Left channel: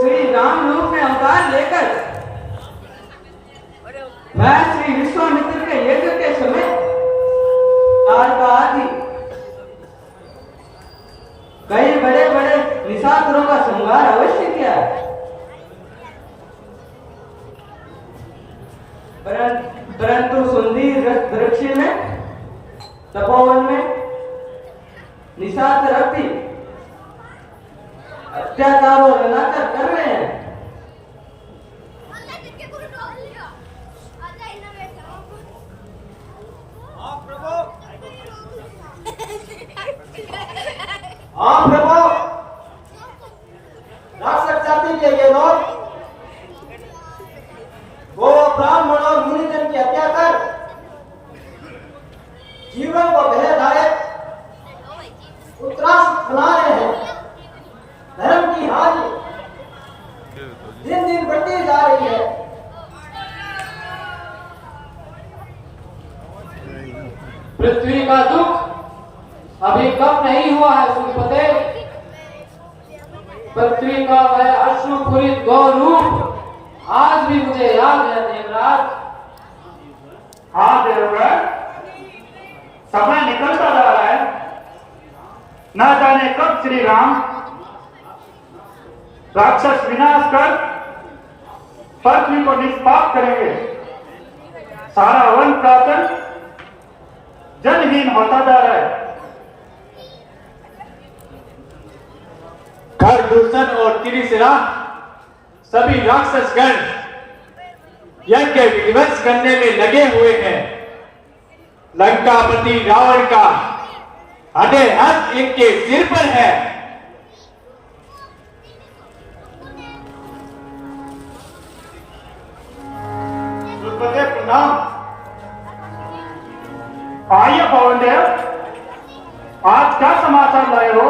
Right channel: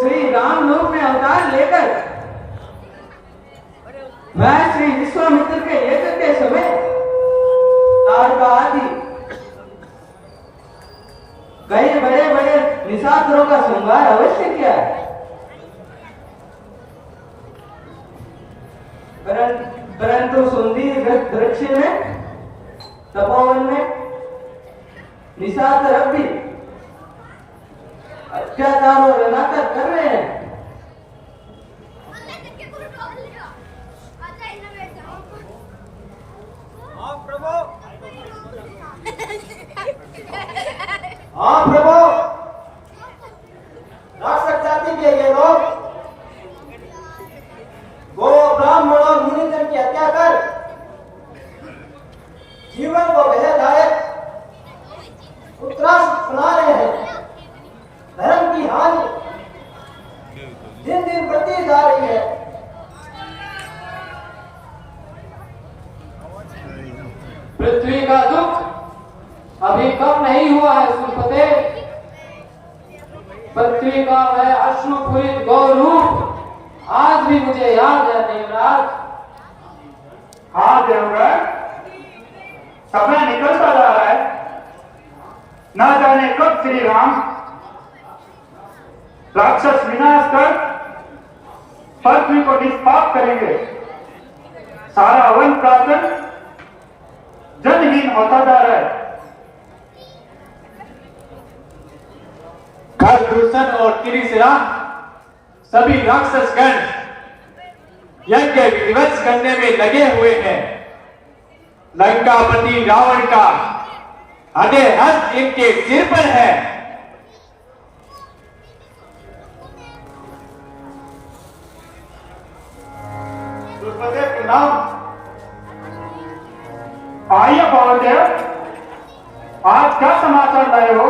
श्री राम रूप में अवतार लेकर मैं श्री विश्वामित्र के यज्ञ के समय तारका आदि कई बड़े बड़े निशाचरों का संहार अवश्य किया है। परंतु सुंदी वृक्ष में तपोवन में निशाचर अब भी अत्याचार और अनाचार कर रहे हैं। हाँ प्रभु, हाँ प्रभु, राक्षस जाति के ये लोग वो ब्राह्मण और मुनिजन की हत्या कर जीवन को भयदायक उत्तरास बना रहे हैं। धर्म की हानि दिन दिन बढ़ती जा रही है। पृथ्वी का दुख अभी कम नहीं हुआ है सूर्यपते। पृथ्वी का वह अश्रुपूरित गौर रूप आज भी मुझे याद है देवराज। हाँ देवराज, समय निकलता जा रहा है। ना जाने कब श्री राम राक्षस विनाश कर पृथ्वी को निष्पाप करेंगे। सारा वन प्रांत जनहीन होता जा रहा है। खरदूषण और त्रिशिरा सभी राक्षसगण यज्ञ विध्वंस करने में लगे हुए हैं। लंकापति रावण का आधे हस्त इनके सिर पर है। प्रणाम। आइए पवन देव, आज क्या समाचार लाए हो?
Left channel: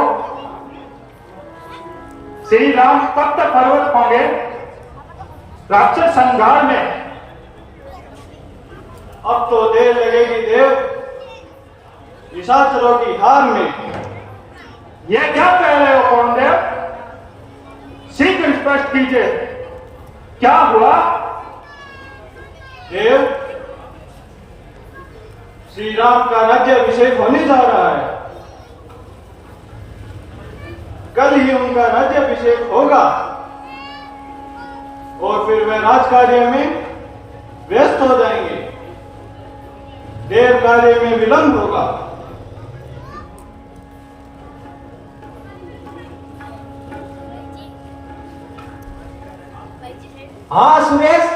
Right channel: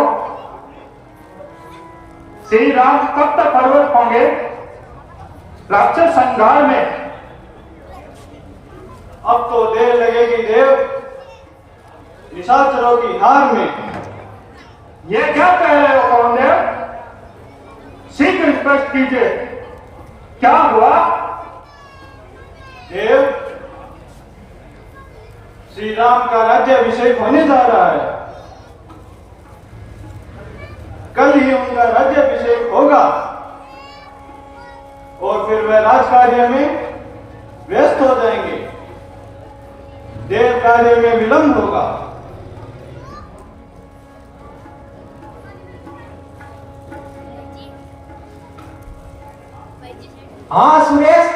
श्री राम कब तक प्रवृत्त होंगे राक्षस संहार में? अब तो देर लगेगी देव, निशाचरों की हार में। ये क्या कह रहे हो पवन देव? शीघ्र स्पष्ट कीजिए, क्या हुआ? देव, श्री राम का राज्याभिषेक होने जा रहा है। कल ही उनका राज्याभिषेक होगा और फिर वे राज कार्य में व्यस्त हो जाएंगे। देव कार्य में विलंब होगा। हाँ सुरेश,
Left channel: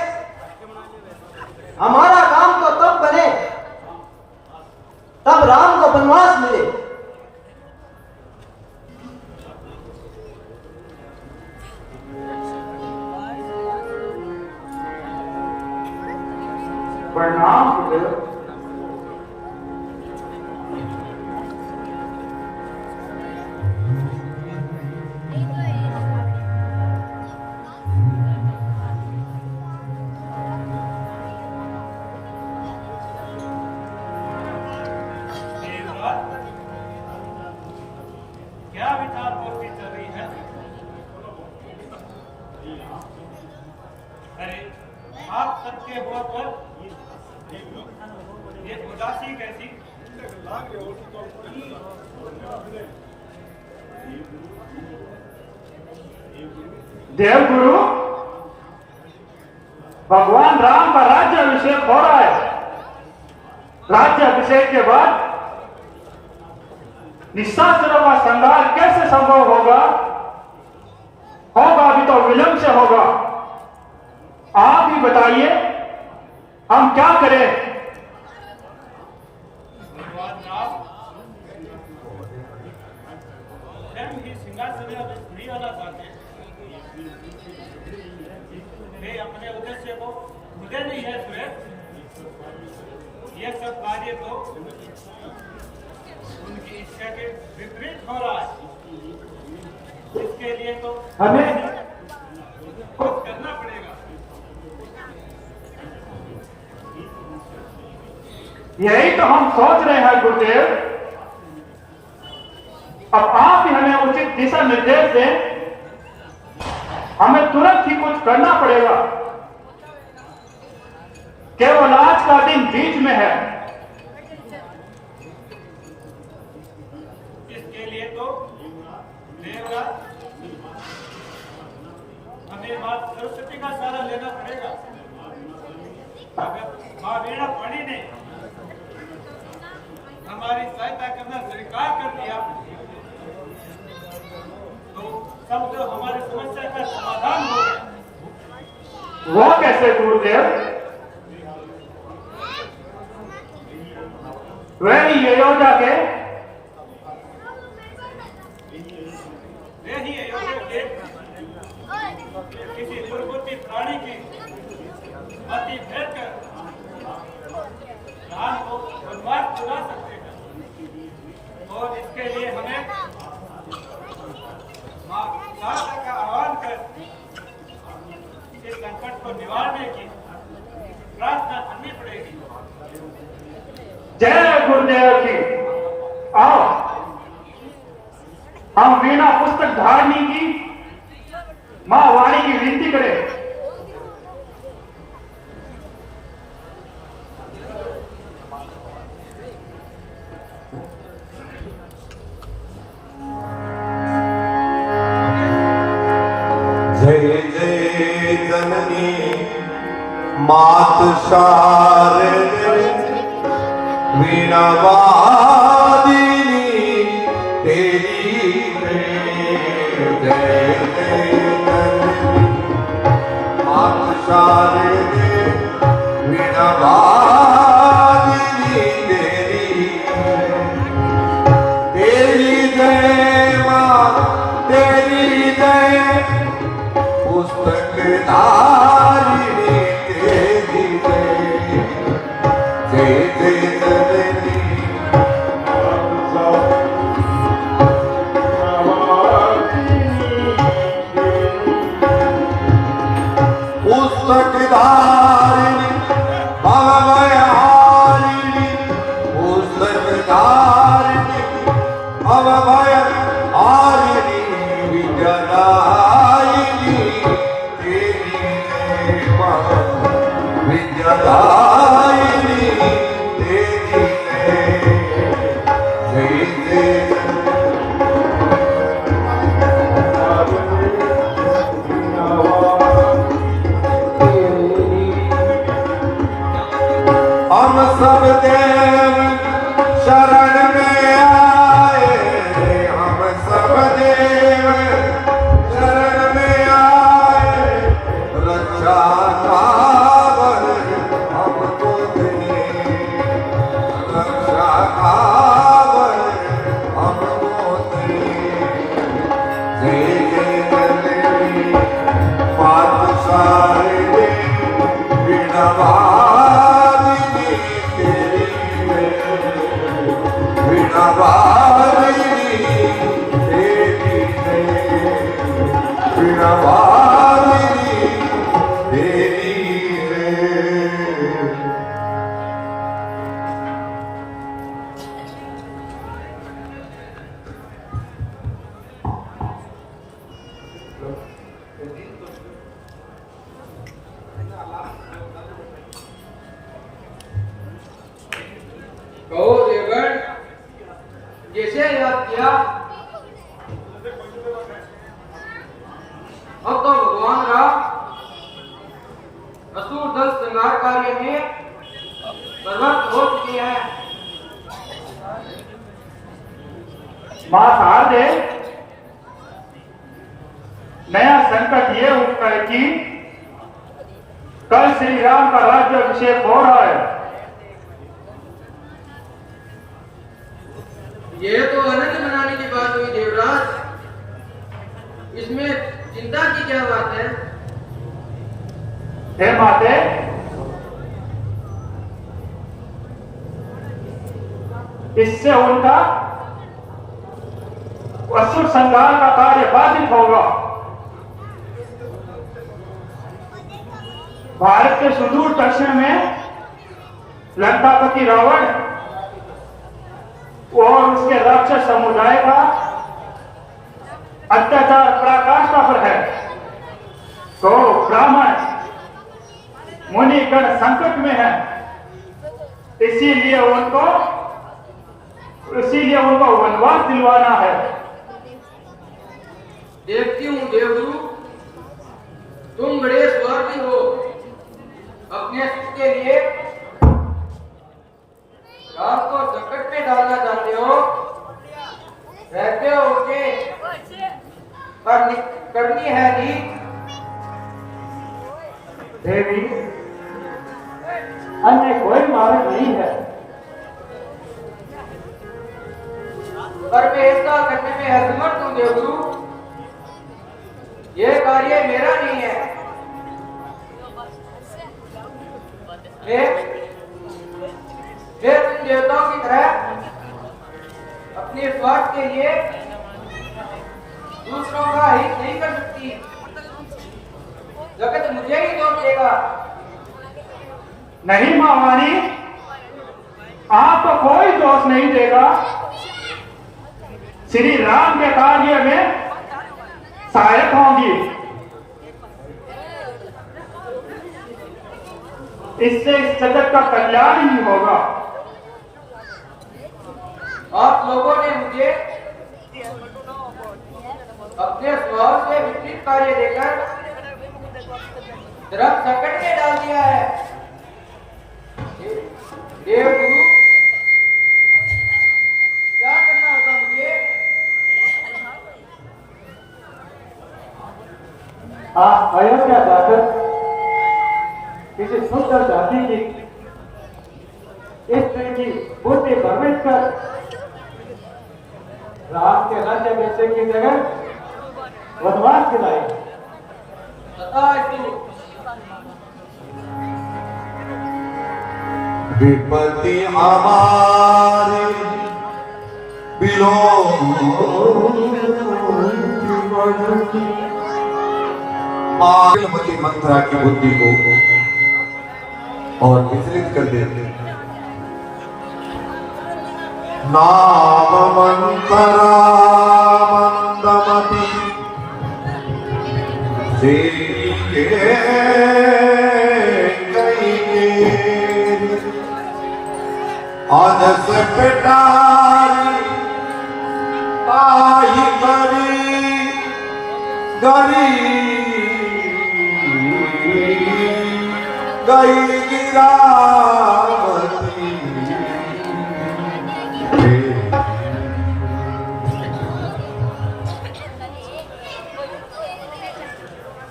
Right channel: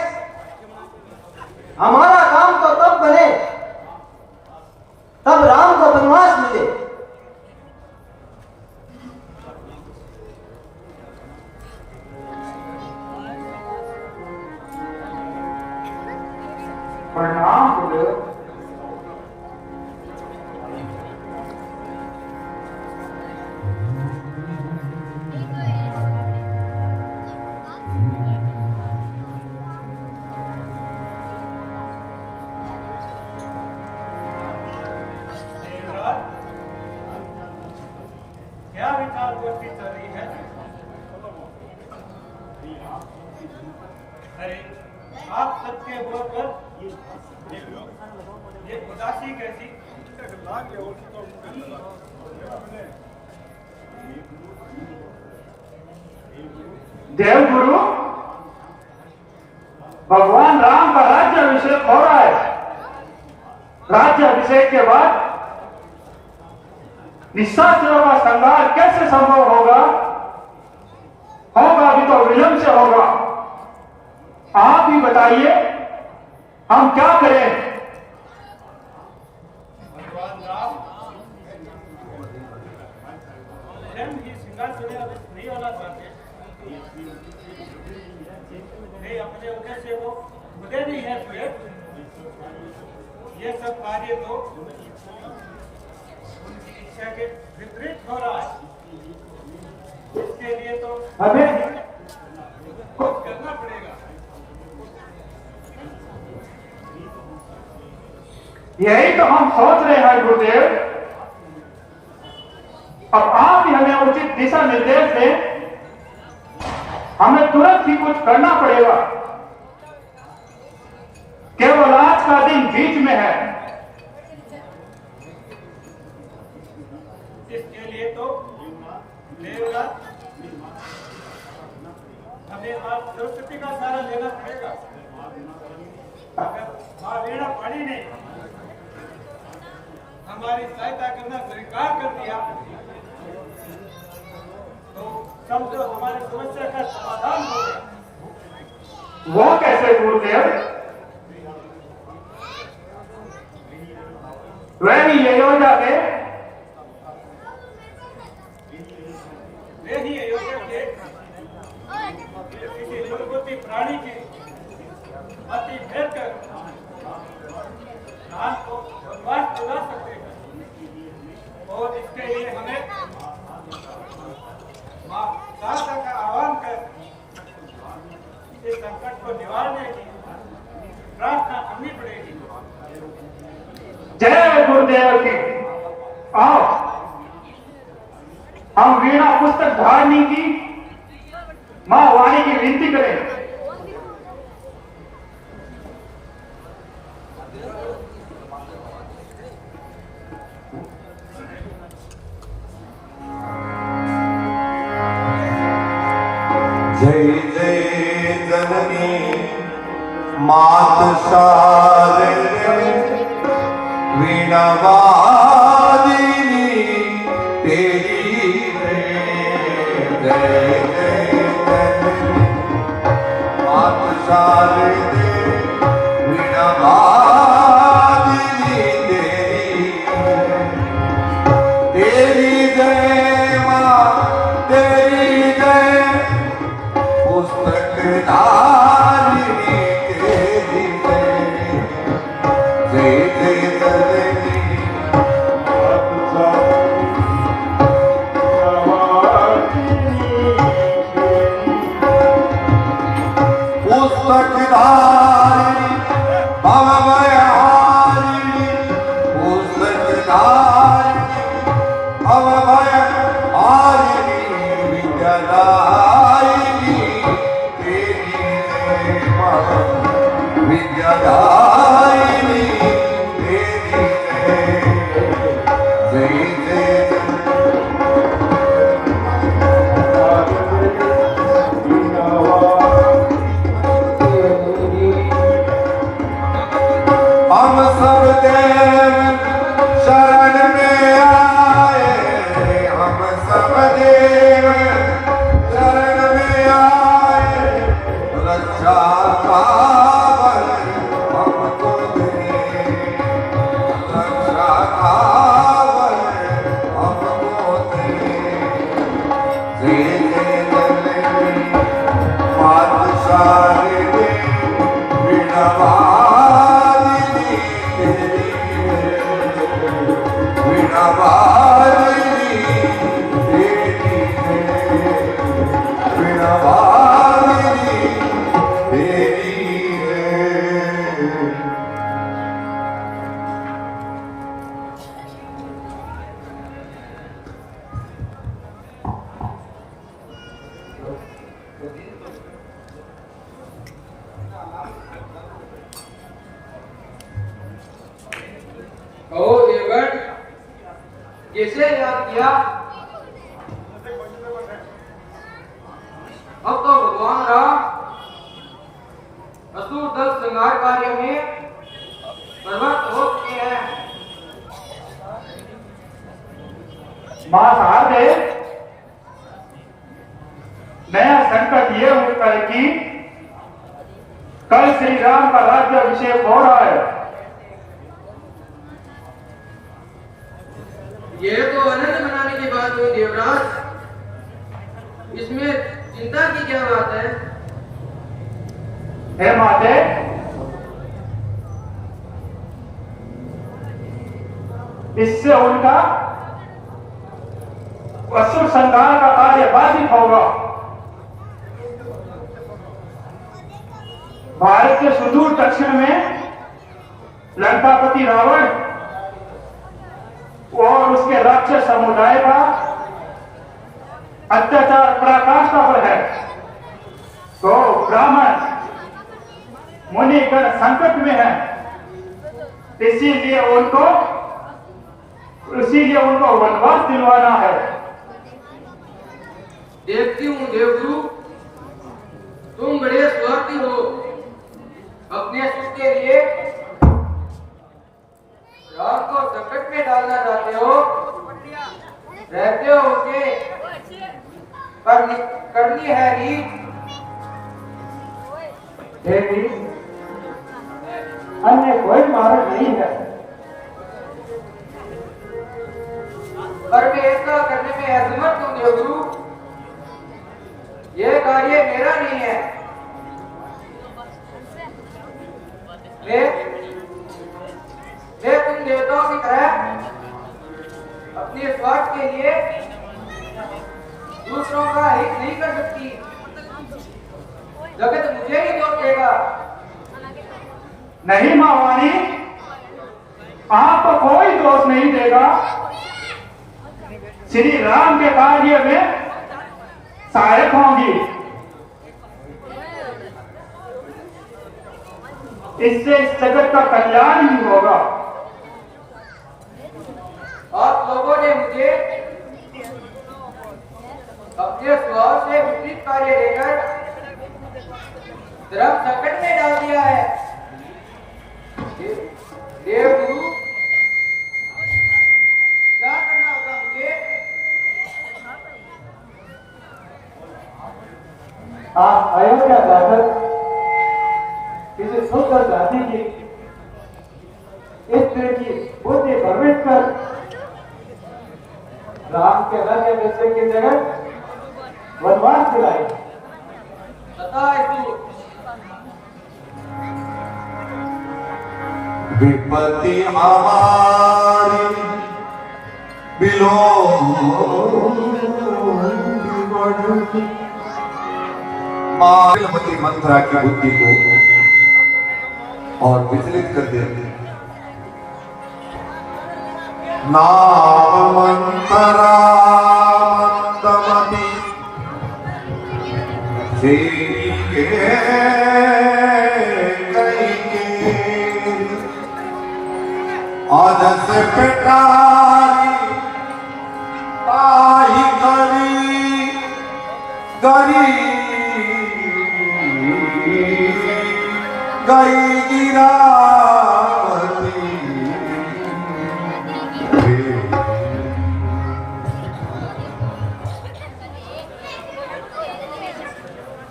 हमारा काम तो तब बने तब राम को वनवास मिले। प्रणाम गुरुदेव। क्या विचार गोष्ठी चल रही है? अरे आप सबके मुंह पर ये उदासी कैसी? देवगुरु, भगवान राम का राज्याभिषेक हो रहा है। राज्याभिषेक के बाद निशाचरों का संहार कैसे संभव होगा? होगा भी तो विलंब से होगा। आप ही बताइए, हम क्या करें? भगवान राम स्वयं ही सिंहासन में नहीं आना चाहते। वे अपने उद्देश्य को खुदे नहीं है सुरेश। ये सब कार्य तो उनकी इच्छा के विपरीत हो रहा है। इसके लिए तो हमें कुछ करना पड़ेगा। यही तो हम सोच रहे हैं गुरुदेव। अब आप ही हमें उचित दिशा निर्देश दें। हमें तुरंत ही कुछ करना पड़ेगा। केवल आज का दिन बीच में है। इसके लिए तो देवराज हमें मां सरस्वती का सहारा लेना पड़ेगा। अगर मां वीणा पाणी ने हमारी सहायता करना स्वीकार कर दिया तो समझो हमारी समस्या का समाधान हो गया। वो कैसे गुरुदेव? वे ही अयोध्या के किसी दुर्बुद्धि प्राणी की मति फेर कर प्राण को बदमाश चुरा सकते हैं और इसके लिए हमें मां शारदा का आह्वान कर इस संकट को निवारने की प्रार्थना करनी पड़ेगी। जय गुरुदेव की। आओ हम वीणा पुस्तक धारणी की मां वाणी की विनती करें। जय जय जननी मात शारदे वीणा वादिनी तेरी जय जय जननी मात शारदे वीणा वादिनी तेरी जय मां तेरी जय पुस्तक धारिणी तेरी जय जय जननी पुस्तक धारिणी भवभयहारिणी पुस्तक धारिणी भवभयहारिणी विद्यादायिनी तेरी विद्यादायिनी तेरी जय जय हम सब देव शरण में आए हम सब देव शरण में आए रक्षा कावर हमको दे रक्षा कावर हमको दे जय जय जननी पातशालिनी वीणा वादिनी तेरी वीणा वादिनी तेरी वीणा वादिनी तेरी कहो देवगण कैसे याद किया? अब तो भगवान राम असुर दल श्रृंगार कार्य में प्रवृत्त हो चुके हैं। मां शारदे नया संकट ये होता है कि कल श्री राम का राज्याभिषेक हो रहा है। ये तो आनंद मनाने की बात हुई देवराज, इसमें चिंता की क्या बात है? हे माते, इससे उनका असुर संहार का कार्य बाधित होगा। भारत के सुदूर दक्षिण में लंकापति रावण और उसके राक्षस समुदाय का अत्याचार पराकाष्ठा पर है। संकट में है, इसीलिए उनको वनवास दिलवाना है। देखती हूँ देवदूत, तुम बड़े स्वार्थी हो। अपने सुख के लिए राम को संकट में डालना चाहते हो। रहते हो उसे करनी है रीत। देवी, अन्य कोई मार्ग नहीं है। पर मैं ऐसा करने में असमर्थ हूँ देवदूत। ये कार्य मेरा नहीं है। मैं तुम देवताओं की तरह अपने स्वार्थ के लिए दूसरों का हित नहीं कर सकती। जगत मुझे ही दोष देगा। नहीं महारानी, आपको कोई दोष नहीं देगा। श्री राम के कार्य में सहायक होंगी। इससे इस जगत का कल्याण ही होगा। आप लोगों ने मुझे अपने स्वभाव से विपरीत कार्य देकर धर्म संकट में डाल दिया है। देवगुरु, क्या करना होगा मुझे? आप अयोध्या जाकर किसी सुंदर जाति की स्त्री की बुद्धि भ्रमित कर राम के राज्य देश की जगह वनवास दिलाई। तथा हेतु विपत्ति हमारी मालमती मंत्रा की बुद्धि को और विचलित कर देते। नागमंतरा मंदमती तेरी आज से पिटारी आई गरी गई गिरावती।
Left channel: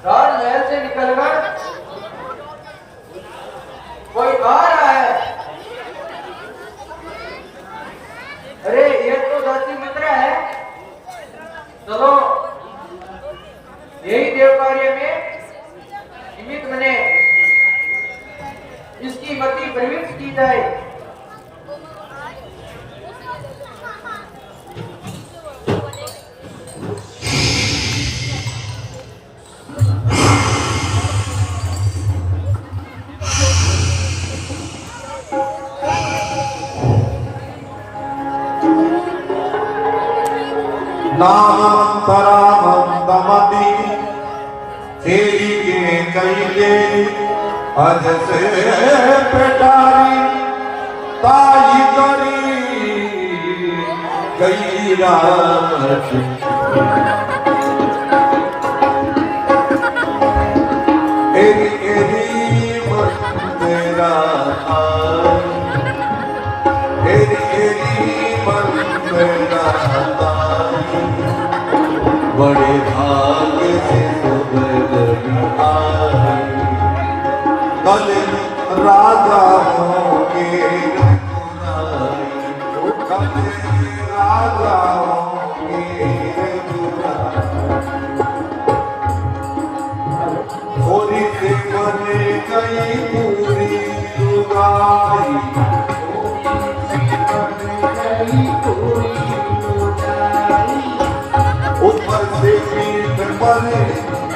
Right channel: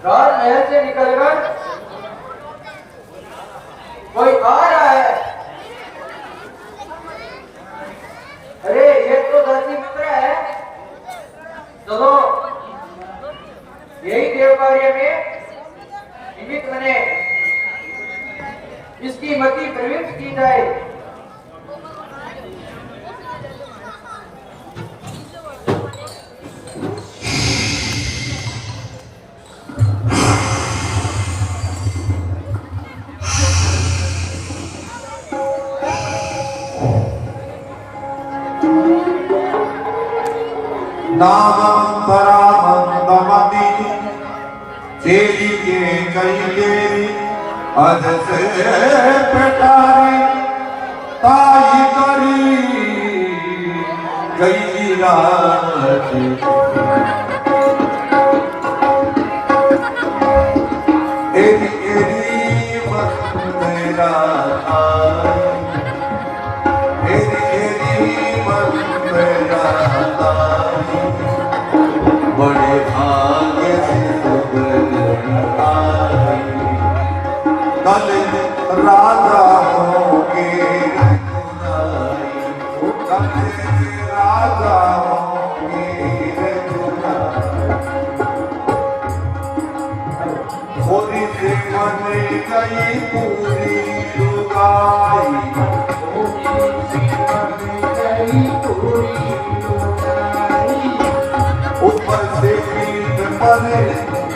राजमहल से निकलकर कोई आ रहा है। अरे ये तो दासी मित्रा है। चलो यही देव कार्य में निमित्त बने, इसकी मति प्रवृत्त की जाए। नामपरामंदमती तेरी के कहिए अज से पेटारी ताई करी गई राती। एरी एरी बंदेरा एरी एरी बंदेरा बड़े भाग्य से कल राजा होंगे कल राजा होंगे होली से बने गई पूरी दुआई ऊपर से पीठ बने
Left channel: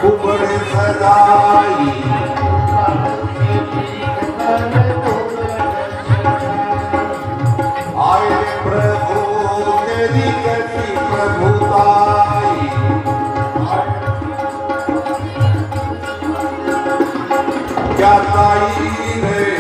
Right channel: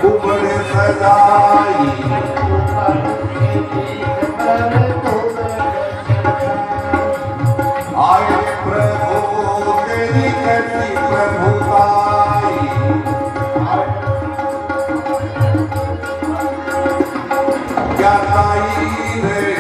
ऊपर सजाई आए प्रभु तेरी करती प्रभुताई। क्या ताई रे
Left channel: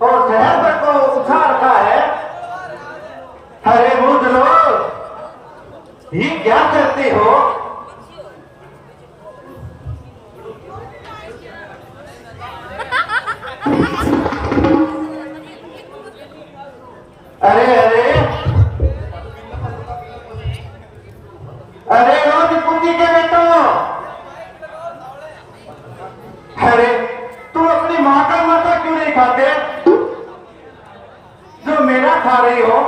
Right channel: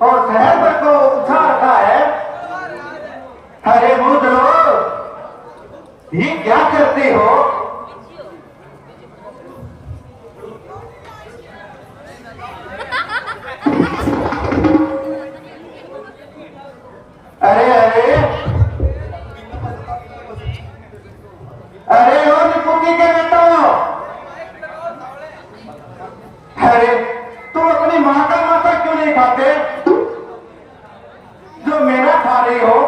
और शहर पर को उठा रखा है। अरे मूर्खों, ये क्या करते हो? अरे अरे अरे रोज कुंडी के बेटा, अरे तुम अपनी माँ का मक्का क्यों नहीं खाते जो मेरा खा रही हो?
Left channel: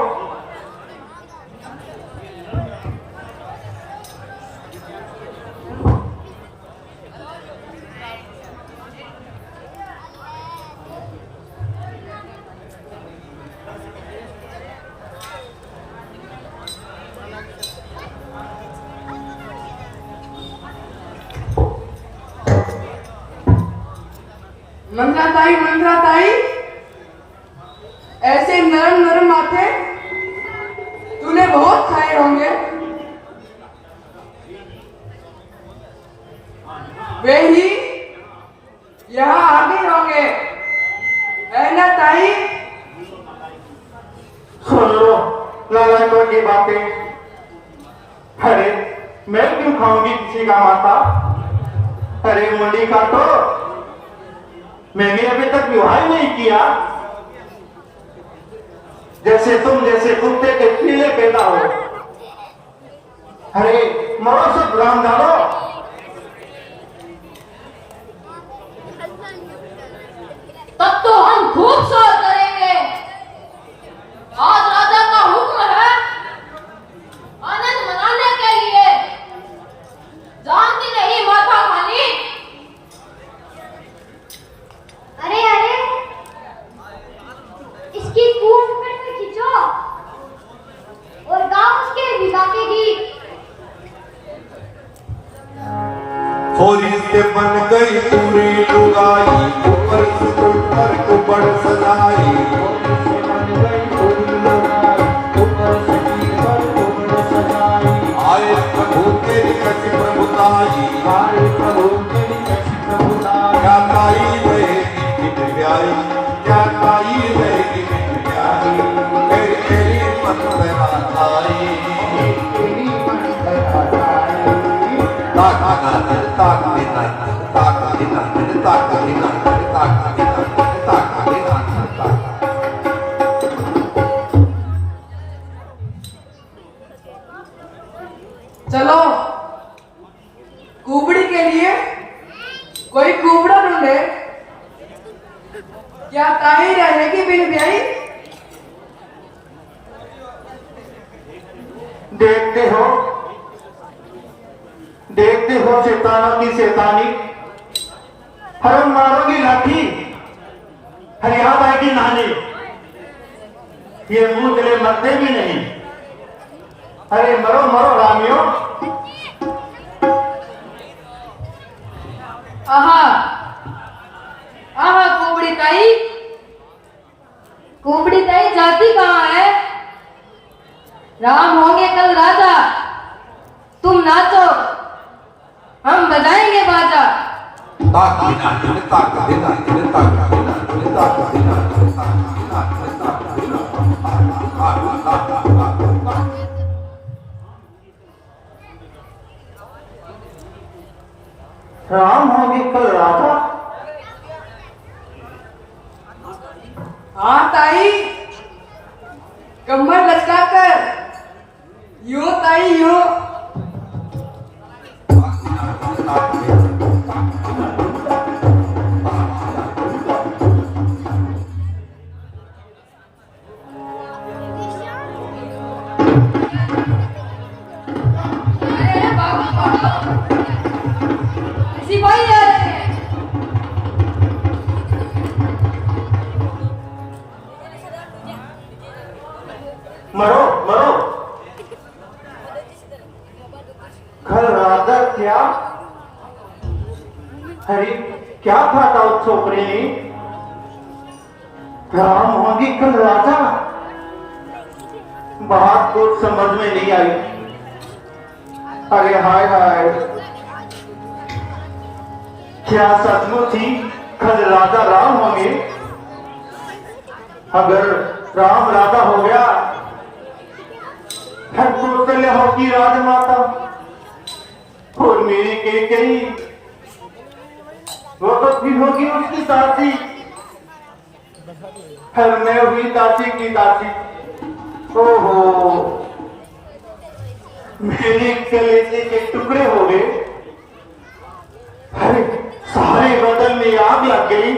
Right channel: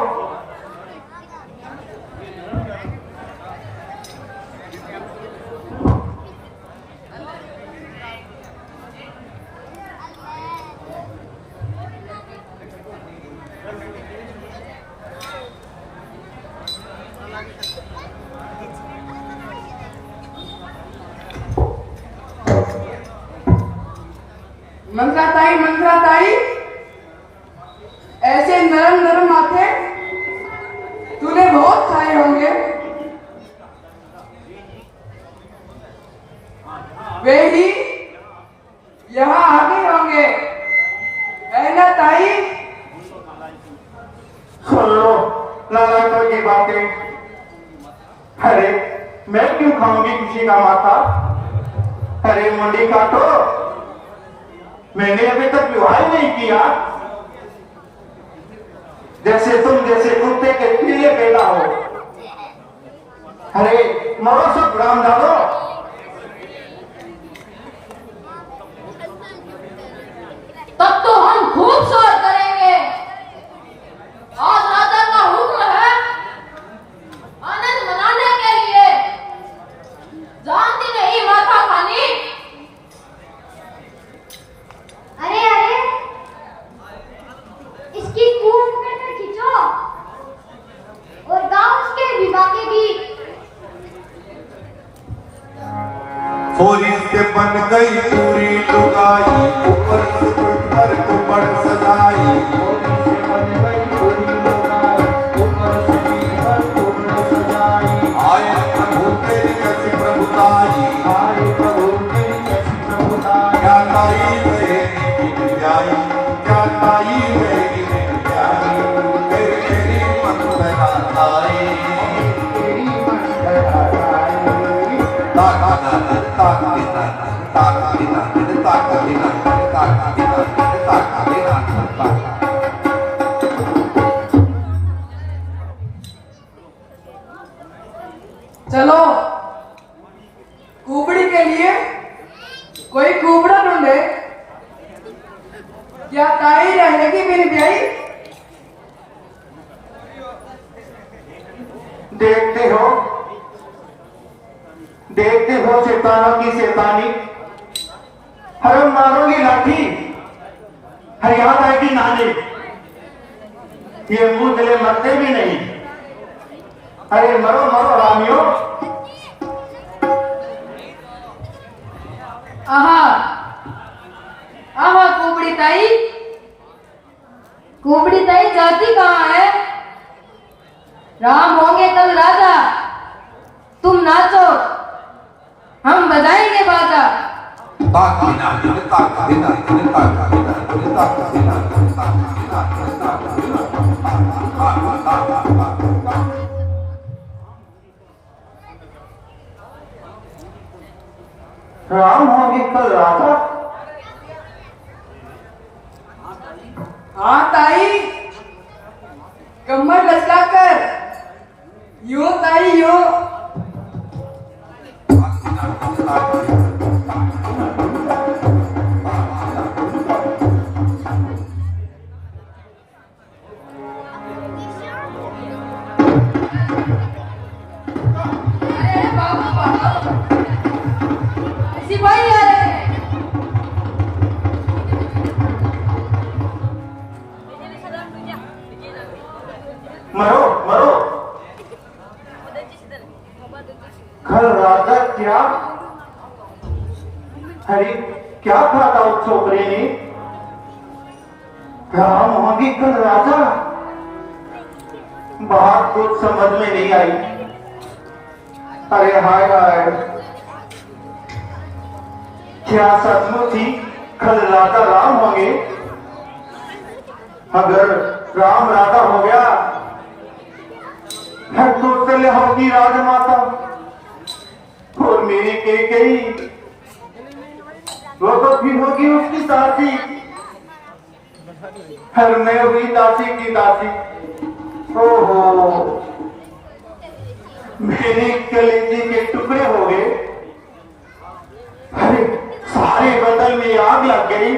मंजरा ताई, ऐसे नरम नरम माथे तूने बहुत खाए होंगे। वे ही यहाँ आ गए होंगे, है ना ताई? सुन लो नालायकों की बातें। अरे मैं क्यों खाऊंगी किसी का माथा? अरे मुंडी का तो मैंने अभी तक विवाह ही नहीं किया। जैसे कुत्ते के पीले पैदा हो। अरे मरो सब राम डालो। तब तो हम खूब शोर करेंगे। आज राजा का हुक्म है आनंद मनाने के लिए। जानती नहीं माथा खानी। अरे अरे, इसकी खूब पकड़ कर खींचो और गाओ उसके विदा के गीत। होली से बन गई पूरी लुगाई, ऊपर से ऊपर ऊपर सदाई। आए प्रभु तेरी कैसी प्रभुताई, क्या ताई रहेगी बिन प्यारी, क्या ताई रहेगी बिन प्यारी। तेरी मन लगाताई, चलो कुबड़ी के लिए कोई कुबड़ा ढूंढे। क्या ताई रहेगी बिन ब्याई? देखते हो शैतानों की शैतानी। हर मारोगी लाठी, हर याद आएगी नानी। ये मुझे मरते भी नहीं। अरे मरो मरो रामियों। आहा आहा कुबड़ी ताई जाती कहाँ है? राम होंगे कल राजा। तुम नाचो, हम बजाएंगे बाजा। राम होगी कल राजा। हाँ ताई, कमर लचका कर यो ताई यो। अरे बाबा, सिपाही आ रहे हैं। मरो मरो। कल राजा क्या? अरे क्या था उस छोकरे ने? राम होगी कल राजा। बात कुछ समझ में नहीं आई। अरे हाय हाय, क्या सचमुच ही कल राजा राम होंगे? अगर राम राजा हो गया कौशल्या होगी राजमाता और मेरी कैकेयी वो तो फिर होगी उसकी दासी, फिर मैं हुई दासी की दासी। ओहो, मेरे कलेजे के टुकड़े हो गए। अरे सारे बदन में आग लग गई।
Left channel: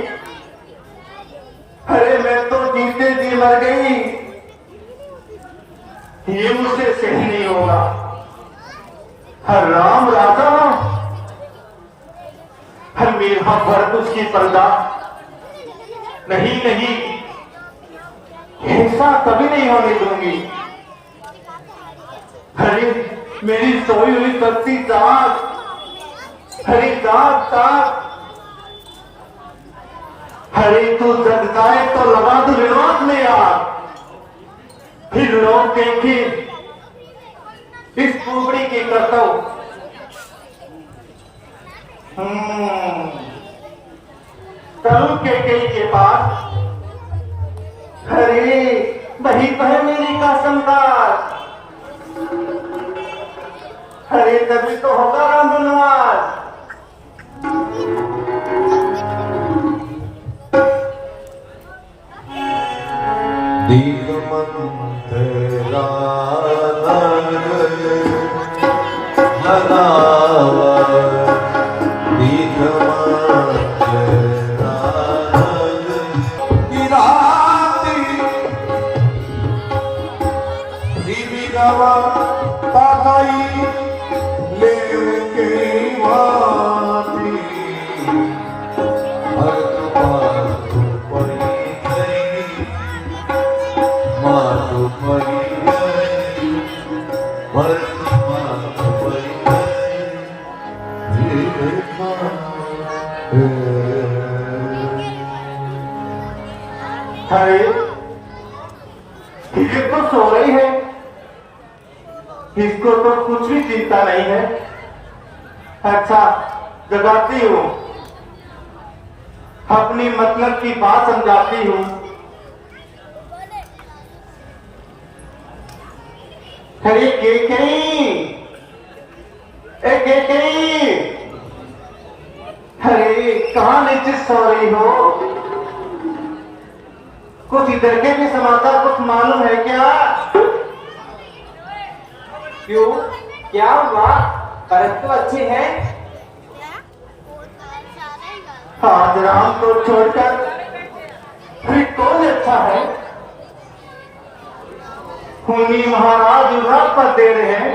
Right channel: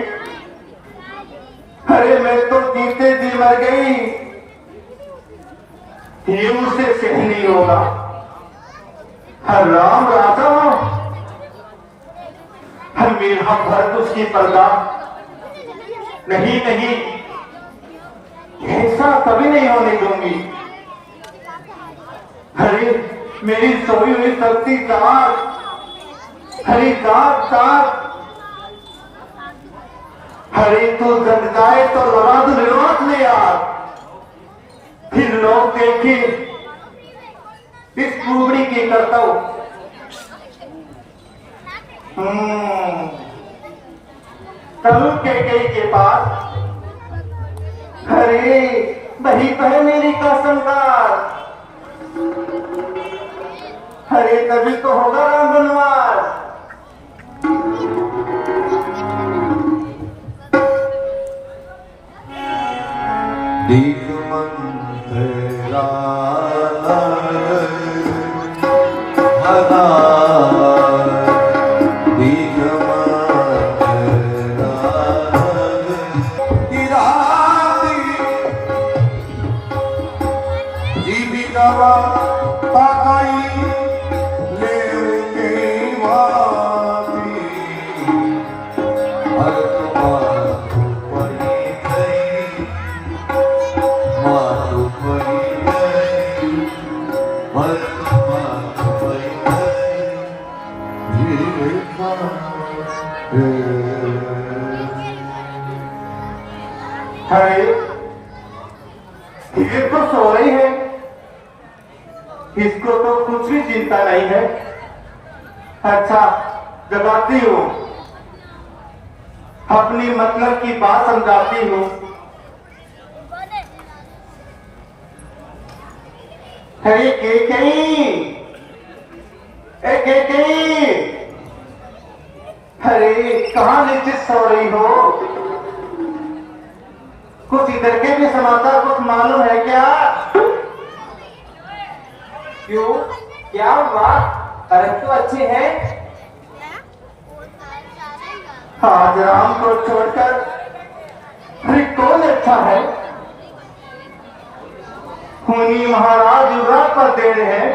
अरे मैं तो जीते जी मर गई। ये मुझसे सही नहीं होगा। हर राम राजा मेरा भरत उसकी प्रजा नहीं नहीं, ऐसा कभी नहीं होने दूंगी। अरे मेरी सोई हुई शक्ति ताक, हरे ताक ताक। अरे तो जग जाए तो लगा दो रिवाज में यार, फिर लोग देखे इस कुबड़ी की करता हूं। तरुण कैकेयी के पास, अरे वही तो है मेरी कसमकार। अरे तभी तो होगा राम वनवास। ये तो सो रही है, इसको तो कुछ भी चिंता नहीं है। अच्छा जगाती हूँ, अपनी मतलब की बात समझाती हूँ। अरे कैकेयी, अरे कहाँ नीचे सो रही हो? कुछ इधर के भी समाचार कुछ मालूम है क्या? क्यों, क्या हुआ? करत तो अच्छे हैं। आज राम को छोड़कर फिर कौन अच्छा है? मुनि महाराज युवराज पर दे रहे हैं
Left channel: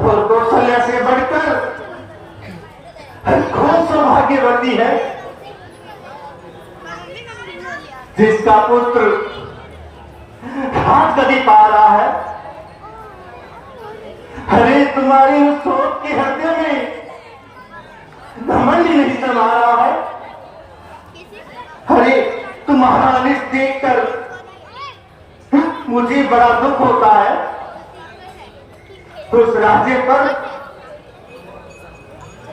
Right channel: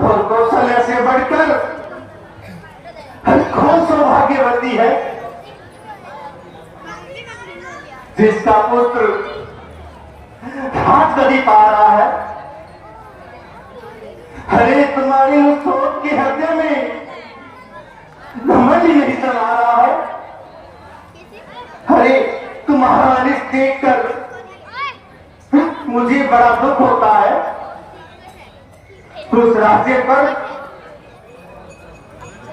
और कौशल्या से बढ़कर कौन सौभाग्यवती है जिसका पुत्र हाथ कभी पा रहा है। अरे तुम्हारी उस सोच के हृदय में घमंड ही नहीं समा रहा है। अरे तुम्हारा लिस्ट देखकर मुझे बड़ा दुख होता है। उस राज्य पर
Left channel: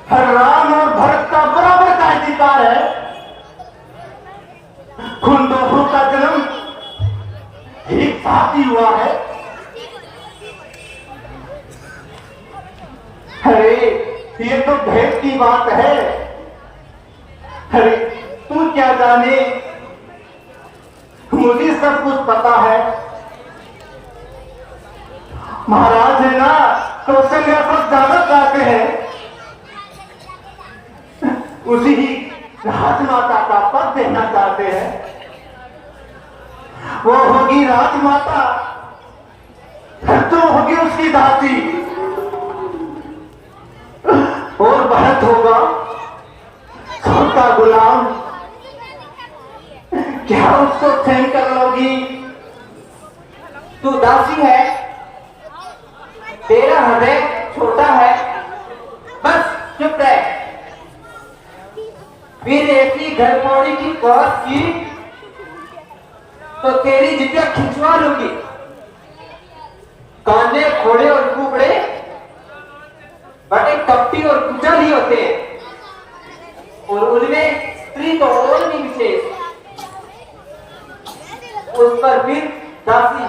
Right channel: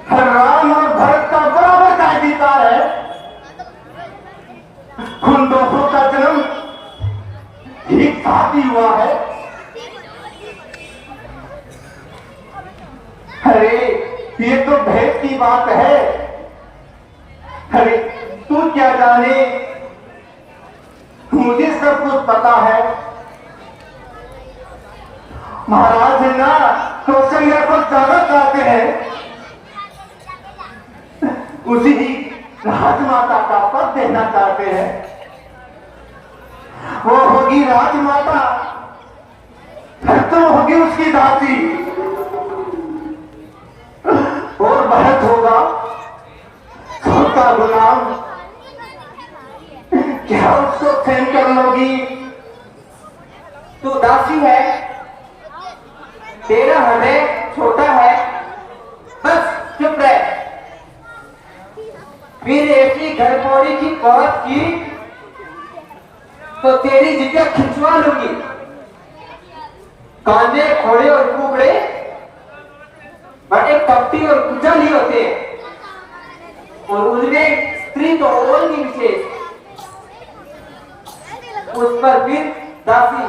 हर राम और भरत का बराबर का अधिकार है। उन दोनों का जन्म एक साथ ही हुआ है। अरे ये तो भेद की बात है। अरे तू क्या जाने, मुझे सब कुछ पता है। महाराज है ना, कौशल्या पर जाना चाहते हैं, उसी ही राजमाता का पद देना चाहते हैं। वो होगी राजमाता, तो होगी उसकी दासी, और भरत होगा उसका गुलाम। क्या उसको सहन कर लोगी? तू दासी है, तेरा हृदय छोटा है, बस चुप रह। फिर ऐसी घर पोड़ी की कहत की तो तेरी जिद्दा खिंचवा लूंगी। कांधे खोड़े और कुबड़े बड़े कपटी और कुचल ही होते, और उनमें स्त्री तो और भी विशेष। उस पर फिर दासी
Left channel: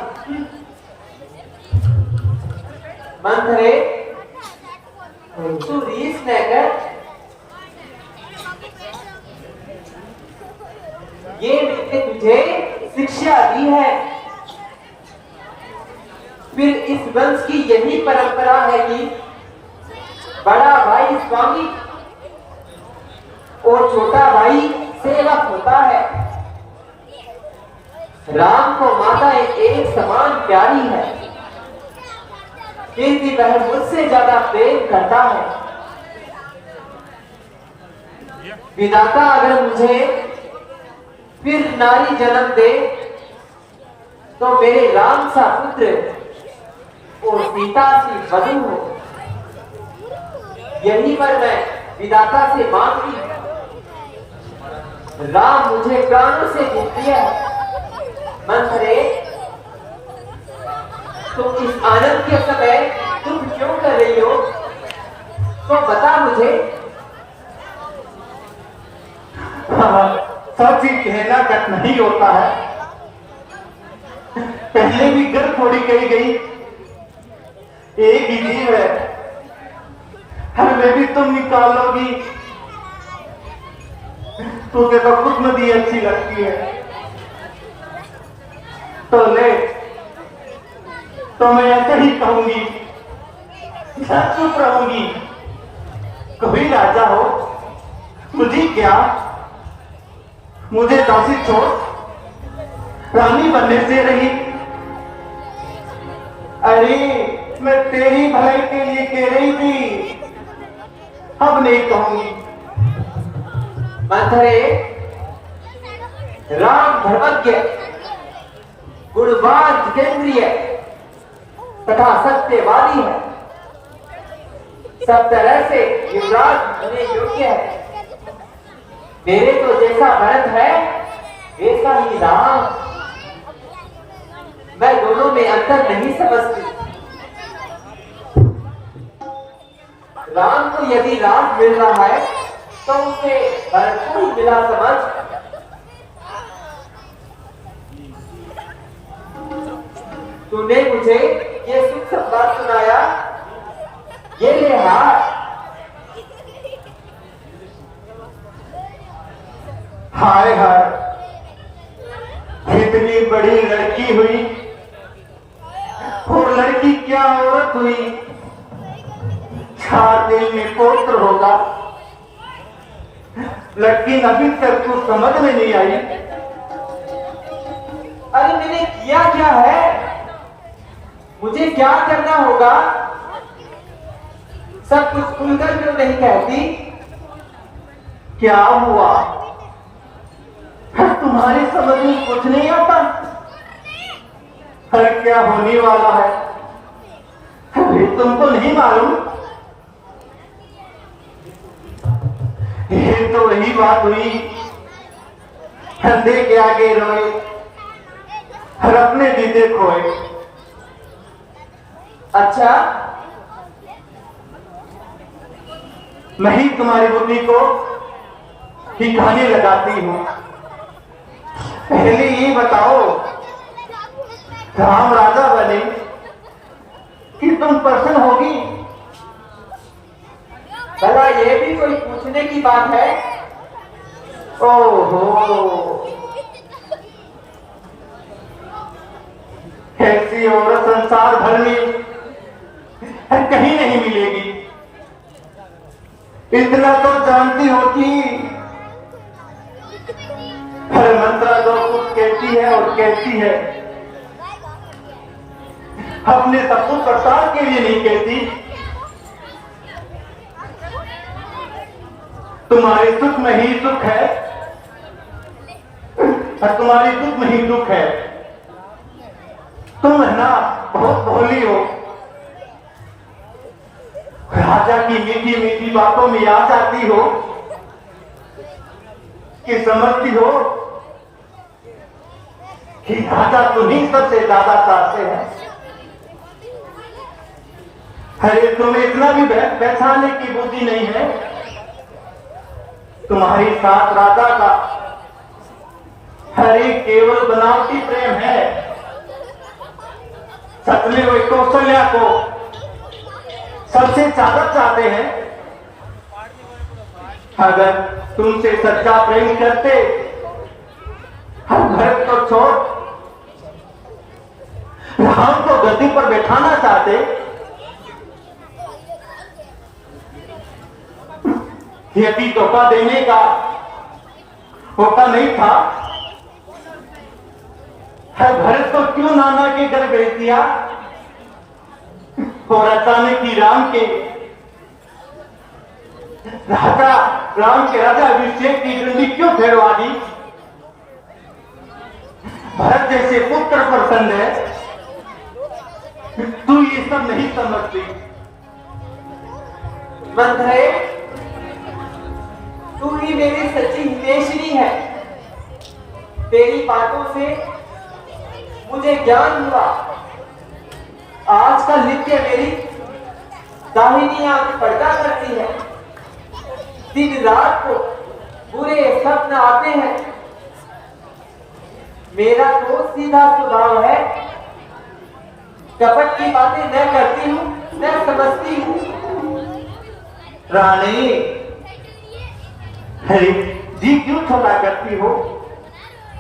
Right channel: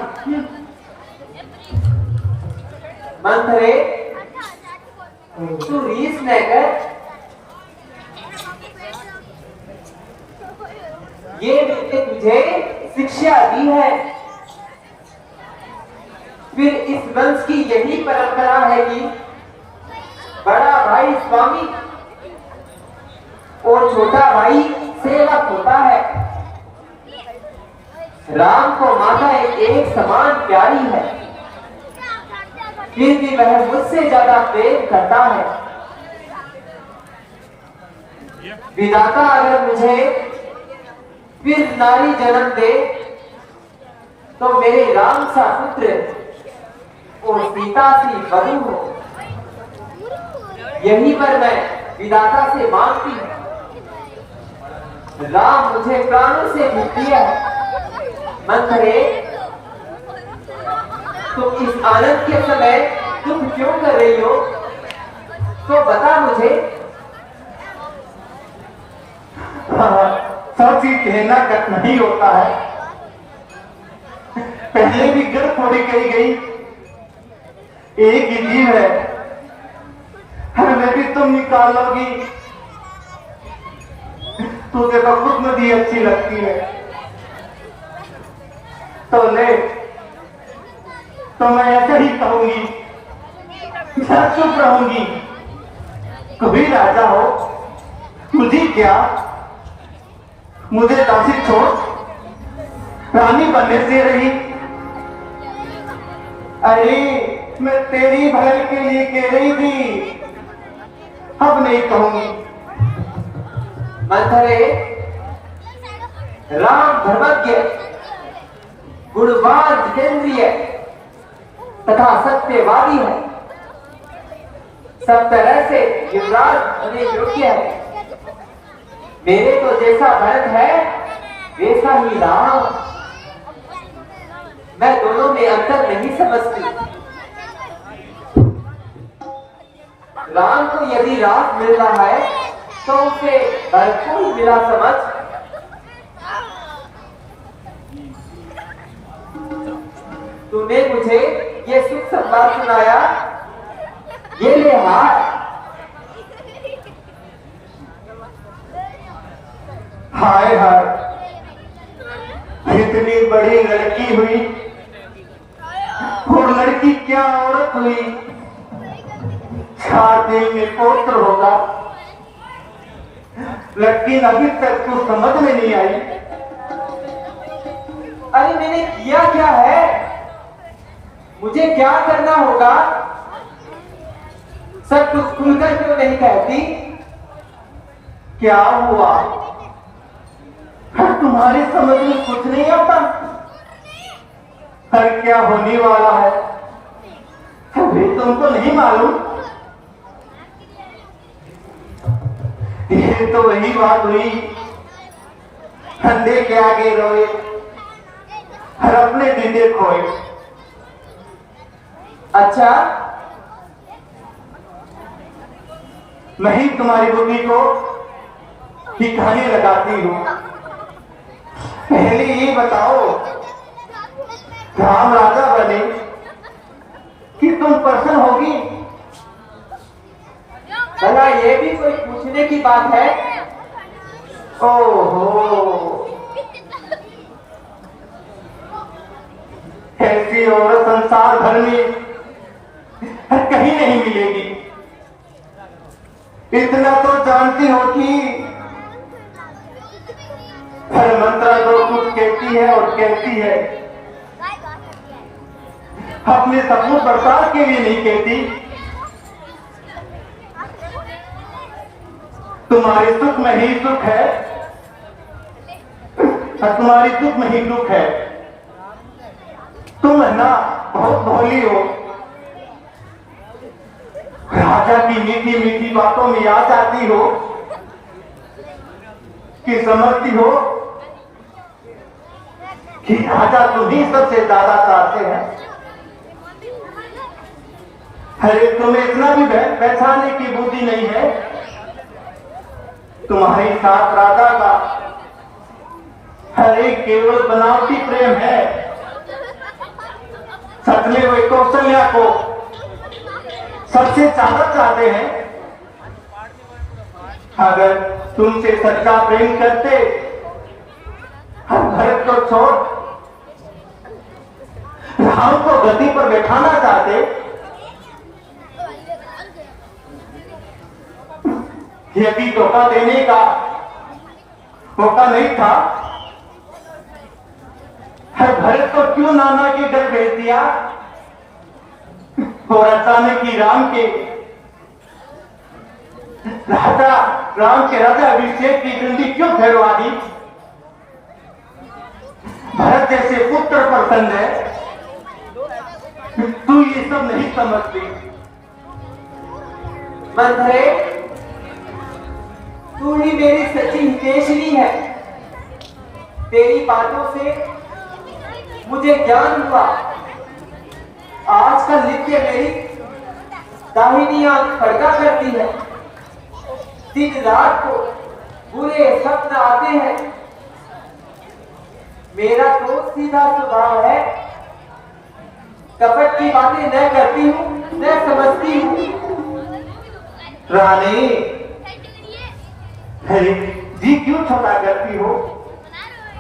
मंथरे तू रीस न कर। ये मैंने तुझे शिक्षा दी है। फिर इस वंश की यही परंपरा है कि बड़ा भाई स्वामी और छोटा भाई सेवक होता है। राम को माता एक समान प्यारी है, फिर भी वह मुझसे ज्यादा प्रेम करता है। विधाता अगर मुझे फिर नारी जन्म दे तो मेरे राम सा पुत्र और सीता सी वधू हो। यही पर मैं विधाता से मांगती हूँ। राम मुझे प्राणों से भी प्रिय है। मंथरे तुम इस आनंद के समय तुम क्यों कर रही हो, तो बता मुझे। सब चीज कहना कट नहीं होता है। पहले भी गर्भ थोड़ी कही गई, एक ही जीव है, हर में भी तुम निकालोगी। तुझे तो खुद नदी अच्छी लगती है, तो ले, तो मैं ऐसे ही कहूंगी, चुप रहूंगी। कभी राजा हो, तुझे क्या, मुझे दासी छोड़ रानी बनने से रही। अरे मैं तेरी भलाई के लिए कह रही थी, अब नहीं कहूंगी। मंथरे राम धर्मज्ञ गुणवान जितेंद्रिय तथा सत्यवादी है। सब तरह से युवराज होने योग्य है। मेरे तो जैसा भरत है वैसा ही राम। मैं दोनों में अंतर नहीं समझती। राम को यदि राम मिल रहा है तो उसे भरपूर मिला समझ। तूने मुझे ये सुख संवाद सुनाया, ये ले हाथ। हाय हाय, इतनी बड़ी लड़की हुई और लड़की क्या औरत हुई। 4 दिन में पुत्र होगा, लेकिन अभी तक कुछ समझ में नहीं आई। अरे मैंने किया क्या है, मुझे क्या करना होगा, सब कुछ खुलकर क्यों नहीं कहती। क्या हुआ, तुम्हारी समझ में कुछ नहीं आता। फिर क्या होने वाला है, अभी तुमको नहीं मालूम। ये तो वही बात हुई, कंधे के आगे रोए और अपने जीते खोए। अच्छा, नहीं तुम्हारी बुद्धि को ठिकाने लगाती हूं। पहले ये बताओ, राम राजा बने कि तुम प्रसन्न होगी। भला ये भी कोई पूछने की बात है। ओहो, ऐसी औरत संसार भर में कहीं नहीं मिलेगी। इतना तो जानती हो कि हर मंत्रा जो कुछ कहती है और कहती है, अपने सपनों प्रसाद के लिए नहीं कहती। तुम्हारे सुख में ही सुख है और तुम्हारी दुख में ही दुख है। तुम ना बहुत भोली हो, राजा की मीठी मीठी बातों में आ जाती हो कि समझती हो कि राजा तुम्हीं सबसे ज्यादा चाहते हैं। अरे तुम्हें इतना भी पहचानने की बुद्धि नहीं है। तुम्हारी साथ राजा का अरे केवल बनावटी प्रेम है। सच में वे कौशल्या को सबसे ज्यादा चाहते हैं। अगर तुमसे सच्चा प्रेम करते, हम भरत को छोड़ राम को गद्दी पर बैठाना चाहते, यदि धोखा देने का मौका नहीं था, भरत को क्यों नाना के घर भेज दिया और अचानक ही राम के राजा अभिषेक की डंडी क्यों फैरवा दी? भरत जैसे पुत्र प्रसन्न है, तू ये सब नहीं समझती। मंथरे, तू ही मेरी सच्ची हितेशनी है। तेरी बातों से मुझे ज्ञान हुआ। आजकल नित्य मेरी दाहिनी आंख पर्दा करती है। दिन रात को बुरे स्वप्न आते हैं। मेरा तो सीधा स्वभाव है, कपट की बातें न करती हूँ, न समझती हूँ। रानी, अरे जी क्यों छोटा करती हो?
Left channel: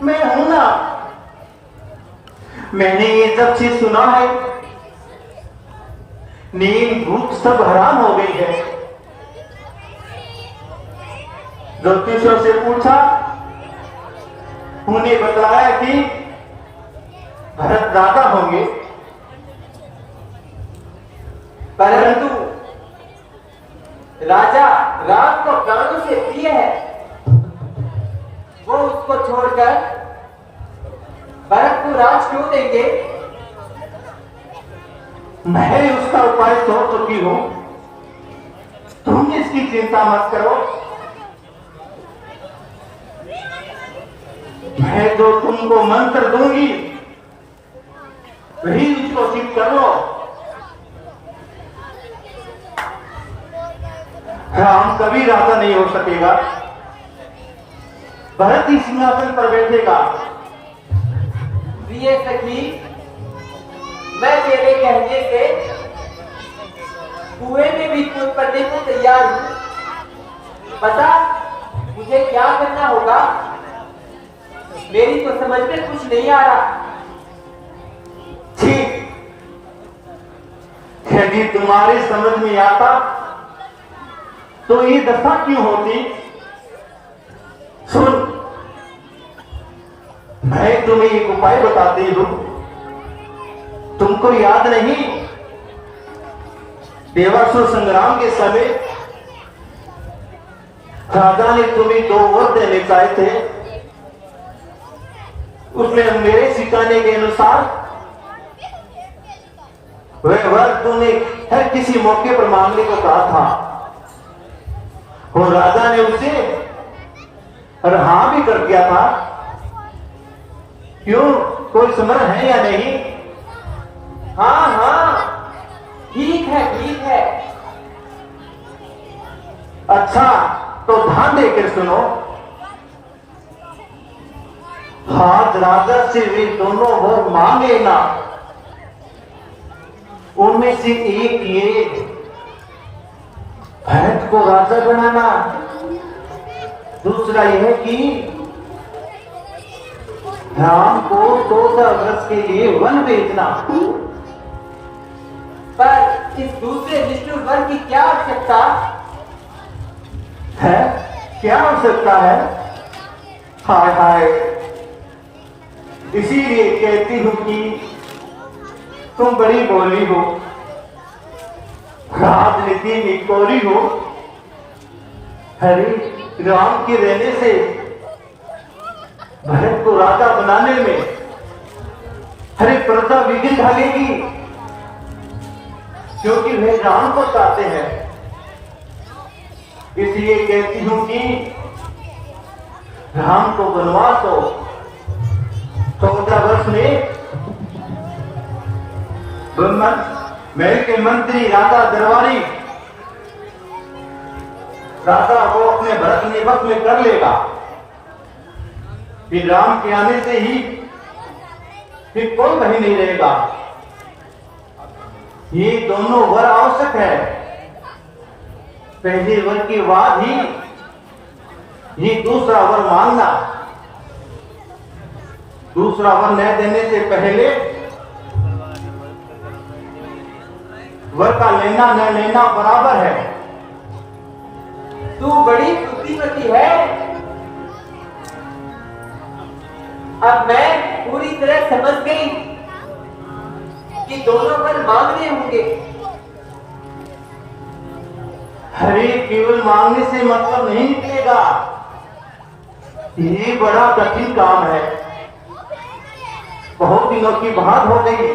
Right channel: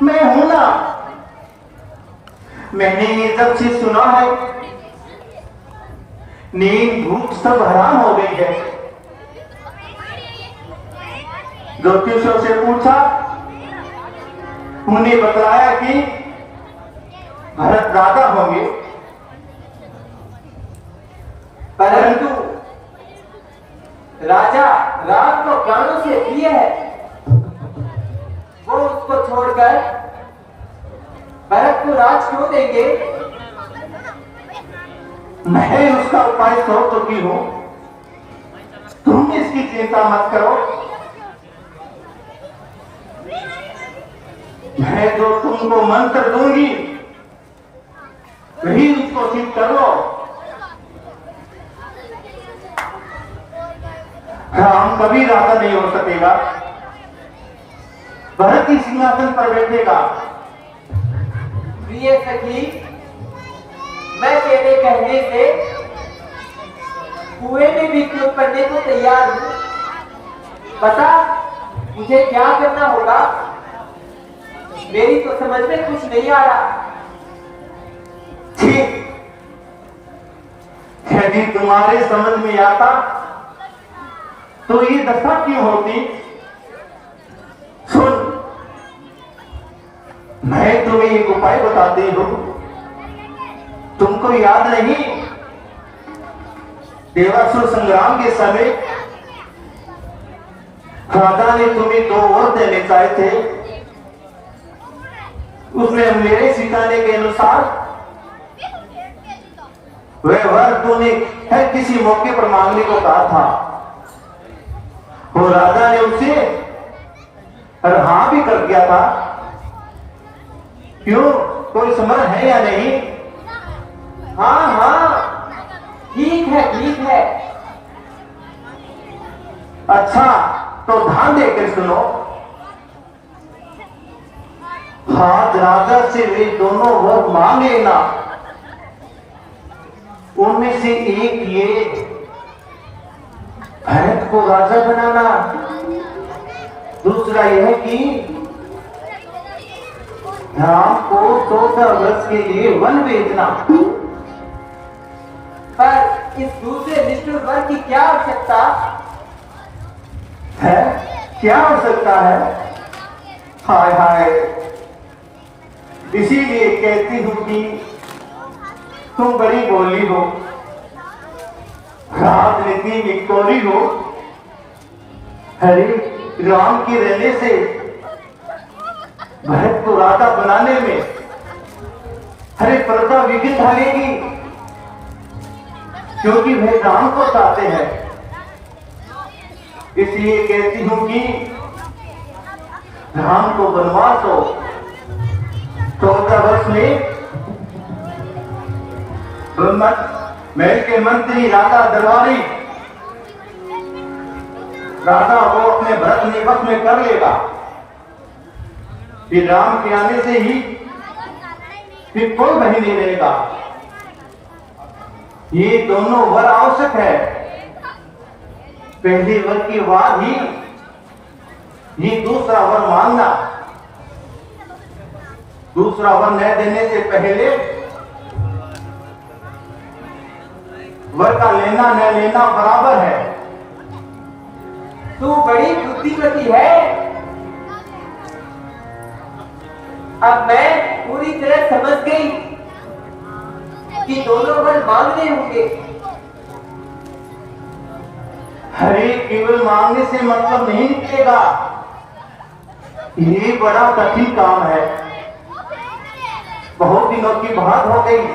मैं हूं ना। मैंने ये जब से सुना है, नींद भूख सब हराम हो गई है। ज्योतिषों से पूछा, उन्हें बताया कि भरत राजा होंगे, परंतु राजा राम को प्राणों से प्रिय है। वो उसको छोड़कर भरत को राज क्यों देंगे? मैं उसका उपाय सोच चुकी हूं, तुम इसकी चिंता मत करो। मैं जो तुमको मंत्र दूंगी, वही उसको सिद्ध करो। राम कभी राजा नहीं हो सकेगा, भरत ही सिंहासन पर बैठेगा। प्रिय सखी, मैं तेरे कहने से कुएं में भी कूद पड़ने को तैयार हूं। बता, मुझे क्या करना होगा? मेरी तो समझ में कुछ नहीं आ रहा। ठीक, यदि तुम्हारे समझ में आता तो ये दशा क्यों होती? सुन, मैं तुम्हें एक उपाय बताती हूं। तुमको याद नहीं, देवासुर संग्राम के समय राजा ने तुम्हें 2 वर देने चाहे थे। उसमें मेरे सिखाने के अनुसार वह वर तूने हर किसी मौके पर मांगने को कहा था, और राजा ने उसे हाँ भी कर दिया था। क्यों, कोई समझ है या नहीं? हाँ हाँ, ठीक है ठीक है। अच्छा, तो ध्यान देकर सुनो। हाँ, राजा से वे दोनों वर मांगे ना, उनमें से एक ये, भरत को राजा बनाना। दूसरा यह कि राम को 14 वर्ष के लिए वन भेजना। पर इस दूसरे निष्ठुर वर की क्या आवश्यकता है? क्या हो सकता है? हाय हाय, इसीलिए कहती हूं कि तुम बड़ी बोली हो, राजनीति में कोरी हो। अरे राम के रहने से भरत को राजा बनाने में हरे प्रजा विघ्न डालेगी, क्योंकि वह राम को चाहते हैं। इसलिए कहती हूं कि राम को वनवास हो 14 वर्ष में। महल के मंत्री, राजा, दरबारी राजा को अपने भरत निवस में कर लेगा। फिर राम के आने से ही फिर कोई वही नहीं रहेगा। ये दोनों वर आवश्यक है। पहले वर के बाद ही ये दूसरा वर मांगना। दूसरा वर न देने से पहले वर का लेना न लेना बराबर है। तू बड़ी बुद्धिमती है। अब मैं पूरी तरह समझ गई कि दोनों वर मांगने होंगे। अरे केवल मांगने से मतलब नहीं निकलेगा। ये बड़ा कठिन काम है। बहुत दिनों की बात हो गई।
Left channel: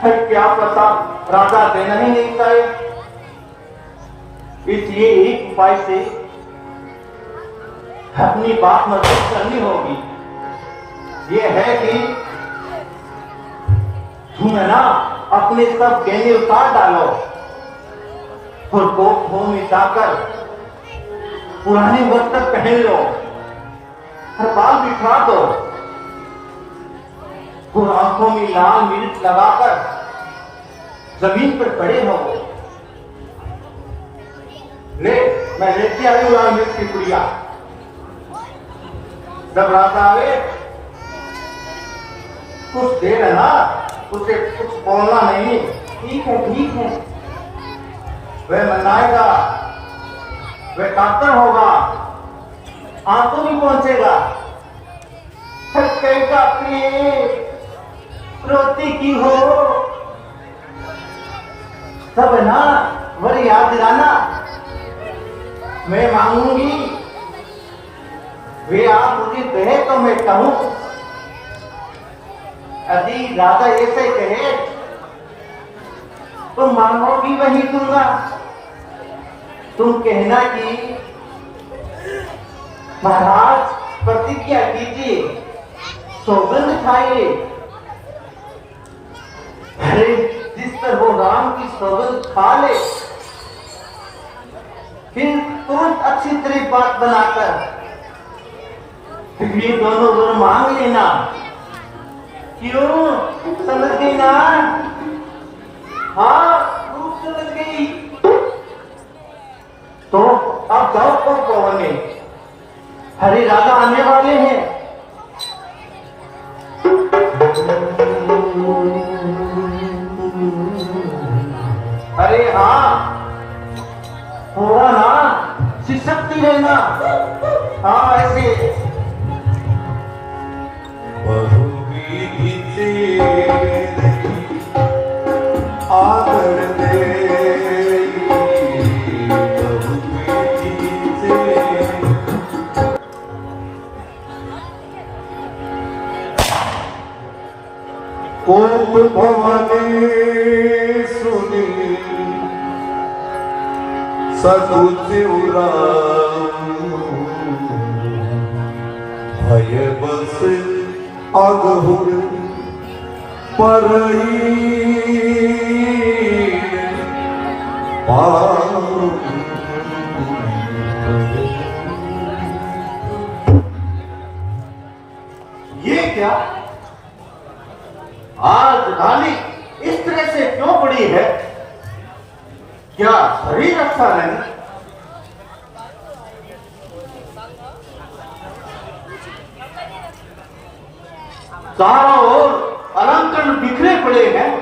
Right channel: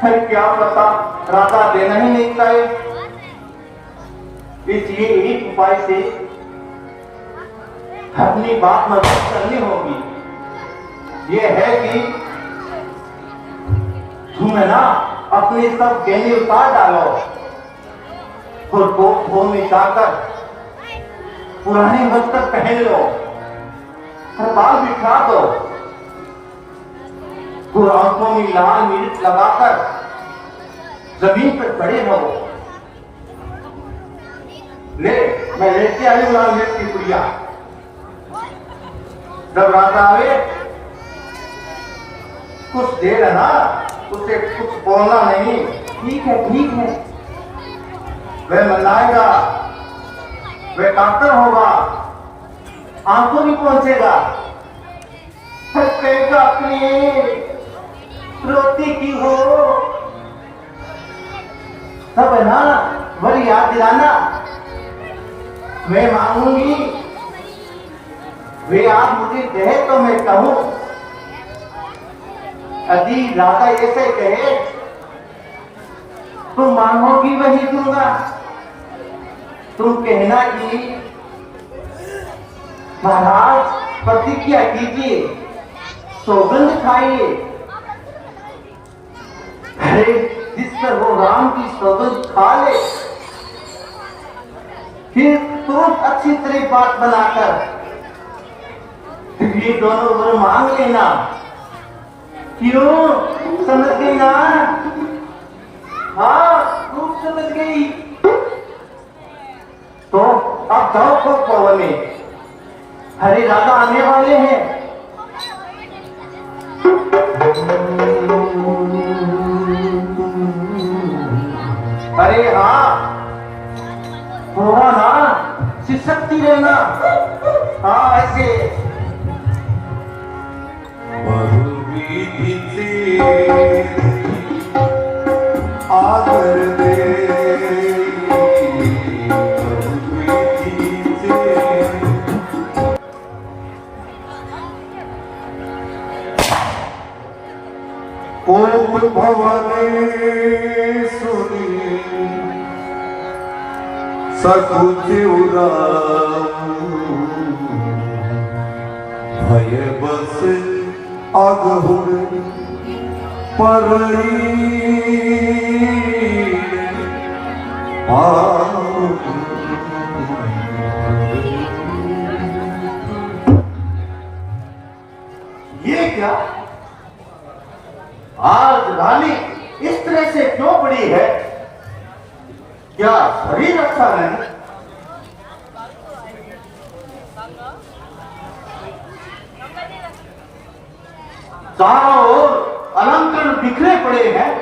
फिर क्या पता राजा देना ही नहीं चाहिए। इसलिए एक उपाय से अपनी बात मजबूत करनी होगी। ये है कि तुम ना अपने सब गहने उतार डालो और कोट धो मिटाकर पुराने वस्त्र पहन लो और बाल बिखरा दो और आंखों में लाल मिर्च लगाकर जमीन पर खड़े रहो। ले मैं लेके आई हूं लाल मिर्च की पुड़िया। जब रात आवे कुछ देर है ना, उसे कुछ बोलना नहीं। ठीक है, ठीक है। वह मनाएगा, वह कातर होगा, आंखों भी पहुंचेगा। कहेगा अपनी रोती की हो सब ना वह याद दिलाना। मैं मांगूंगी, वे आप मुझे कहे तो मैं कहूं। यदि राजा ऐसे कहे तुम मांगोगी वही दूंगा। तुम कहना कि महाराज प्रतिज्ञा कीजिए, सौगंध खाइए। अरे जिस पर वो राम की सौगंध खा ले, फिर तुरंत अच्छी तरह बात बनाकर ये दोनों वर मांग लेना। क्यों समझ गई ना? हाँ खूब समझ गई। तो अब जाओ खुद भवन में, हरे राजा आने वाले हैं। अरे हाँ थोड़ा ना सिसकती रहना। हाँ ऐसे आदर दे कोप भवानी सुनी सकुच भय बस अघोर परई ये क्या आज रानी इस तरह से क्यों पड़ी है? क्या शरीर अच्छा नहीं? चारों ओर अलंकरण बिखरे पड़े हैं।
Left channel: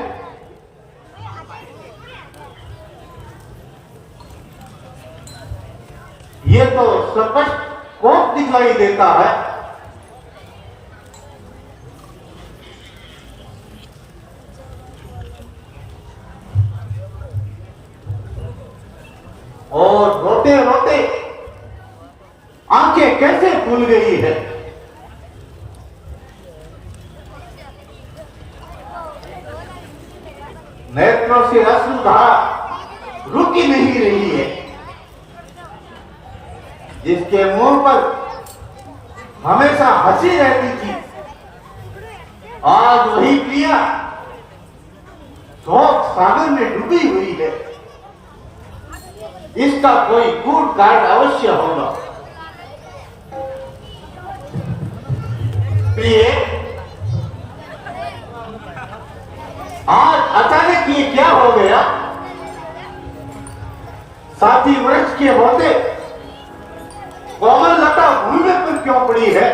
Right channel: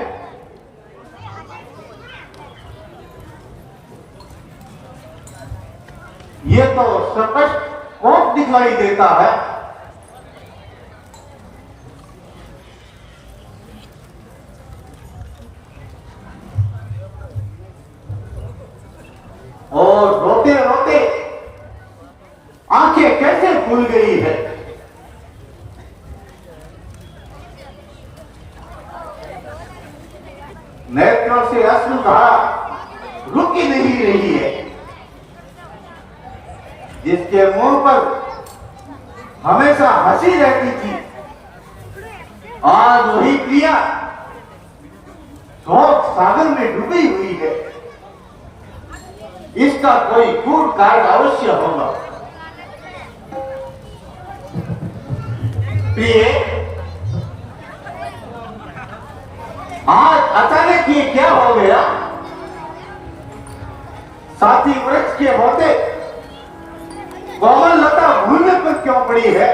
ये तो स्पष्ट कोप दिखाई देता है। और रोते रोते आंखें कैसे खुल गई है। नेत्रों से अश्रुधारा रुकी नहीं रही है। जिसके मुंह पर हमेशा हंसी रहती थी, आज वही प्रिया शोक सागर में डूबी हुई है। इसका कोई गूढ़ कारण अवश्य होगा। प्रिय, आज अचानक ये क्या हो गया? साथी वृक्ष के होते कोमल लता भूमि पर क्यों पड़ी है?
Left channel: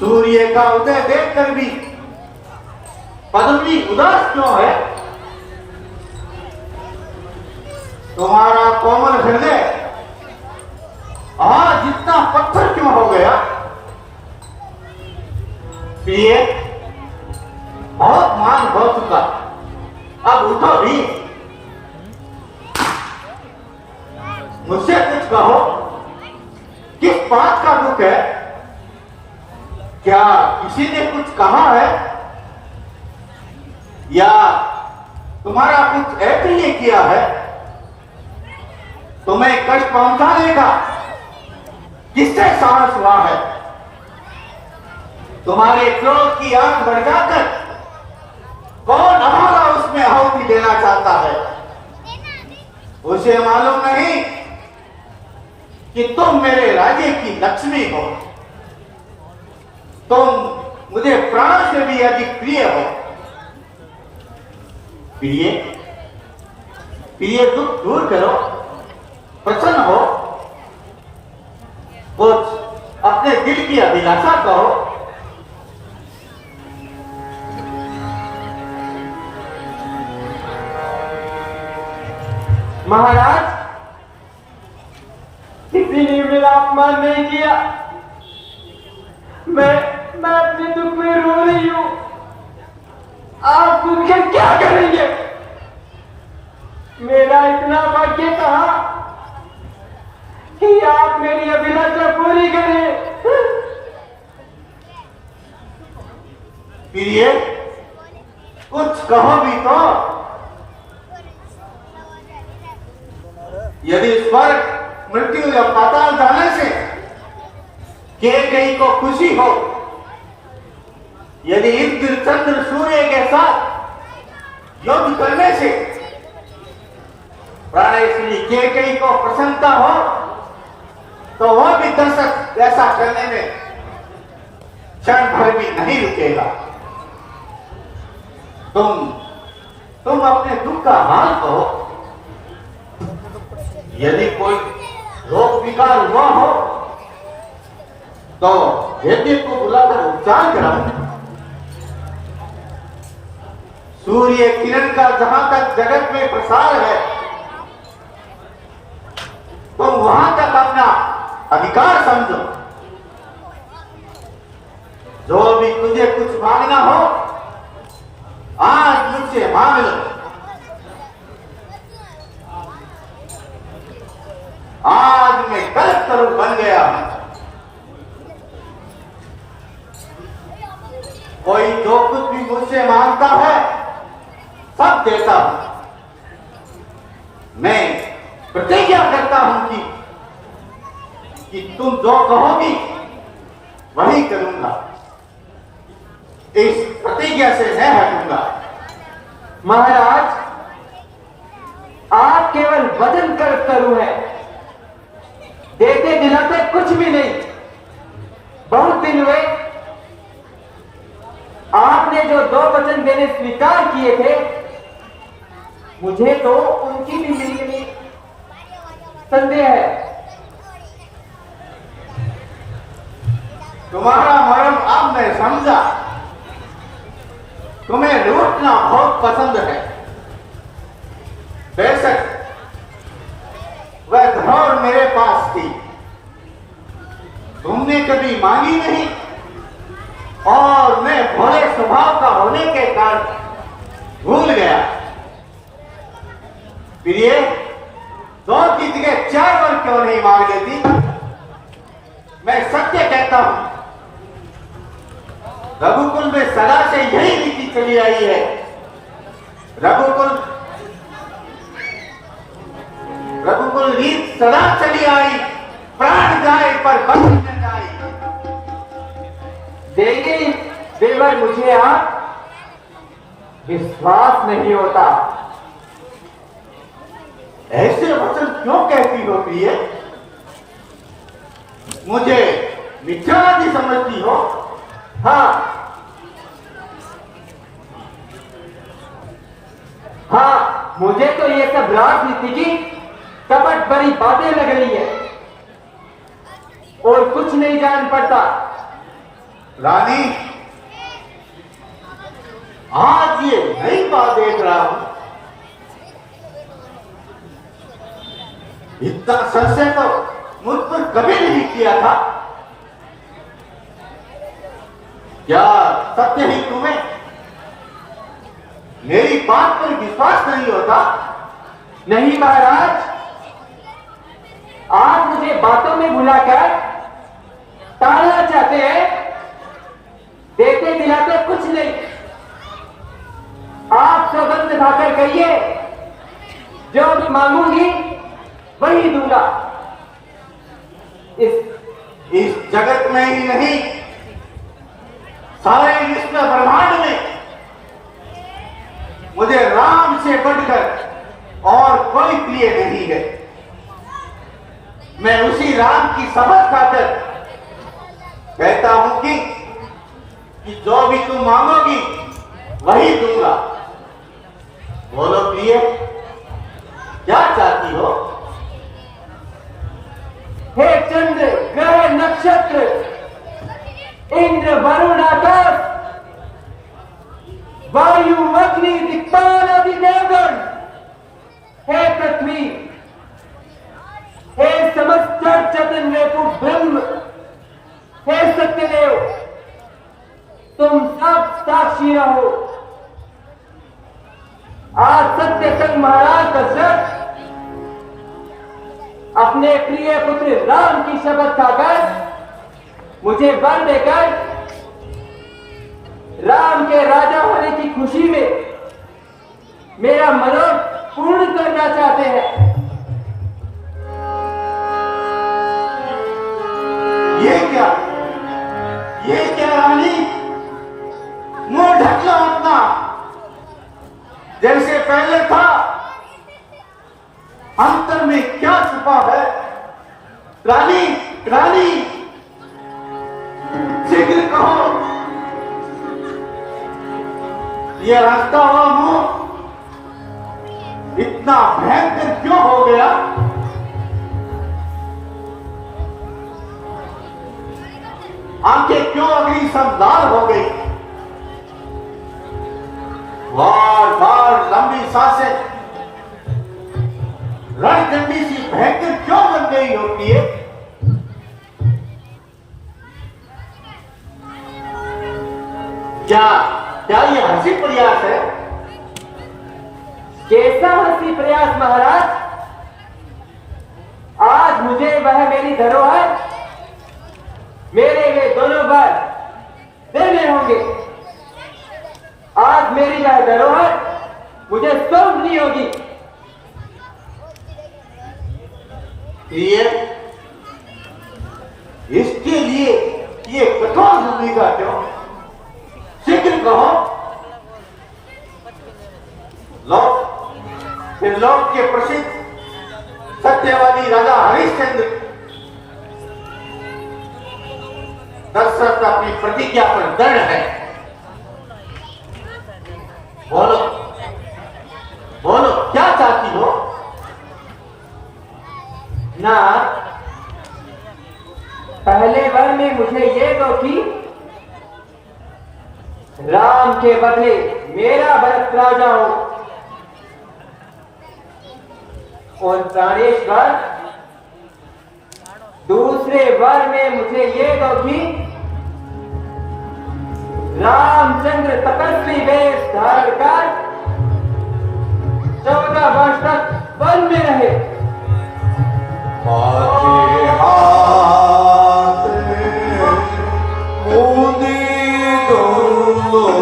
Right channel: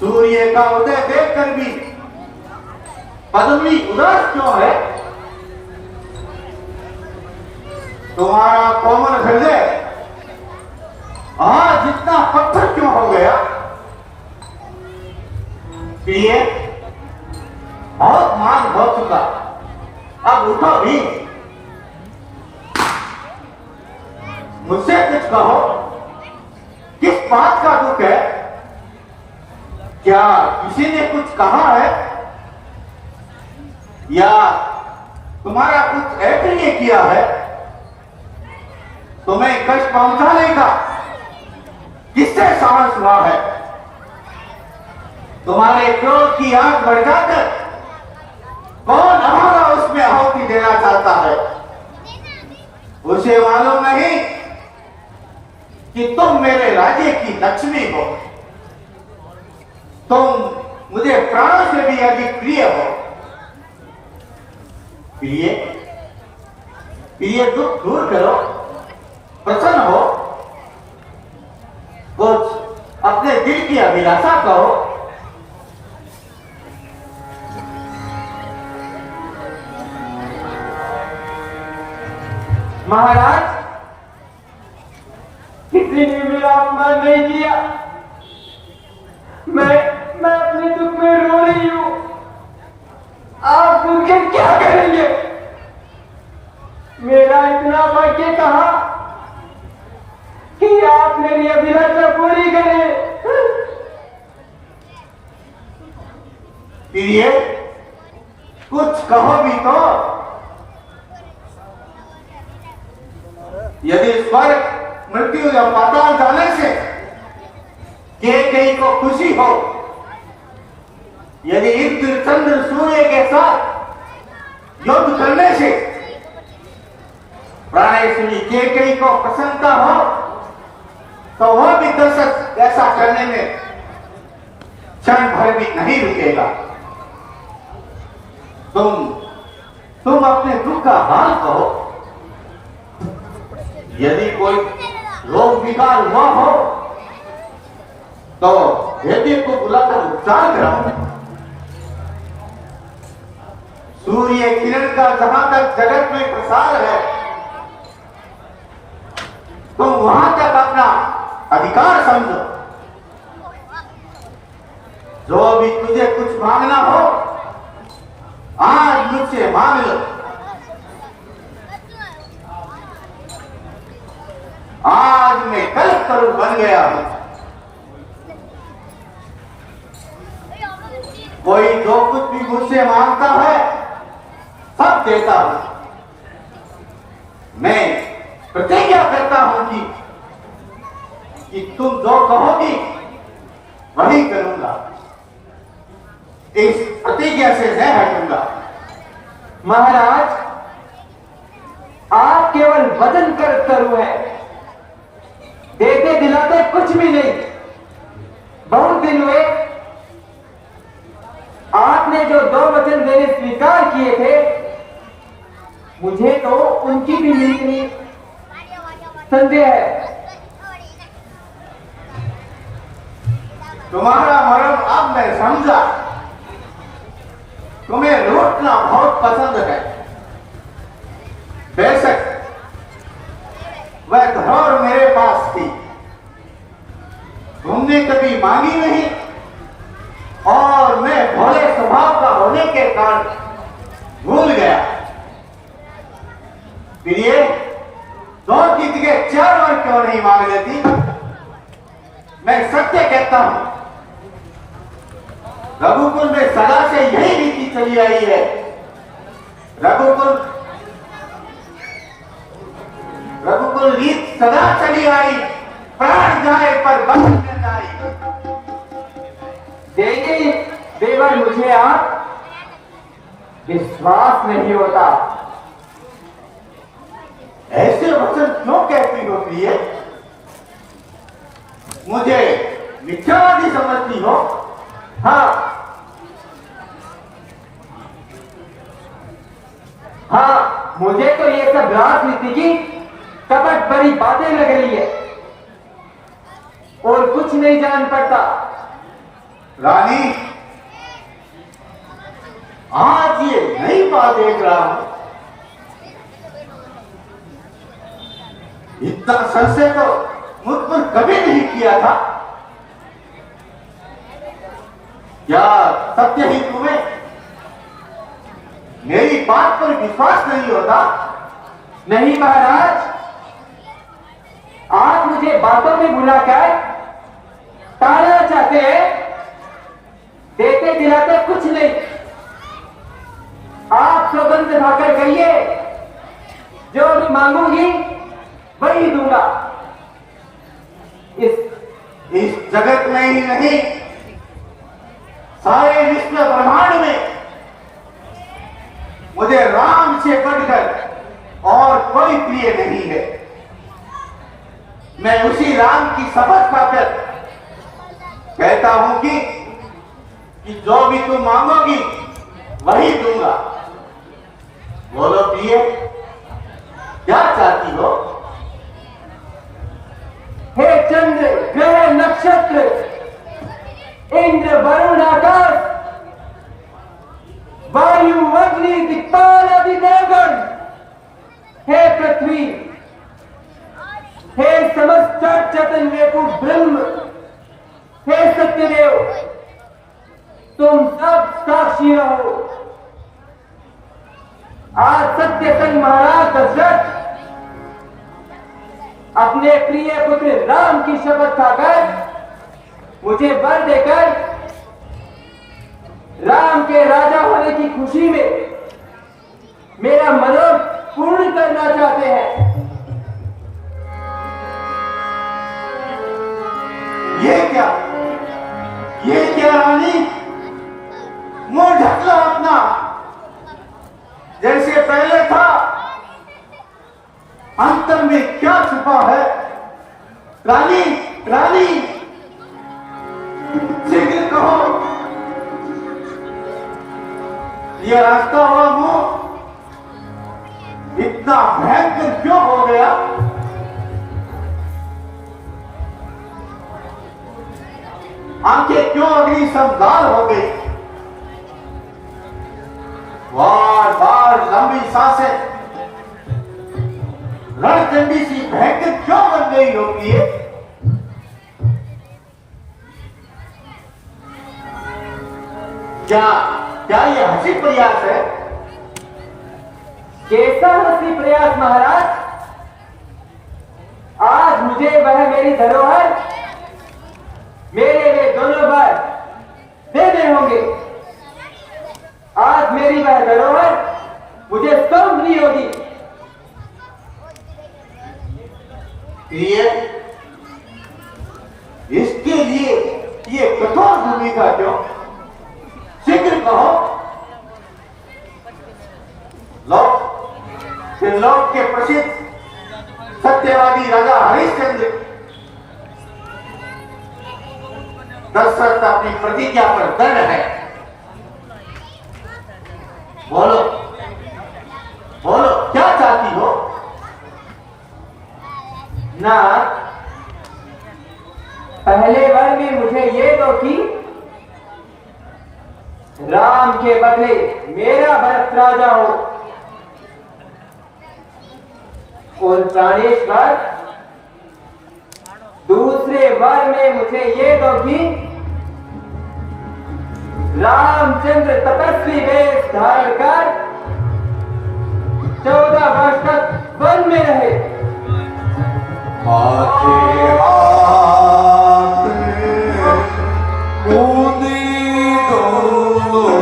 सूर्य का उदय देखकर भी पद्मिनी उदास क्यों है? तुम्हारा कोमल हृदय आज इतना पत्थर क्यों हो गया? प्रिय, बहुत मान हो चुका, अब उठो भी, मुझसे कुछ कहो। किस बात का दुख है? क्या किसी ने कुछ कहा है या तुम्हारा कुछ अप्रिय किया है? तुम्हें कष्ट पहुंचाने का किससे साहस हुआ है? तुम्हारे क्रोध की आंख बढ़ जाकर कौन हमारा उसमें आहुति देना चाहता है? उसे मालूम नहीं कि तुम मेरे राज्य की लक्ष्मी हो, तुम मुझे प्राण से भी अधिक प्रिय हो। प्रिय, प्रिय, दुख दूर करो, प्रसन्न हो, कुछ अपने दिल की अभिलाषा कहो। महाराज, किसी ने मेरा अपमान नहीं किया। मैं अपने दुख में रो रही हूं। आप मुझे क्या करेंगे? मेरा इतना वाक्य कहा कि आप मेरी अभिलाषा पूरी करें। प्रिय, कुछ कहो भी तो। यदि स्वर्ग, मृत्यु या पाताल जाने से कहीं को खुशी हो, यदि इंद्र चंद्र सूर्य के साथ युद्ध करने से प्राणेश्वरी कहीं को प्रसन्नता हो, तो वह भी दर्शक ऐसा करने में क्षण भर भी नहीं रुकेगा। तुम अपने दुख का हाल कहो। यदि कोई रोग विकार हुआ हो तो वैद्य को बुलाकर उपचार कराओ। सूर्य किरण का जहां तक जगत में प्रसार है, तुम वहां तक अपना अधिकार समझो। जो भी तुझे कुछ मांगना हो, आज मुझसे मांग लो। आज मैं कल्पतरु बन गया हूं। कोई जो कुछ भी मुझसे मांगता है, सब देता हूं। मैं प्रतिज्ञा करता हूं कि तुम जो कहोगी वही करूंगा। इस प्रतिज्ञा से मैं हटूंगा। महाराज, आप केवल वचन करू है, देते दिलाते कुछ भी नहीं। बहुत दिन हुए आपने जो 2 वचन देने स्वीकार किए थे, मुझे तो उनकी भी मेरी संदेह है। तुम्हारा मरण अब मैं समझा। तुम्हें लूटना बहुत पसंद है। बेशक वह धरोहर मेरे पास थी, तुमने कभी मांगी नहीं, और मैं भोले स्वभाव का होने के कारण भूल गया। प्रिय, 2 की जगह 4 बार क्यों नहीं मांग लेती? मैं सत्य कहता हूं, रघुकुल में सदा से यही रीति चली आई है। रघुकुल रीत सदा चली आई, प्राण जाए पर बंध न जाए। देखिए देवर, मुझे आप विश्वास नहीं होता। ऐसे वचन क्यों कहती हो प्रिय? मुझे मिथ्यावादी समझती हो? हाँ हाँ, मुझे तो ये सब राजनीति की कपट भरी बातें लग रही है और कुछ नहीं जान पड़ता। रानी, आज ये नई बात देख रहा हूं। इतना संशय तो मुझ पर कभी नहीं किया था। क्या सत्य ही तुम्हें मेरी बात पर विश्वास नहीं होता? नहीं महाराज, आप मुझे बातों में बुलाकर टालना चाहते हैं, देते दिलाते कुछ नहीं। आप सौगंध खाकर कहिए, जो मैं मांगूंगी वही दूंगा। इस जगत में ही नहीं, सारे विश्व ब्रह्मांड में मुझे राम से बढ़कर और कोई प्रिय नहीं है। मैं उसी राम की शपथ खाकर कहता हूं कि जो भी तुम मांगोगी वही दूंगा। बोलो प्रिय, क्या चाहती हो? हे चंद्र, ग्रह, नक्षत्र, इंद्र, वरुण, आकाश, वायु, अग्नि, दिक्पाल आदि देवगण, हे पृथ्वी, हे समस्त चेतन रेतु ब्रह्म, हे सत्यदेव, तुम सब साक्षी रहो। आज सत्यसंग महाराज दशरथ अपने प्रिय पुत्र राम की शपथ खाकर मुझे वर देकर राम के राजा होने की खुशी में मेरा मनोरथ पूर्ण करना चाहते हैं। ये क्या रानी? मुंह ढक लो अपना, जैसे पहले था। अंतर में क्या छुपा है? रानी, रानी, शीघ्र कहो, ये रास्ता हुआ मुंह इतना भयंकर क्यों हो गया? आंखें क्यों अग्नि समदार हो गई? बार बार लंबी सांसें रणचंडी सी भयंकर क्यों बन गई हो प्रिय? क्या ये हंसी प्रयास है? कैसा हंसी प्रयास महाराज? आज मुझे वह मेरी धरोहर, मेरे वे दोनों वर देने होंगे। आज मेरी वह धरोहर मुझे सौंपनी होगी। प्रिय, इसके लिए ये कठोर भूमिका क्यों? शीघ्र कहो। लोक के प्रसिद्ध सत्यवादी राजा हरिश्चंद्र दशरथ अपनी प्रतिज्ञा पर दृढ़ है। बोलो बोलो, क्या चाहती हो? नाथ, पहले वर में मुझे ये दो कि राम के बदले मेरा भरत राजा हो, और प्राणेश्वर दूसरे वर में मुझे ये दो कि रामचंद्र तपस्वी वेश धारण कर 14 वर्ष तक वन में रहे। माझे हात मोदी दौलो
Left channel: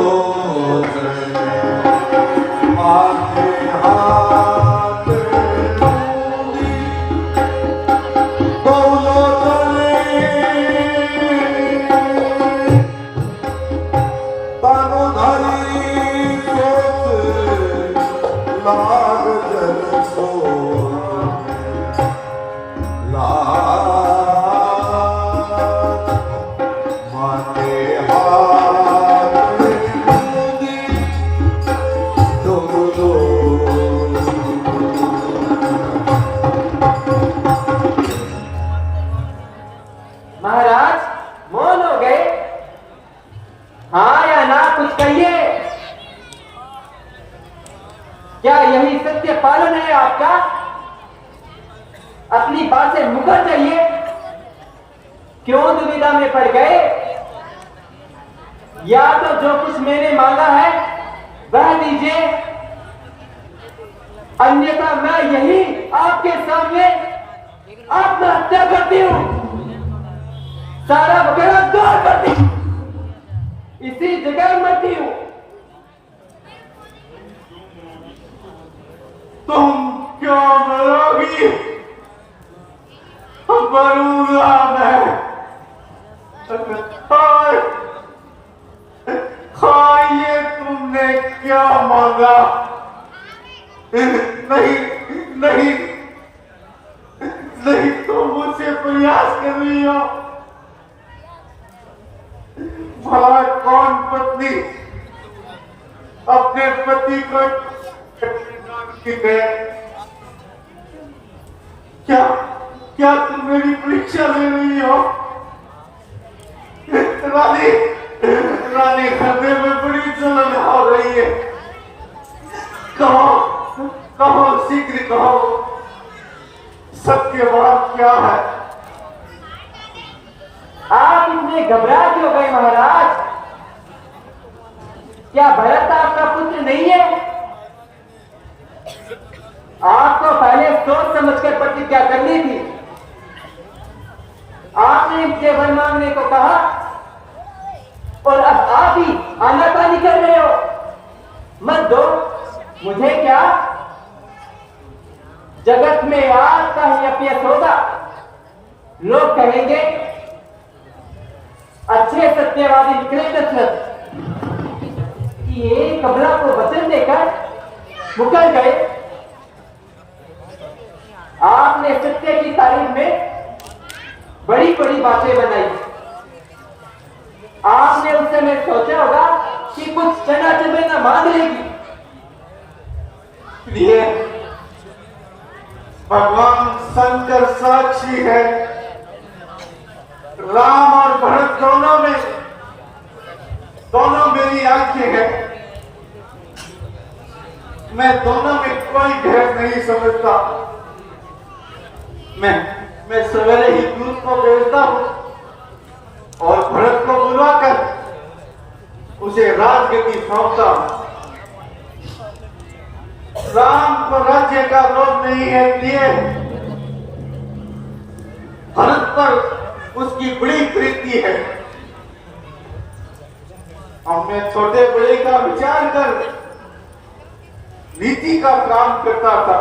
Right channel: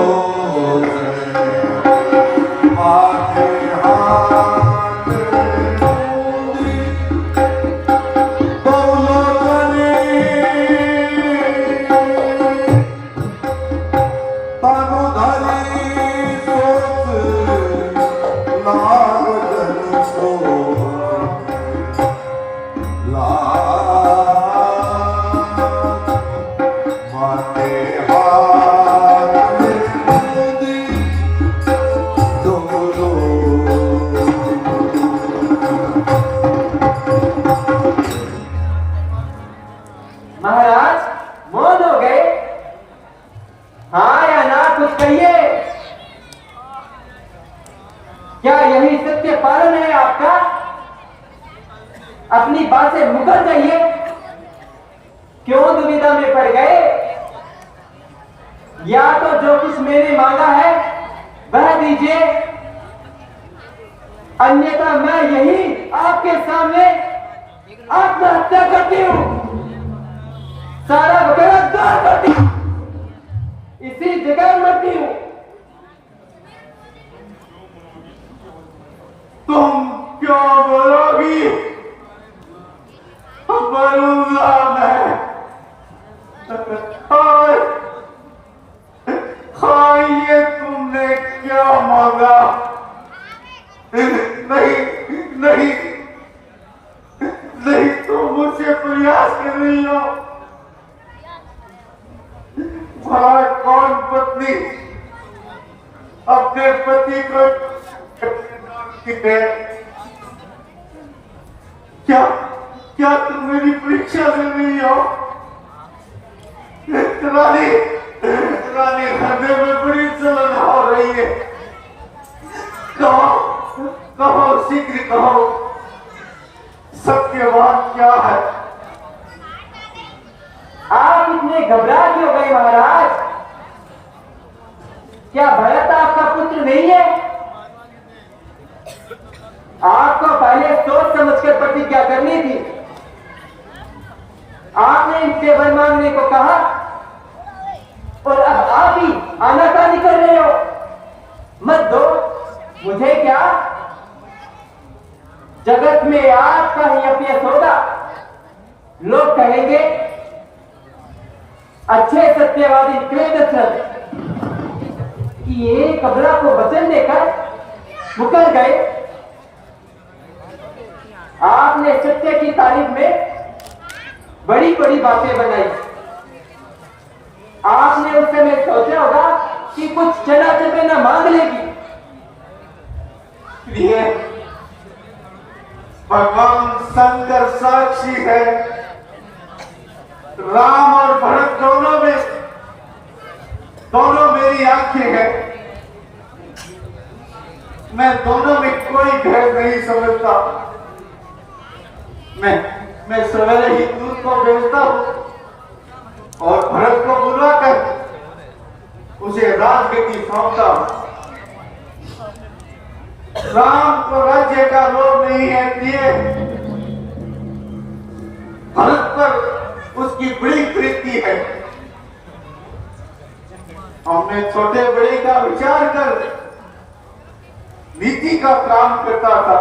माझे हात मोदी दौलो तानु धरी लागल सो ला महाराज मौन हो गए? हाँ या ना कुछ कहिए। क्या यही सत्य पालन है आपका? अपनी बात से मुकर जाइए। क्यों दुविधा में पड़ गए? या तो जो कुछ मैंने मांगा है वह दीजिए, अन्यथा मैं यही आपके सामने आत्महत्या करती हूं, सारा वगैरह गाड़ करती हूं, इसी जगह मरती हूं। तुम क्यों मरोगी? मरूंगा मैं। खाइए, तुमने क्या मांगा? नहीं नहीं नहीं, तुम मुझसे प्रयास कर रही हो। भला कौन पत्नी अपने पति को है? क्या क्या तुम मेरी परीक्षा ले रही हो? रानी रानी, हृदय में बड़ी जलन हो रही है। कहो कहो, शीघ्र कहो, सत्य बात क्या है? आप इतने घबरा क्यों गए महाराज? क्या भरत आपका पुत्र नहीं है? आपको पहले सोच समझकर प्रतिज्ञा करनी थी। आपने इनसे वर मांगने को कहा और अब आप ही आनाकानी कर रहे हो। मत दो, मुझे क्या, जगत में आपका ही अपयश होगा। लोग कहेंगे अच्छे सत्यवादी निकले दशरथ, ये कबरा को वचन देकर मुकर गए। आपने सत्य की तारीफ में बड़ी बड़ी बातें बनाई। आपने उस समय सोचा होगा कि कुछ चना चबेना मांग लेगी। ये भगवान शंकर साक्षी है। राम और भरत दोनों मेरी आंखें हैं। मैं दोनों में कोई भेद नहीं समझता। मैं सवेरे ही दूध को भेजता हूं और भरत को बुलाकर उसे राजगद्दी सौंपता हूं। राम को राज्य का लोभ नहीं है, इसलिए भरत पर उसकी बड़ी प्रीति है। हमने छोटे बड़े का विचार कर नीति का काम करता था।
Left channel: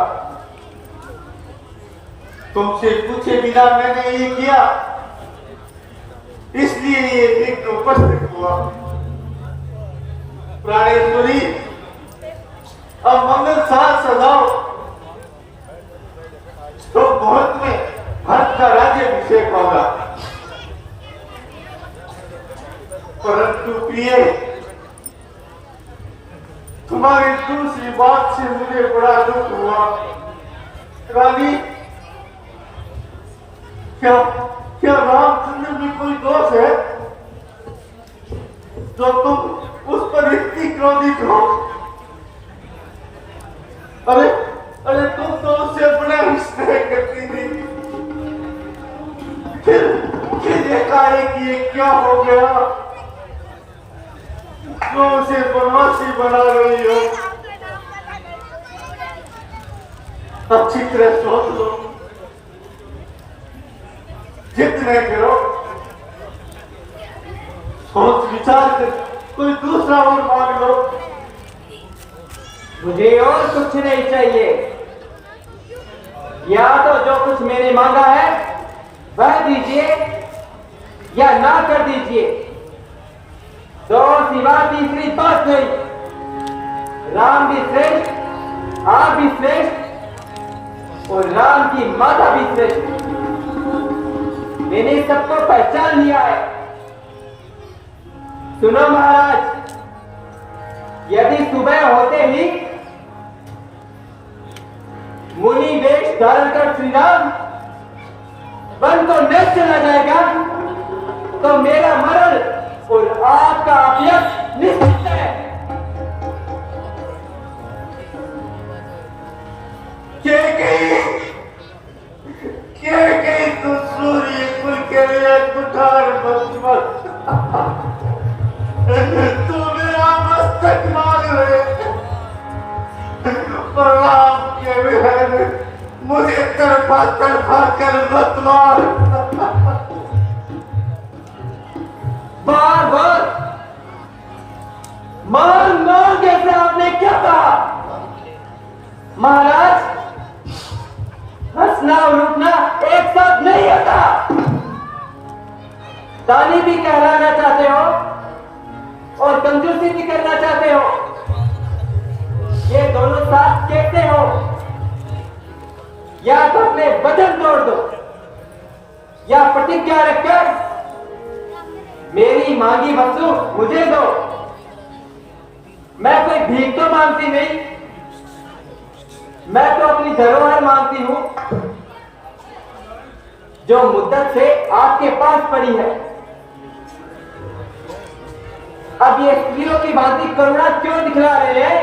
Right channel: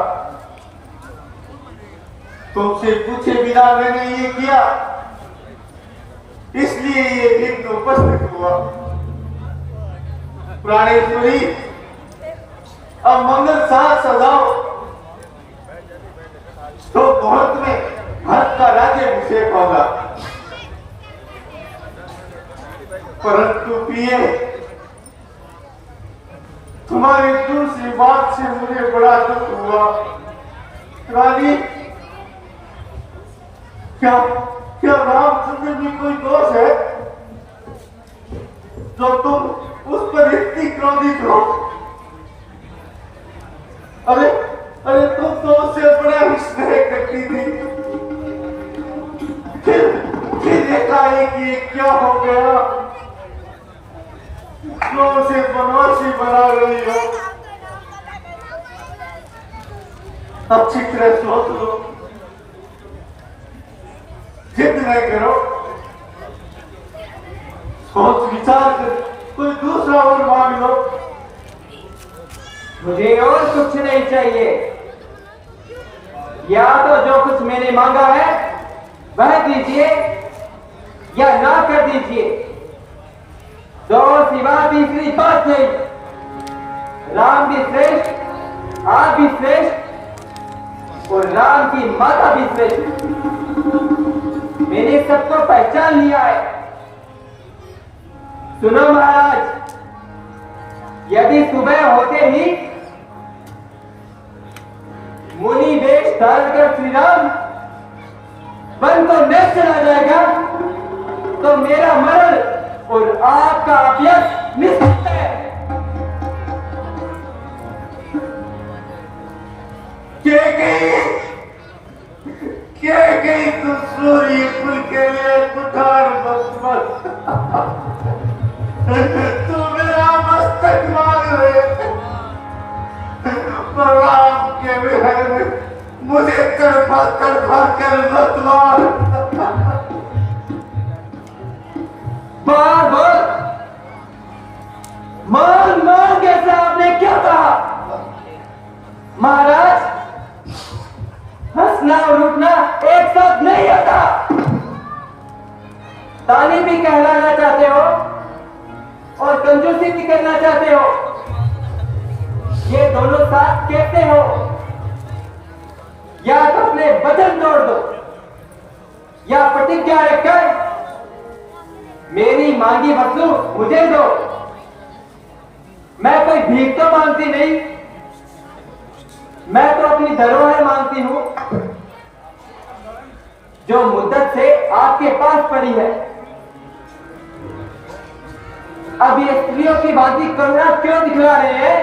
तुमसे पूछे बिना मैंने ये किया, इसलिए ये विघ्न उपस्थित हुआ। प्राणेश्वरी, अब मंगल साथ सजाओ तो बहुत में भरत का राज्याभिषेक होगा। परंतु प्रिय, तुम्हारी दूसरी बात से मुझे बड़ा दुख हुआ। रानी, क्या रामचंद्र में कोई दोष है जो तुम उस पर इतनी क्रोधित हो? अरे तुम तो उससे बड़े स्नेह करती थी, फिर एकाएक ये क्या हो गया जो उसे बनवासी बना रही हो? अच्छी तरह सोच लो, जितने करो, सोच विचार कर कोई दूसरा और मांग लो। मुझे और कुछ नहीं चाहिए। या तो जो कुछ मैंने मांगा है वह दीजिए या ना कर दीजिए, तो सिवा तीसरी बात नहीं। राम भी श्रेष्ठ, आप भी श्रेष्ठ और राम की माता भी श्रेष्ठ। मैंने सबको पहचान लिया है। सुनो महाराज, यदि सुबह होते ही मुनि वेश धारण कर श्री राम वन को नष्ट चला जाएगा फूल के लिए पुकार मत मत। तू मेरा मस्तक मार ले, पर राम के विरह मुझे तड़पा तड़पा कर मत मार। बार बार मान मान कैसे आपने क्या कहा? महाराज, हंसना और रुकना एक साथ नहीं होता। दानी भी कहलाना चाहते हो और कंजूसी भी करना चाहते हो, ये दोनों साथ कैसे हो? या तो अपने वचन तोड़ दो या प्रतिज्ञा रखकर मेरी मांगी वस्तु मुझे दो। मैं कोई भीख तो मांगती नहीं, मैं तो अपनी धरोहर मांगती हूं जो मुद्दत से आपके पास पड़ी है। अब ये स्त्रियों की भांति करुणा क्यों दिखला रहे हैं?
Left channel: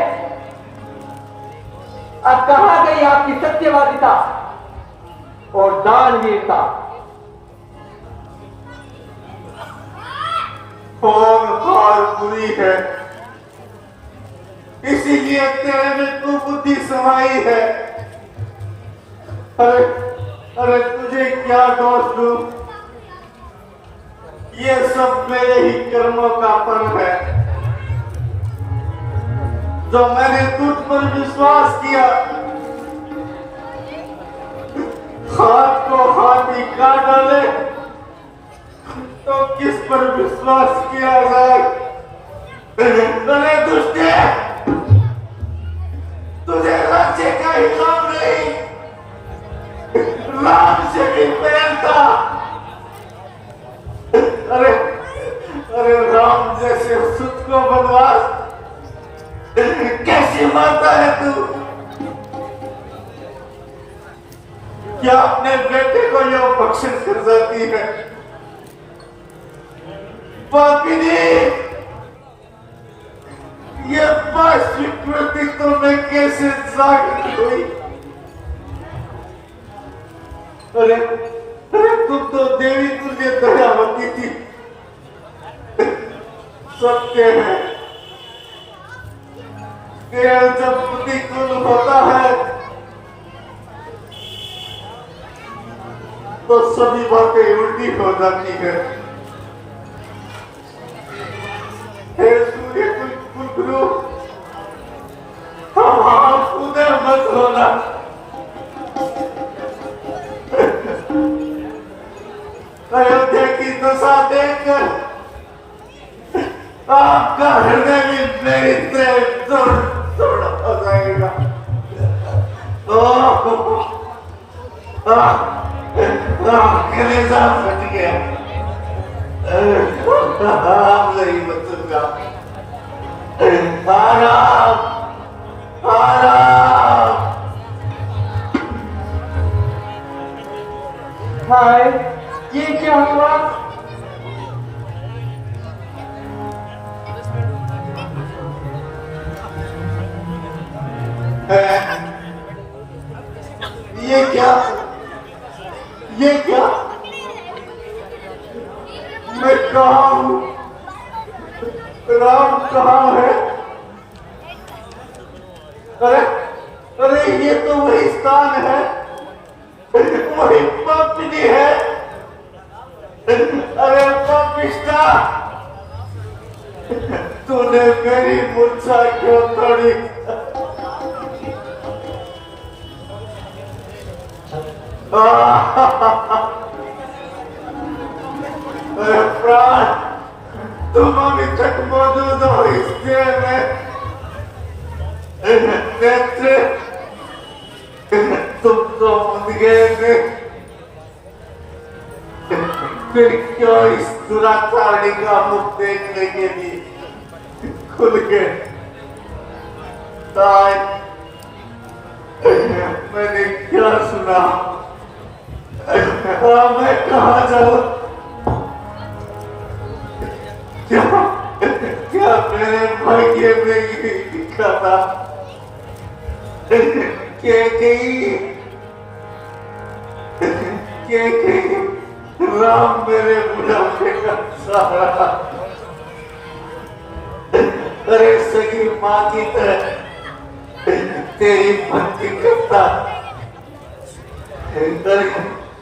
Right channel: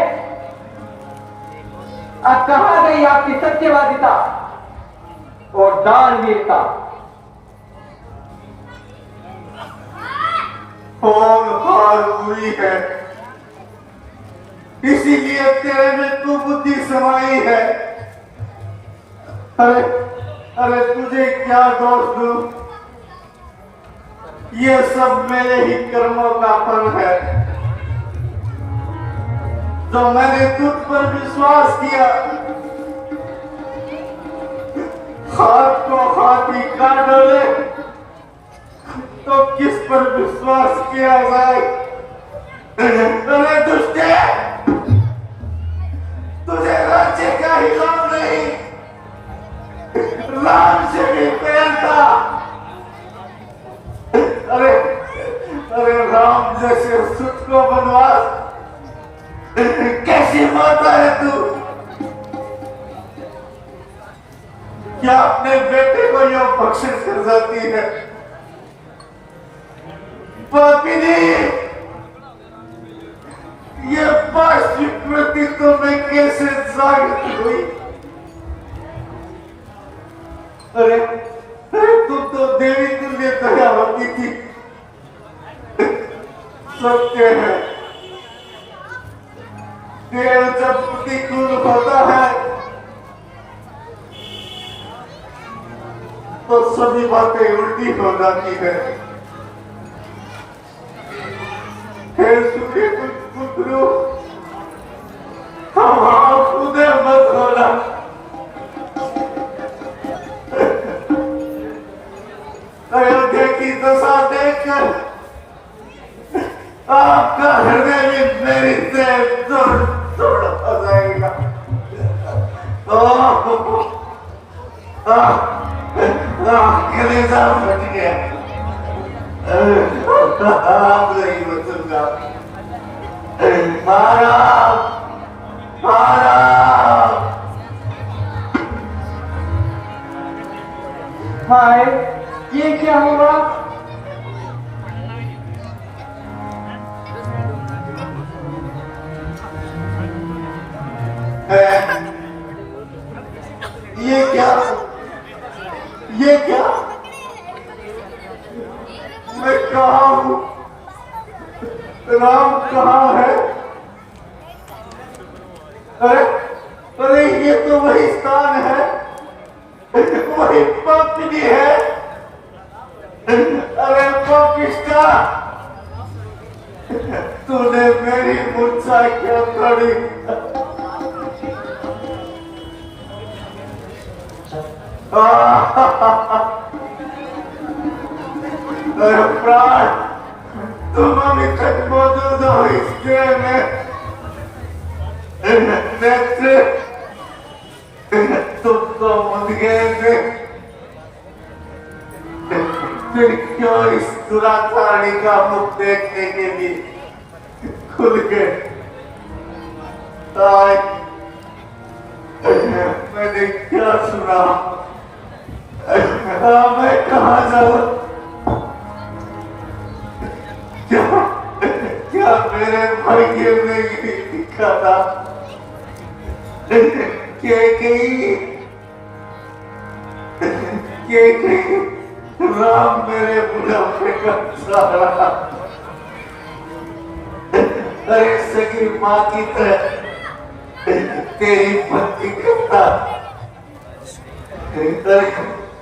अब कहां गई आपकी सत्यवादिता और दानवीरता? और बुरी है, इसीलिए तेरे में तू बुद्धि समाई है। अरे अरे तुझे क्या दोष दूं? ये सब मेरे ही कर्मों का फल है। जो मैंने तुझ पर विश्वास किया, हाथ को हाथ ही काट डाले तो किस पर विश्वास किया जाए? अरे दुष्टे, तुझे राज्य का ही लाभ नहीं, राम से भी प्रेम था। अरे अरे राम जैसे सुत को बनवास कैसी माता है तू? क्या अपने बेटे को यो बख्शिश कर जाती है? पापिनी, ये वास्तविक वृत्ति तुम्हें कैसे जागृत हुई? अरे अरे तुम तो देवी तुल्य दया होती थी। सत्य है, तेल जब प्रतिकूल होता है तो सभी बातें उल्टी हो जाती है। हे सूर्य पुत्रु, खुदे मत होना। अयोध्या की दशा देखकर आपका हृदय में मेरी तोड़ हो जाएगा। कलेजा फट गया। आप नहीं बचूंगा। मारा मारा। हाय, ये क्या हुआ? ये क्या? ये क्या? मैं कहाँ हूँ? राम कहाँ है? अरे अरे ये तो वही स्थान है, वही पंक्ति है। अरे पापिष्टा, तूने मेरी मूर्छा क्यों तोड़ी? अरे प्राण, तुम अभी तक मौजूद हो इस देह में। नेत्र, तुम तो बंद गए थे। फिर क्यों इस दुराचारी का मुख देखने के लिए खुल गए? आज मैंने क्या सुना? मैं कहाँ जाऊँ? क्या मेरे भाग्य में ये लिखा था? के कहीं राम मेरे बुढ़ापे का सहारा। अरे सगी माँ की तरह तेरी भक्ति करता।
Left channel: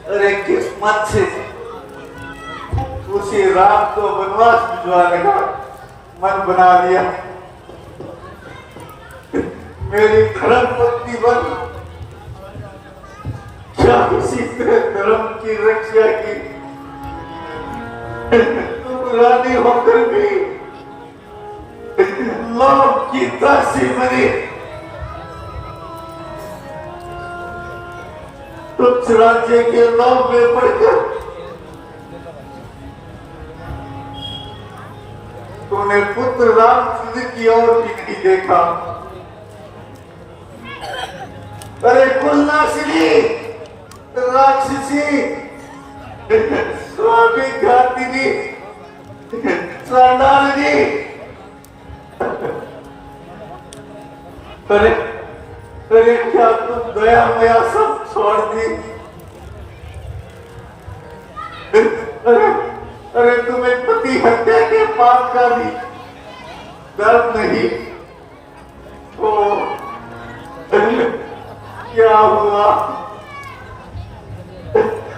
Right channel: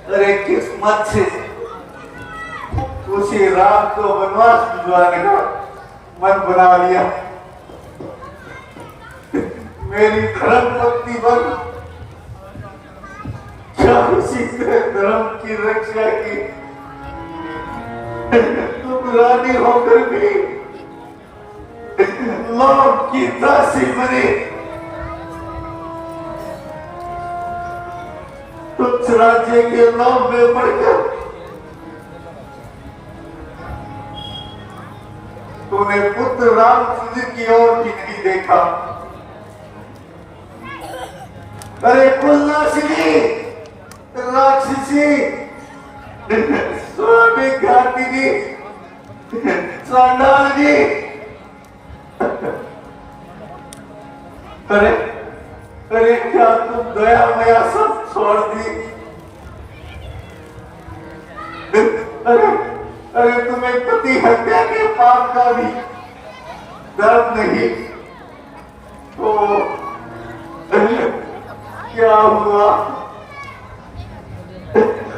अरे किस्मत से उसी राम को वनवास भिजवाने का मन बना लिया। मेरी धर्म पत्नी बन क्या उसी धर्म की रक्षा की। तुम रानी होकर भी लोग की दासी बनी। तुम राज्य के लोग में पड़कर तूने पुत्र राम की ओर भी नहीं देखा। अरे कुलनाशिनी, राक्षसी, स्वामी घातिनी, चंडालिनी, अरे अरे क्या तुम दया मया सब छोड़ दी। अरे तुम्हें पति हत्या के पाप का भी दर्द नहीं। तो क्या हुआ,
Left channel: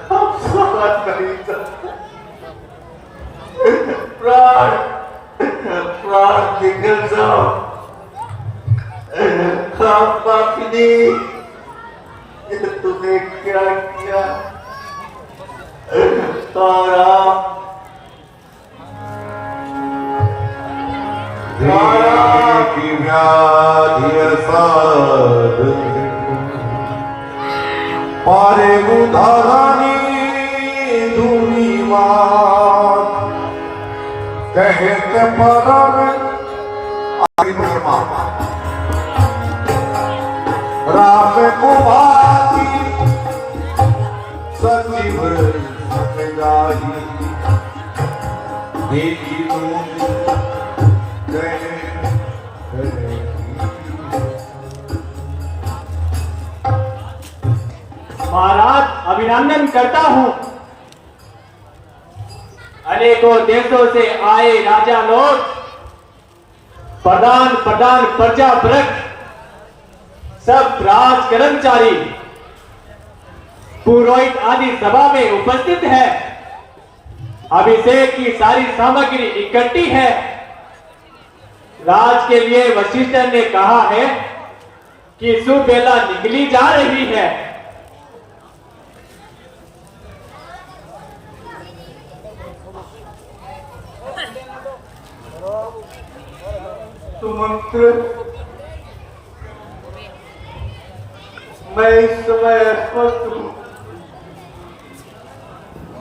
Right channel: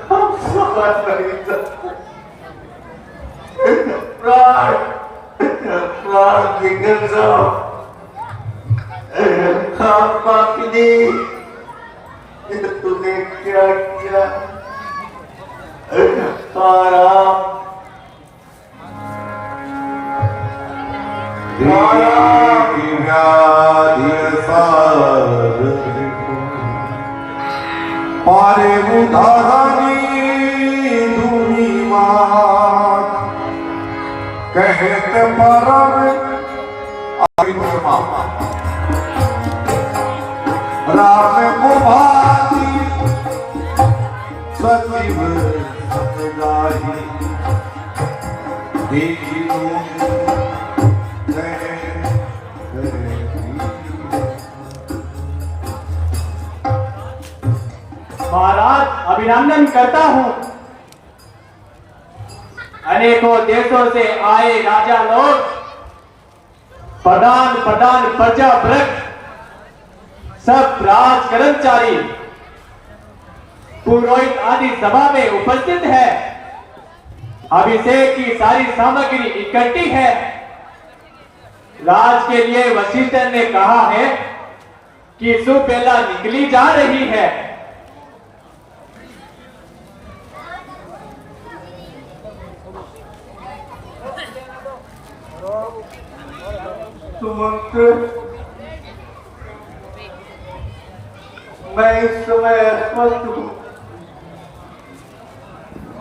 हम सदा नहीं सकते। प्राण प्राण निकल जाओ। पापिनी, तूने क्या किया। राम देवी व्याधि सार पारे उधारी धुनी मां कहते परम राम को भाती सजीव सजाई देखी महाराज अभिनंदन करता हूं। अनेकों देशों से आए राजा लोग, प्रधान प्रधान प्रजा वर्ग, सब राज कर्मचारी, पुरोहित आदि सभा में उपस्थित है। अभिषेक की सारी सामग्री इकट्ठी है। राज के लिए वशिष्ठ ने कहा है कि शुभ बेला निकली जा रही है। सुमंत, मैं इस समय अस्वस्थ हूं।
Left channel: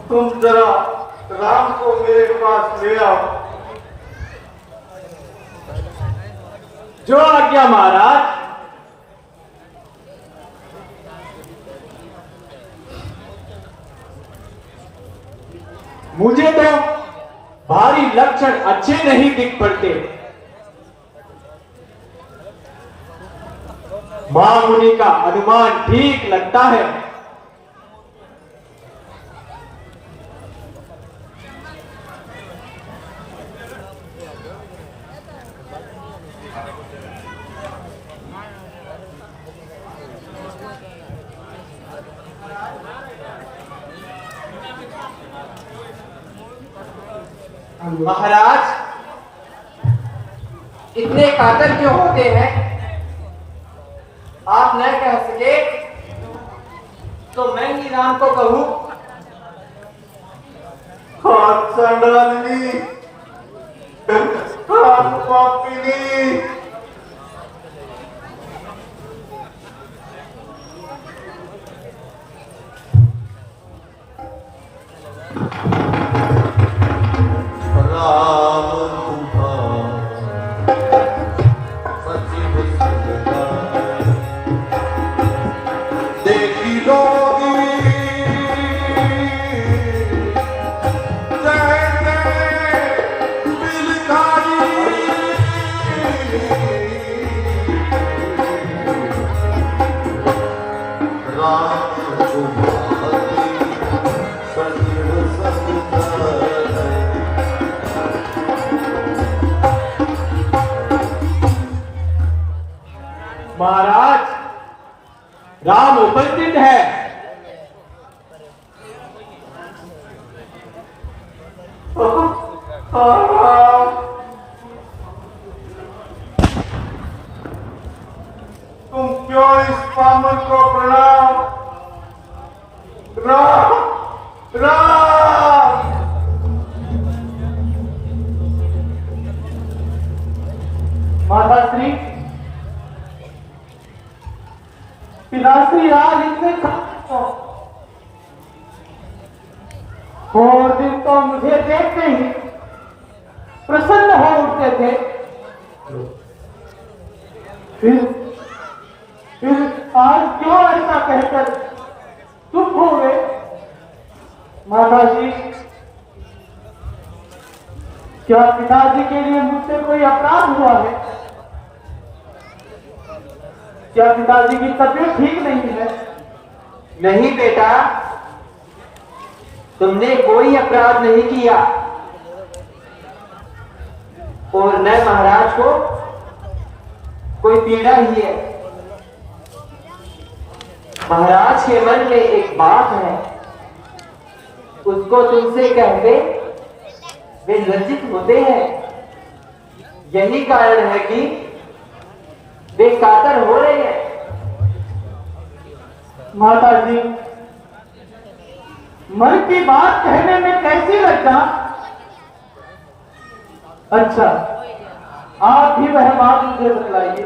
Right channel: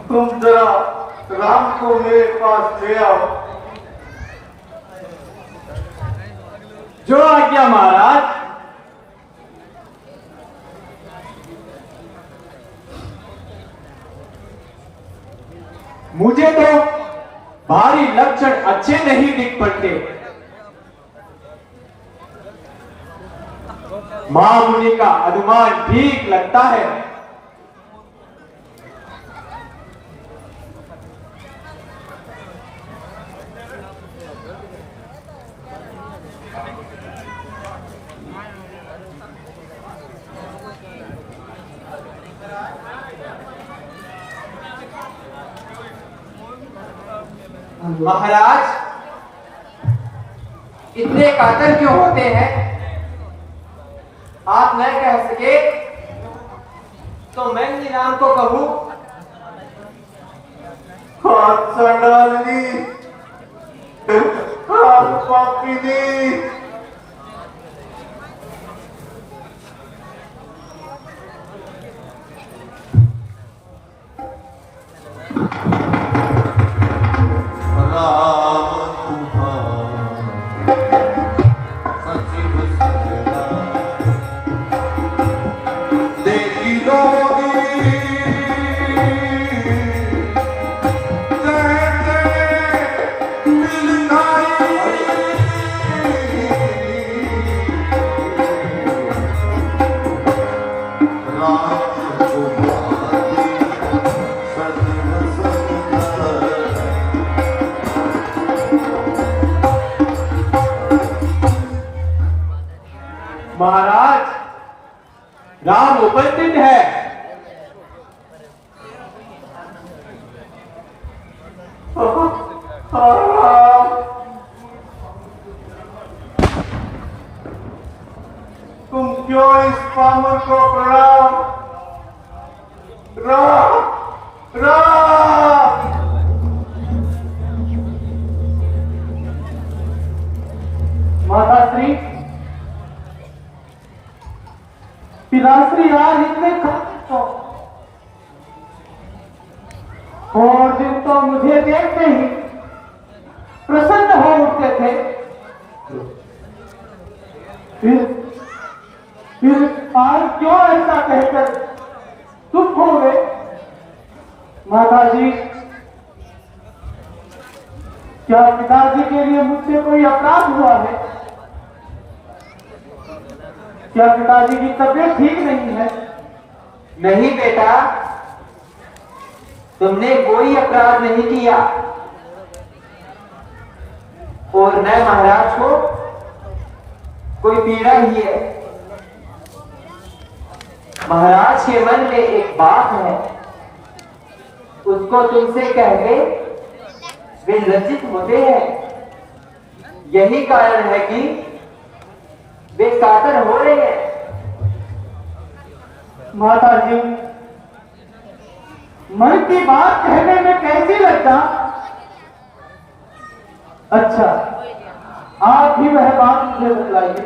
तुम जरा राम को मेरे पास ले आओ। जो आज्ञा महाराज। मुझे तो भारी लक्षण अच्छे नहीं दिख पड़ते। महामुनि का अनुमान ठीक लगता है। महाराज, इतने कातर क्यों होते हैं? आप न कह सके तो मैं ही राम को कहूं। चंडालिनी, पापिनी, क्यों इस कानून को प्रणाम। राम राम। माता श्री पिताश्री आज इतने और दिन तो मुझे देखते ही प्रसन्न हो उठते थे, फिर आज क्यों ऐसा कहकर तुम हो गए। माता जी, क्या पिताजी के लिए मुझसे कोई अपराध हुआ है? क्या पिताजी की तबीयत ठीक नहीं है? नहीं बेटा, तुमने कोई अपराध नहीं किया और न महाराज को कोई पीड़ा ही है। महाराज के मन में एक बात है, उसको तुमसे कहने वे लज्जित होते हैं। यही कारण है कि वे कातर हो रहे हैं। माता जी, मन की बात कहने में कैसी लज्जा। अच्छा, आप भी वह बात मुझे बतलाइए,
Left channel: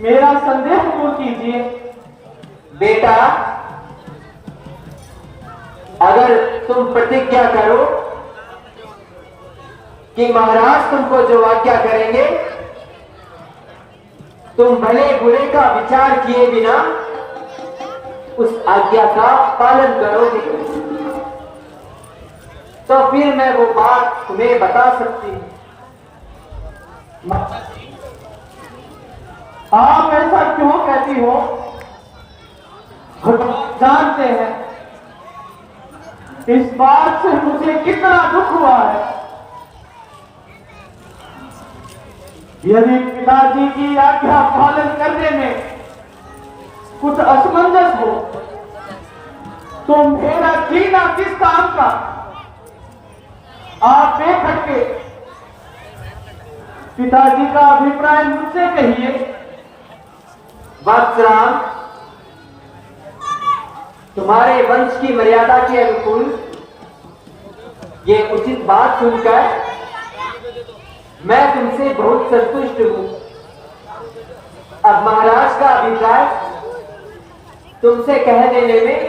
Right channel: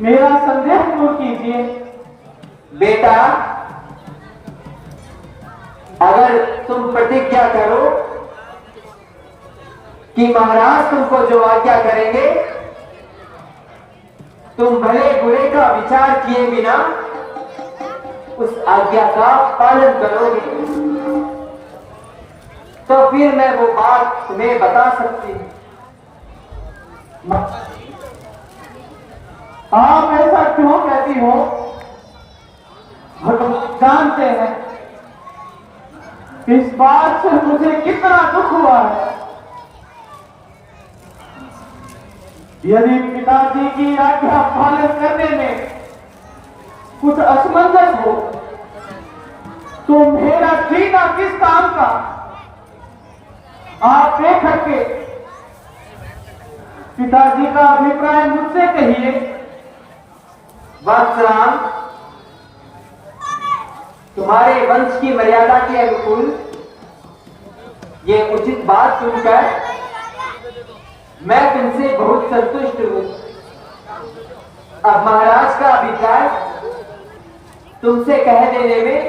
मेरा संदेह दूर कीजिए। बेटा, अगर तुम प्रतिज्ञा करो कि महाराज तुमको जो आज्ञा करेंगे तुम भले बुरे का विचार किए बिना उस आज्ञा का पालन करोगे, तो फिर मैं वो बात तुम्हें बता सकती हूं। आप ऐसा क्यों कहती हो? भगवान जानते हैं इस बात से मुझे कितना दुख हुआ है। यदि पिताजी की आज्ञा पालन करने में कुछ असमंजस हो तो मेरा जीना किस काम का। आप बेखट के पिताजी का अभिप्राय मुझसे कहिए। वत्सराम, तुम्हारे वंश की मर्यादा के अनुकूल ये उचित बात सुनकर मैं तुमसे बहुत संतुष्ट हूं। अब महाराज का अभिप्राय तुमसे कह देने में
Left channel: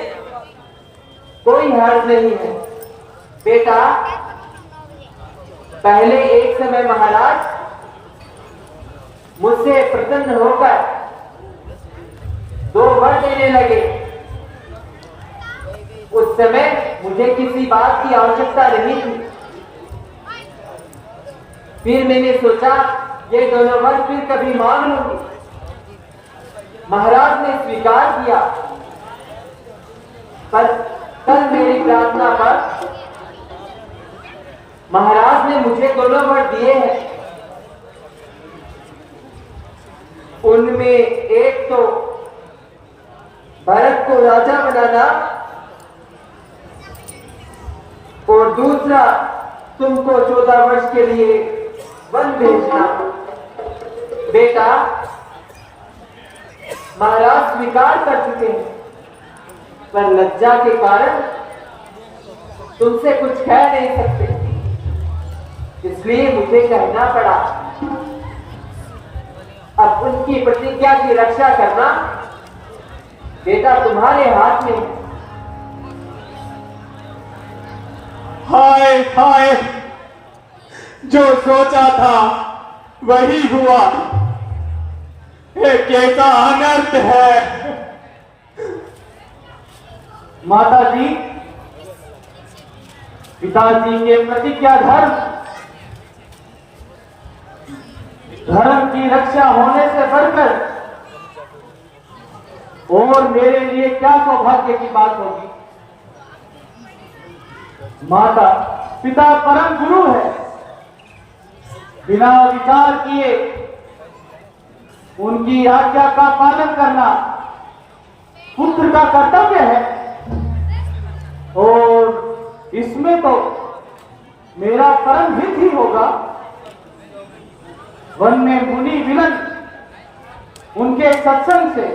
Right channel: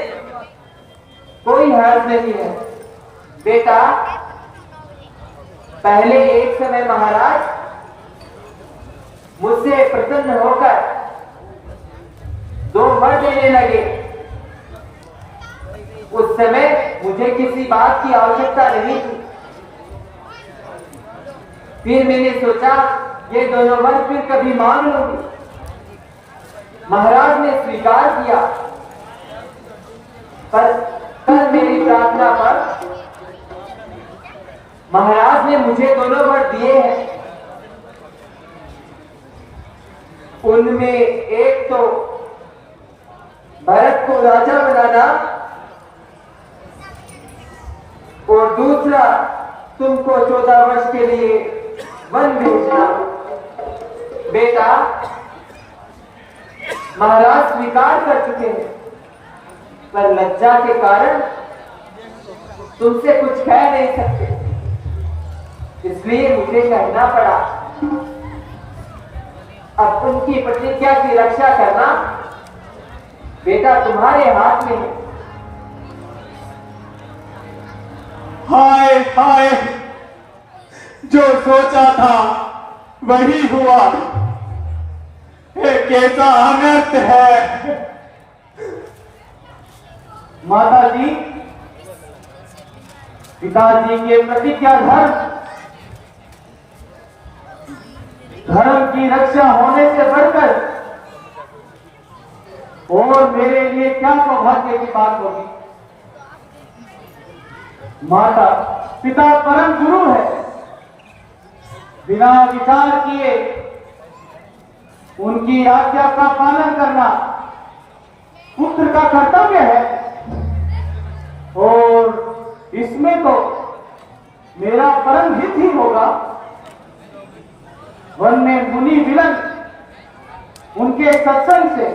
कोई हर्ज नहीं है। बेटा, पहले एक समय महाराज मुझसे प्रसन्न होकर 2 वर देने लगे। उस समय मुझे किसी बात की आवश्यकता नहीं थी। फिर मैंने सोचा ये दोनों वर फिर कभी मांग लूंगी। महाराज ने स्वीकार किया, पर कल मेरी प्रार्थना पर महाराज ने मुझे दोनों वर दिए हैं। उनमें एक तो भरत को राजा बनाना और दूसरा तुमको 14 वर्ष के लिए वन भेजना। बेटा, महाराज स्वीकार कर चुके हैं, पर लज्जा के कारण तुमसे कुछ कह नहीं सकते, इसलिए मुझे कहना पड़ा। अब उनकी प्रतिज्ञा की रक्षा करना बेटा तुम्हारे हाथ में है। हाय हाय, जो सोचा था वही हुआ। ये कैसा अनर्थ है। माता जी, पिताजी के प्रतिज्ञा धर्म की रक्षा होने से बढ़कर और मेरे लिए क्या सौभाग्य की बात होगी। माता पिता परम गुरु है, बिना विचार किए उनकी आज्ञा का पालन करना पुत्र का कर्तव्य है। और इसमें तो मेरा परम हित ही होगा। वन में मुनि विलन उनके सत्संग से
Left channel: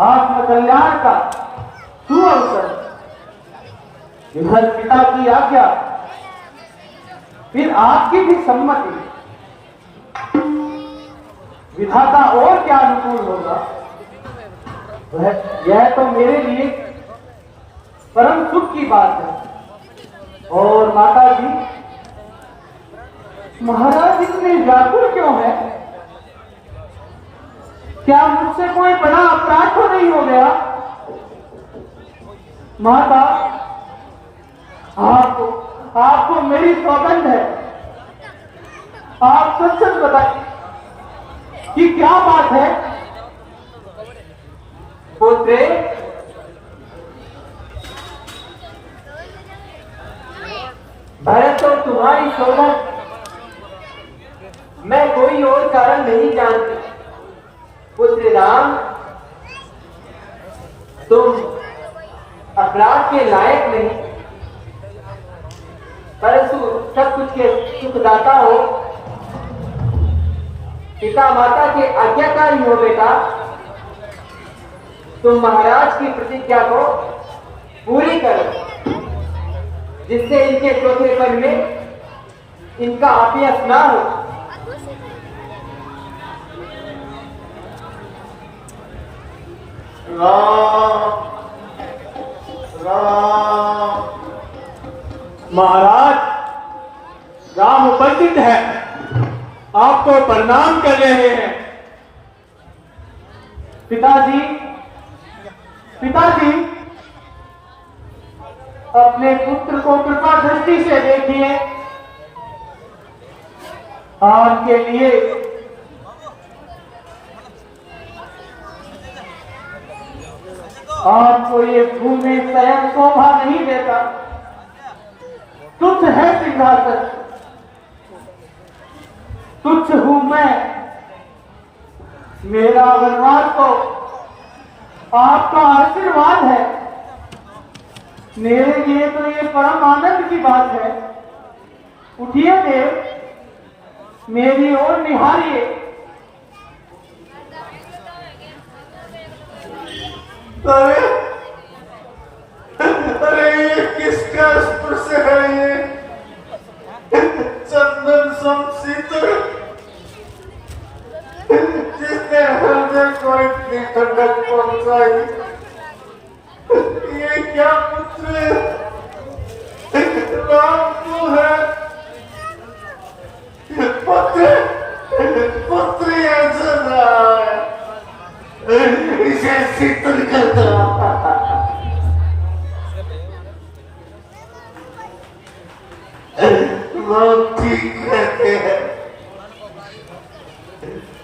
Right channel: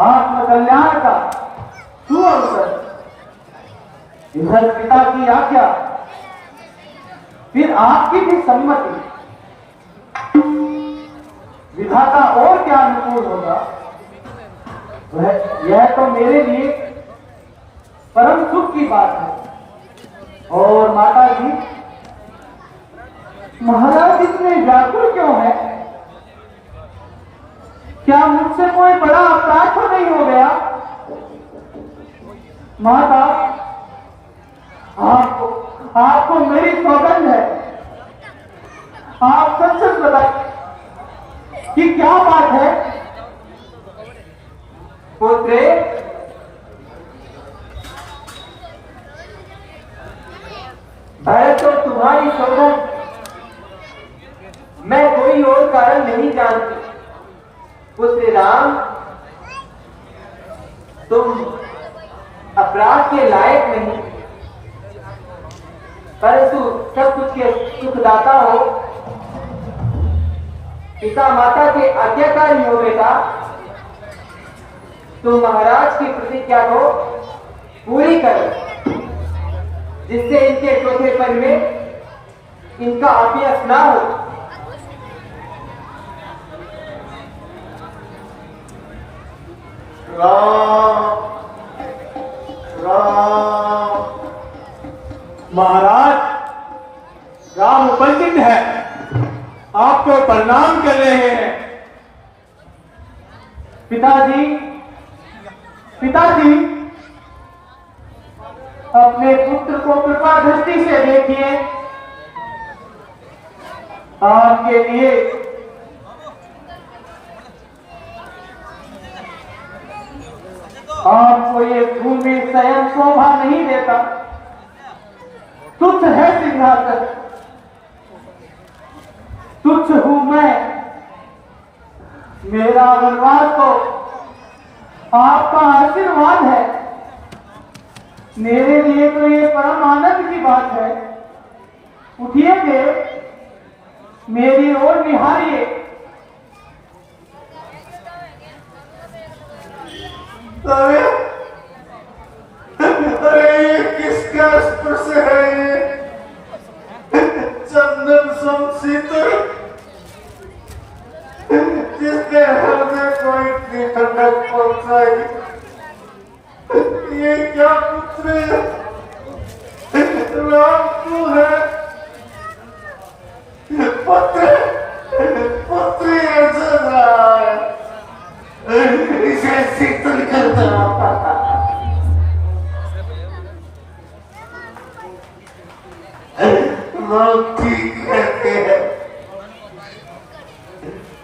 आत्म कल्याण का सुअवसर, इधर पिता की आज्ञा, फिर आपकी भी सम्मति, विधाता और क्या अनुकूल होगा। यह तो मेरे लिए परम सुख की बात है। और माता जी, महाराज इतने व्याकुल क्यों है? क्या मुझसे कोई बड़ा अपराध तो नहीं हो गया? माता, आपको मेरी पसंद है। आप सच सच बताइए कि क्या बात है? पुत्रे, भरत तो तुम्हारी शोभा, मैं कोई और कारण नहीं जानती। पुत्र राम, तुम अपराध के लायक नहीं, परंतु सब कुछ के सुखदाता हो। पिता माता के आज्ञाकारी हो बेटा। तुम महाराज की प्रतिज्ञा को पूरी करो, जिससे इनके चौथे कर में इनका अपयश ना हो। राम राम। महाराज, राम उपस्थित है, आपको प्रणाम कर रहे हैं। पिताजी, पिताजी, अपने पुत्र को कृपा दृष्टि से देखिए। आपके लिए आपको ये भूमि स्वयं शोभा नहीं देता। तुच्छ है सिंहासन, तुच्छ हूं मैं। मेरा वरदान तो आपका आशीर्वाद है। मेरे लिए तो ये परम आनंद की बात है। उठिए देव, मेरी ओर निहारिए। अरे अरे, ये किसका स्पर्श है? चंदन सम शीतल, जिसने हमें कोई इतनी ठंडक पहुंचाई। ये क्या पुत्र राम तू है? पुत्र पुत्र इसे शीतल कर देना। लोग ठीक कहते हैं,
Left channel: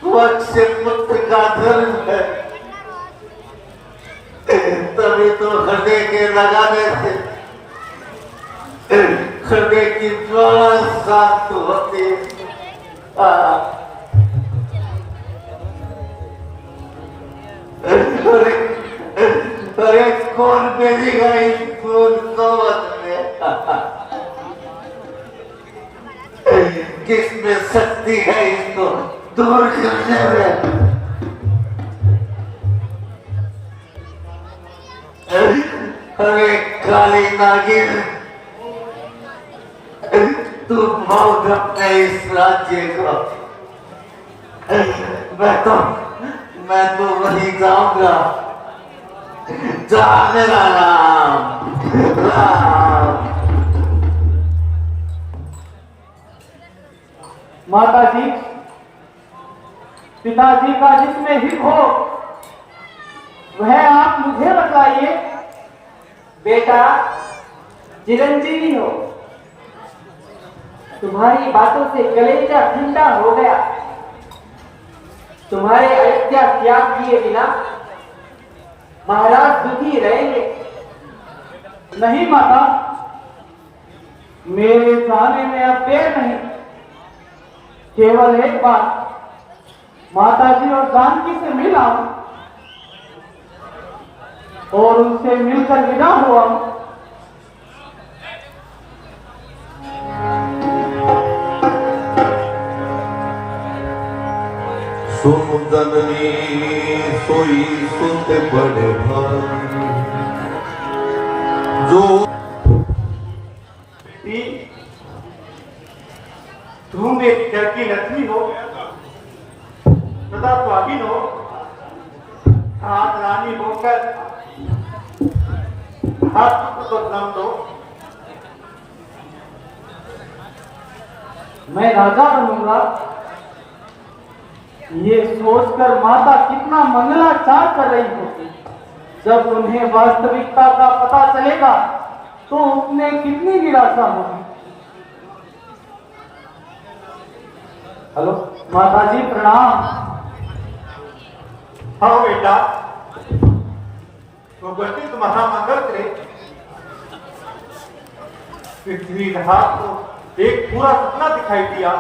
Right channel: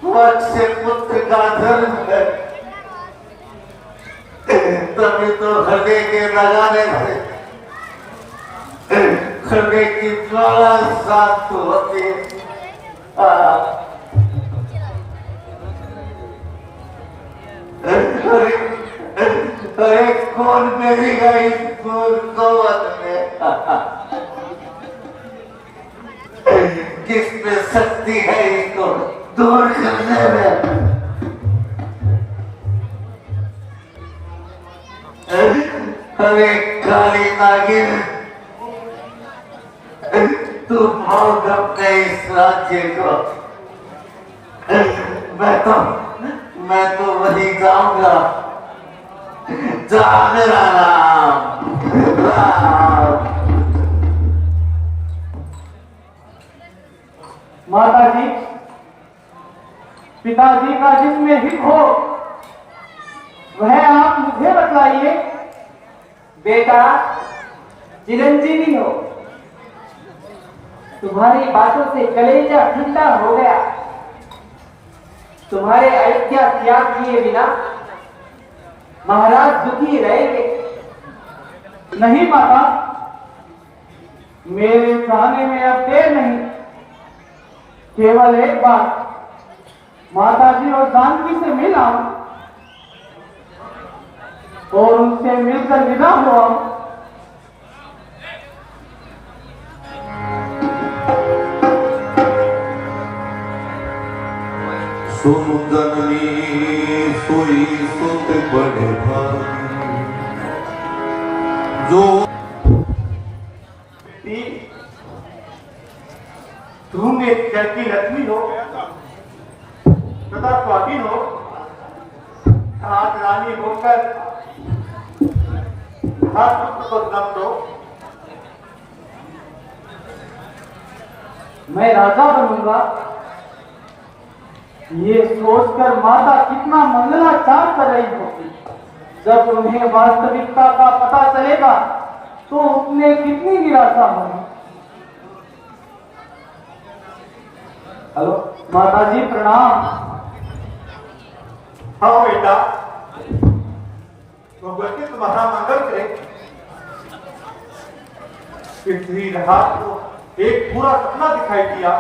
वक्त से पुत्र का धर्म है। तभी तो हृदय के लगाने से हृदय की ज्वाला शांत होती है। अरे कौन मेरी गई फूल नौबत में? किसमें शक्ति है इसको दूर करने में? अरे काली नागिन, तू भोग अपने इस राज्य को। मैं तो वही जाऊंगा जहां मेरा नाम राम। माता जी, पिताजी का जिसमें हित हो वह आप मुझे बतलाइए। बेटा, चिरंजीवी हो, तुम्हारी बातों से कलेजा ठंडा हो गया। तुम्हारे अयोध्या त्याग किए बिना महाराज दुखी रहेंगे। नहीं माता, मेरे जाने में अब देर नहीं। केवल एक बार माता जी और जानकी से मिला और उनसे मिलकर विदा हुआ। सुन जननी सोई सुत बड़े भाई जो बेटी, तुम एक घर की लक्ष्मी हो, सदा स्वाधीन हो, हाथ रानी होकर हाथ को दम दो। मैं राजा बनूंगा, ये सोचकर माता कितना मंगलाचार कर रही होती। जब उन्हें वास्तविकता का पता चलेगा तो उसने कितनी निराशा होगी। हेलो माता जी, प्रणाम। हाँ बेटा, भगवती तुम्हारा मंगल करे। पृथ्वी रात को एक पूरा सपना दिखाई दिया।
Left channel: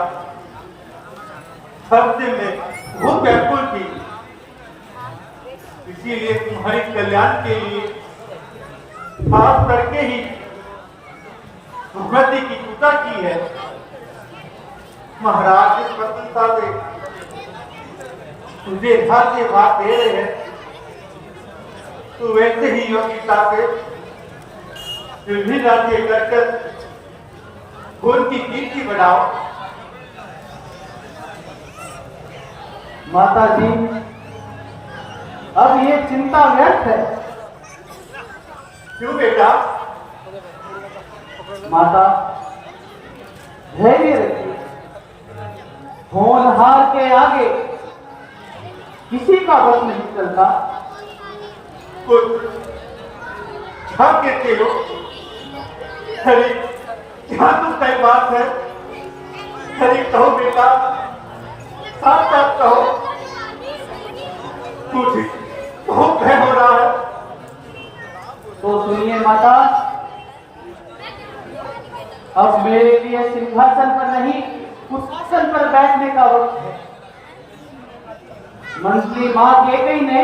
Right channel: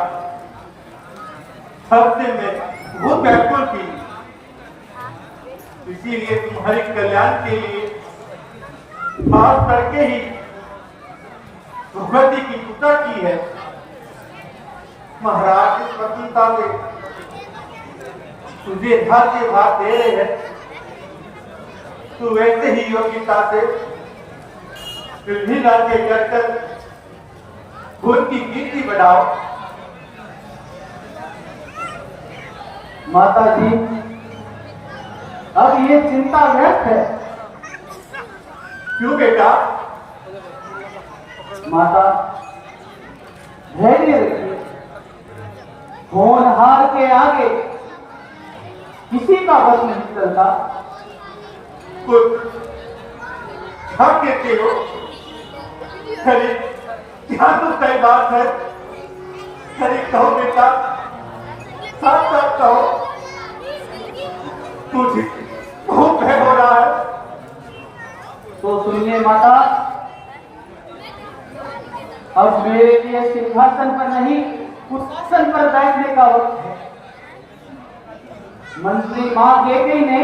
हर दिन में बहुत व्याकुल थी, इसीलिए तुम्हारे कल्याण के लिए खास करके ही भगवती की पूजा की है। महाराज इस प्रसन्नता से तुझे भाग्य भाग दे रहे हैं। तू वैसे ही योग्यता से फिर भी राज्य करकर उनकी कीर्ति बढ़ाओ। माता जी, अब ये चिंता व्यर्थ है। क्यों बेटा? माता, धैर्य रखिए। होनहार के आगे किसी का बस नहीं चलता। क्या कहते हो? अरे क्या तो सही बात है। अरे कहो बेटा, साथ साथ कहो। मुझे बहुत भय हो रहा है। तो सुनिए माता, अब मेरे लिए सिंहासन पर नहीं कुशासन पर बैठने का वक्त है। मंत्री मां केकई ने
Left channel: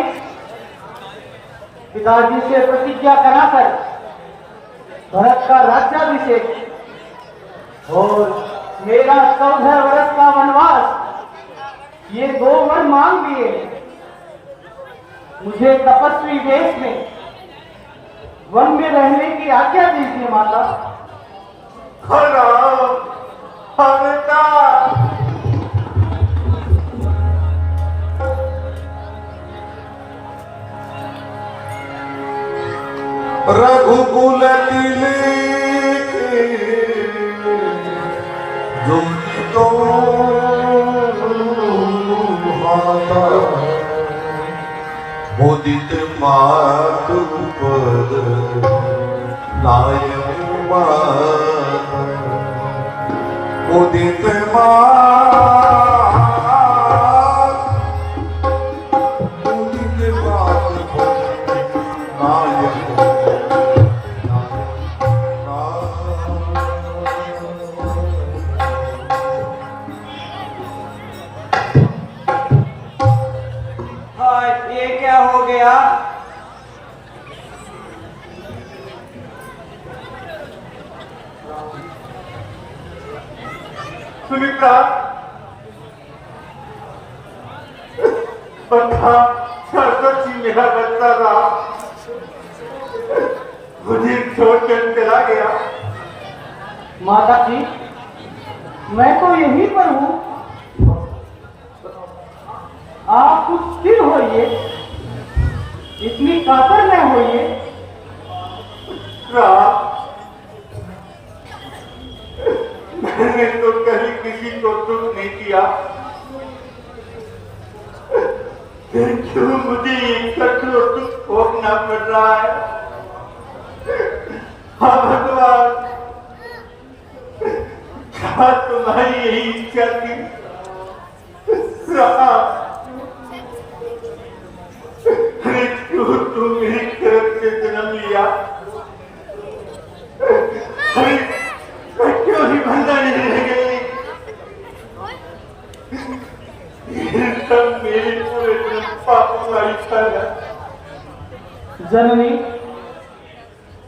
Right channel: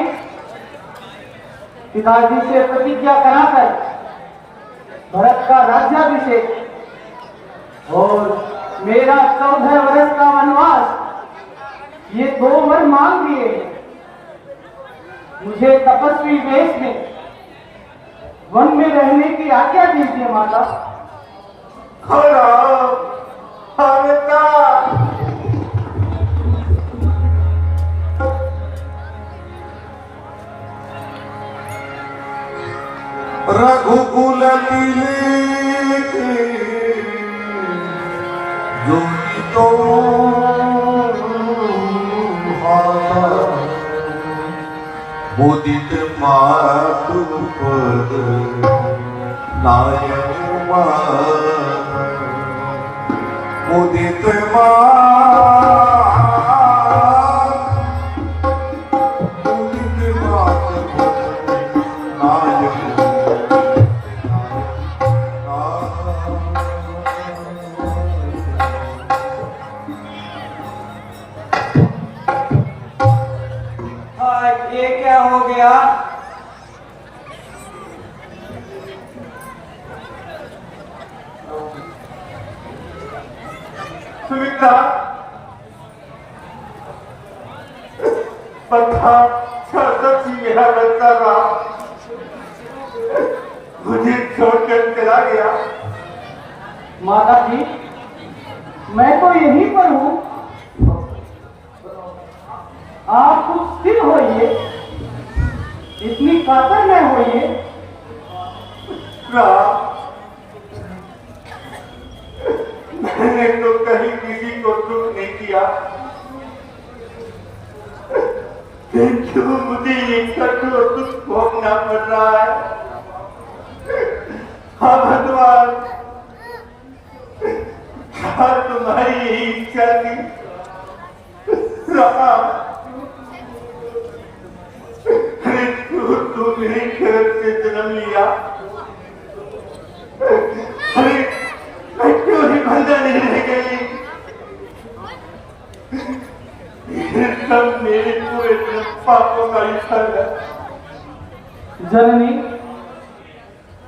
पिताजी से प्रतिज्ञा कराकर भरत का राज्याभिषेक और मेरा 14 वर्ष का वनवास, ये 2 वर मांग लिए हैं। मुझे तपस्वी वेश में वन में रहने की आज्ञा दीजिए माता। रघुकुल तिलक जोगी तो मुदित मातु पद नायक मुदित ये क्या हो गया? सुमित्रा, पक्का सरस्वती मेरा बच्चा था, मुझे छोड़कर चला गया। माता जी, मैं तो यहीं पर हूं। आप कुछ स्थिर होइए, इतनी कातर न होइए। मैंने तो कहीं किसी को दुख नहीं किया, क्यों मुझे एक कठोर दुख भोगना पड़ रहा है? हाँ भगवान, क्या तुम्हारी यही इच्छा थी? अरे तू मेरे घर से जन्म लिया। अरे मैं क्यों ही बंदा नहीं रह गई? ये सब मेरे पूरे पापों का ही फल है। जननी,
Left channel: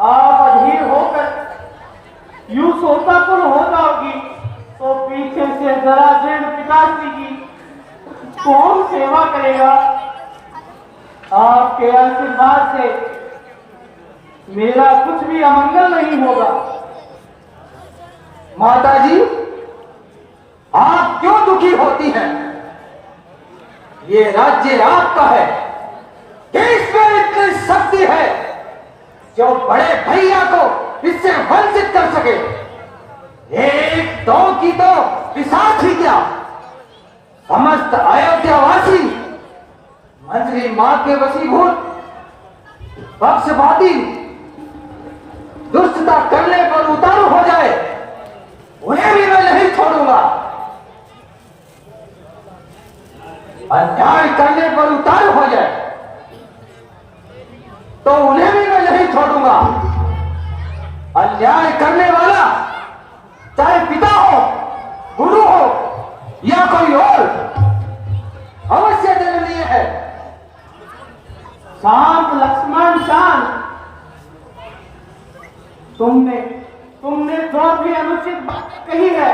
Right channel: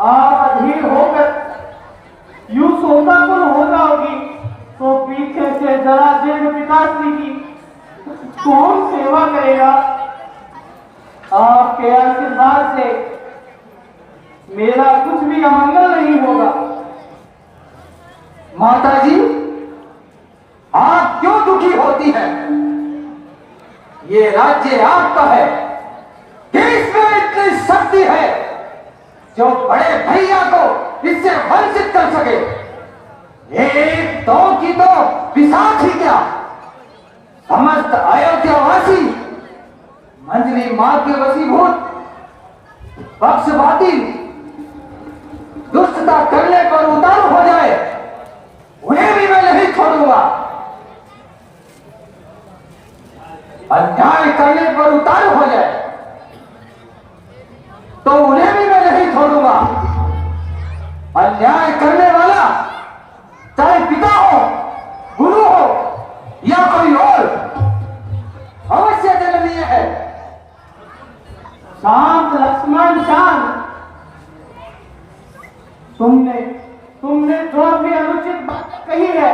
आप अधीर होकर यूं शोकाकुल होता होगी तो पीछे से जरा जैन पिताश्री की कौन सेवा करेगा? आपके आशीर्वाद से मेरा कुछ भी अमंगल नहीं होगा। माता जी, आप क्यों दुखी होती हैं? ये राज्य आपका है। इसमें इतनी शक्ति है जो बड़े भैया को इससे वंचित कर सके। एक दो की तो पिशाच ही क्या, समस्त अयोध्यावासी मंजरी मां के वशीभूत पक्षपाती दुष्टता करने पर उतारू हो जाए, उन्हें भी मैं नहीं छोड़ूंगा। अन्याय करने पर उतारू हो जाए तो उन्हें भी मैं नहीं छोड़ूंगा। अन्याय करने वाला चाहे पिता हो, गुरु हो या कोई और, अवश्य दंडनीय है। शांत लक्ष्मण शांत। तुमने जो भी अनुचित बातें कही है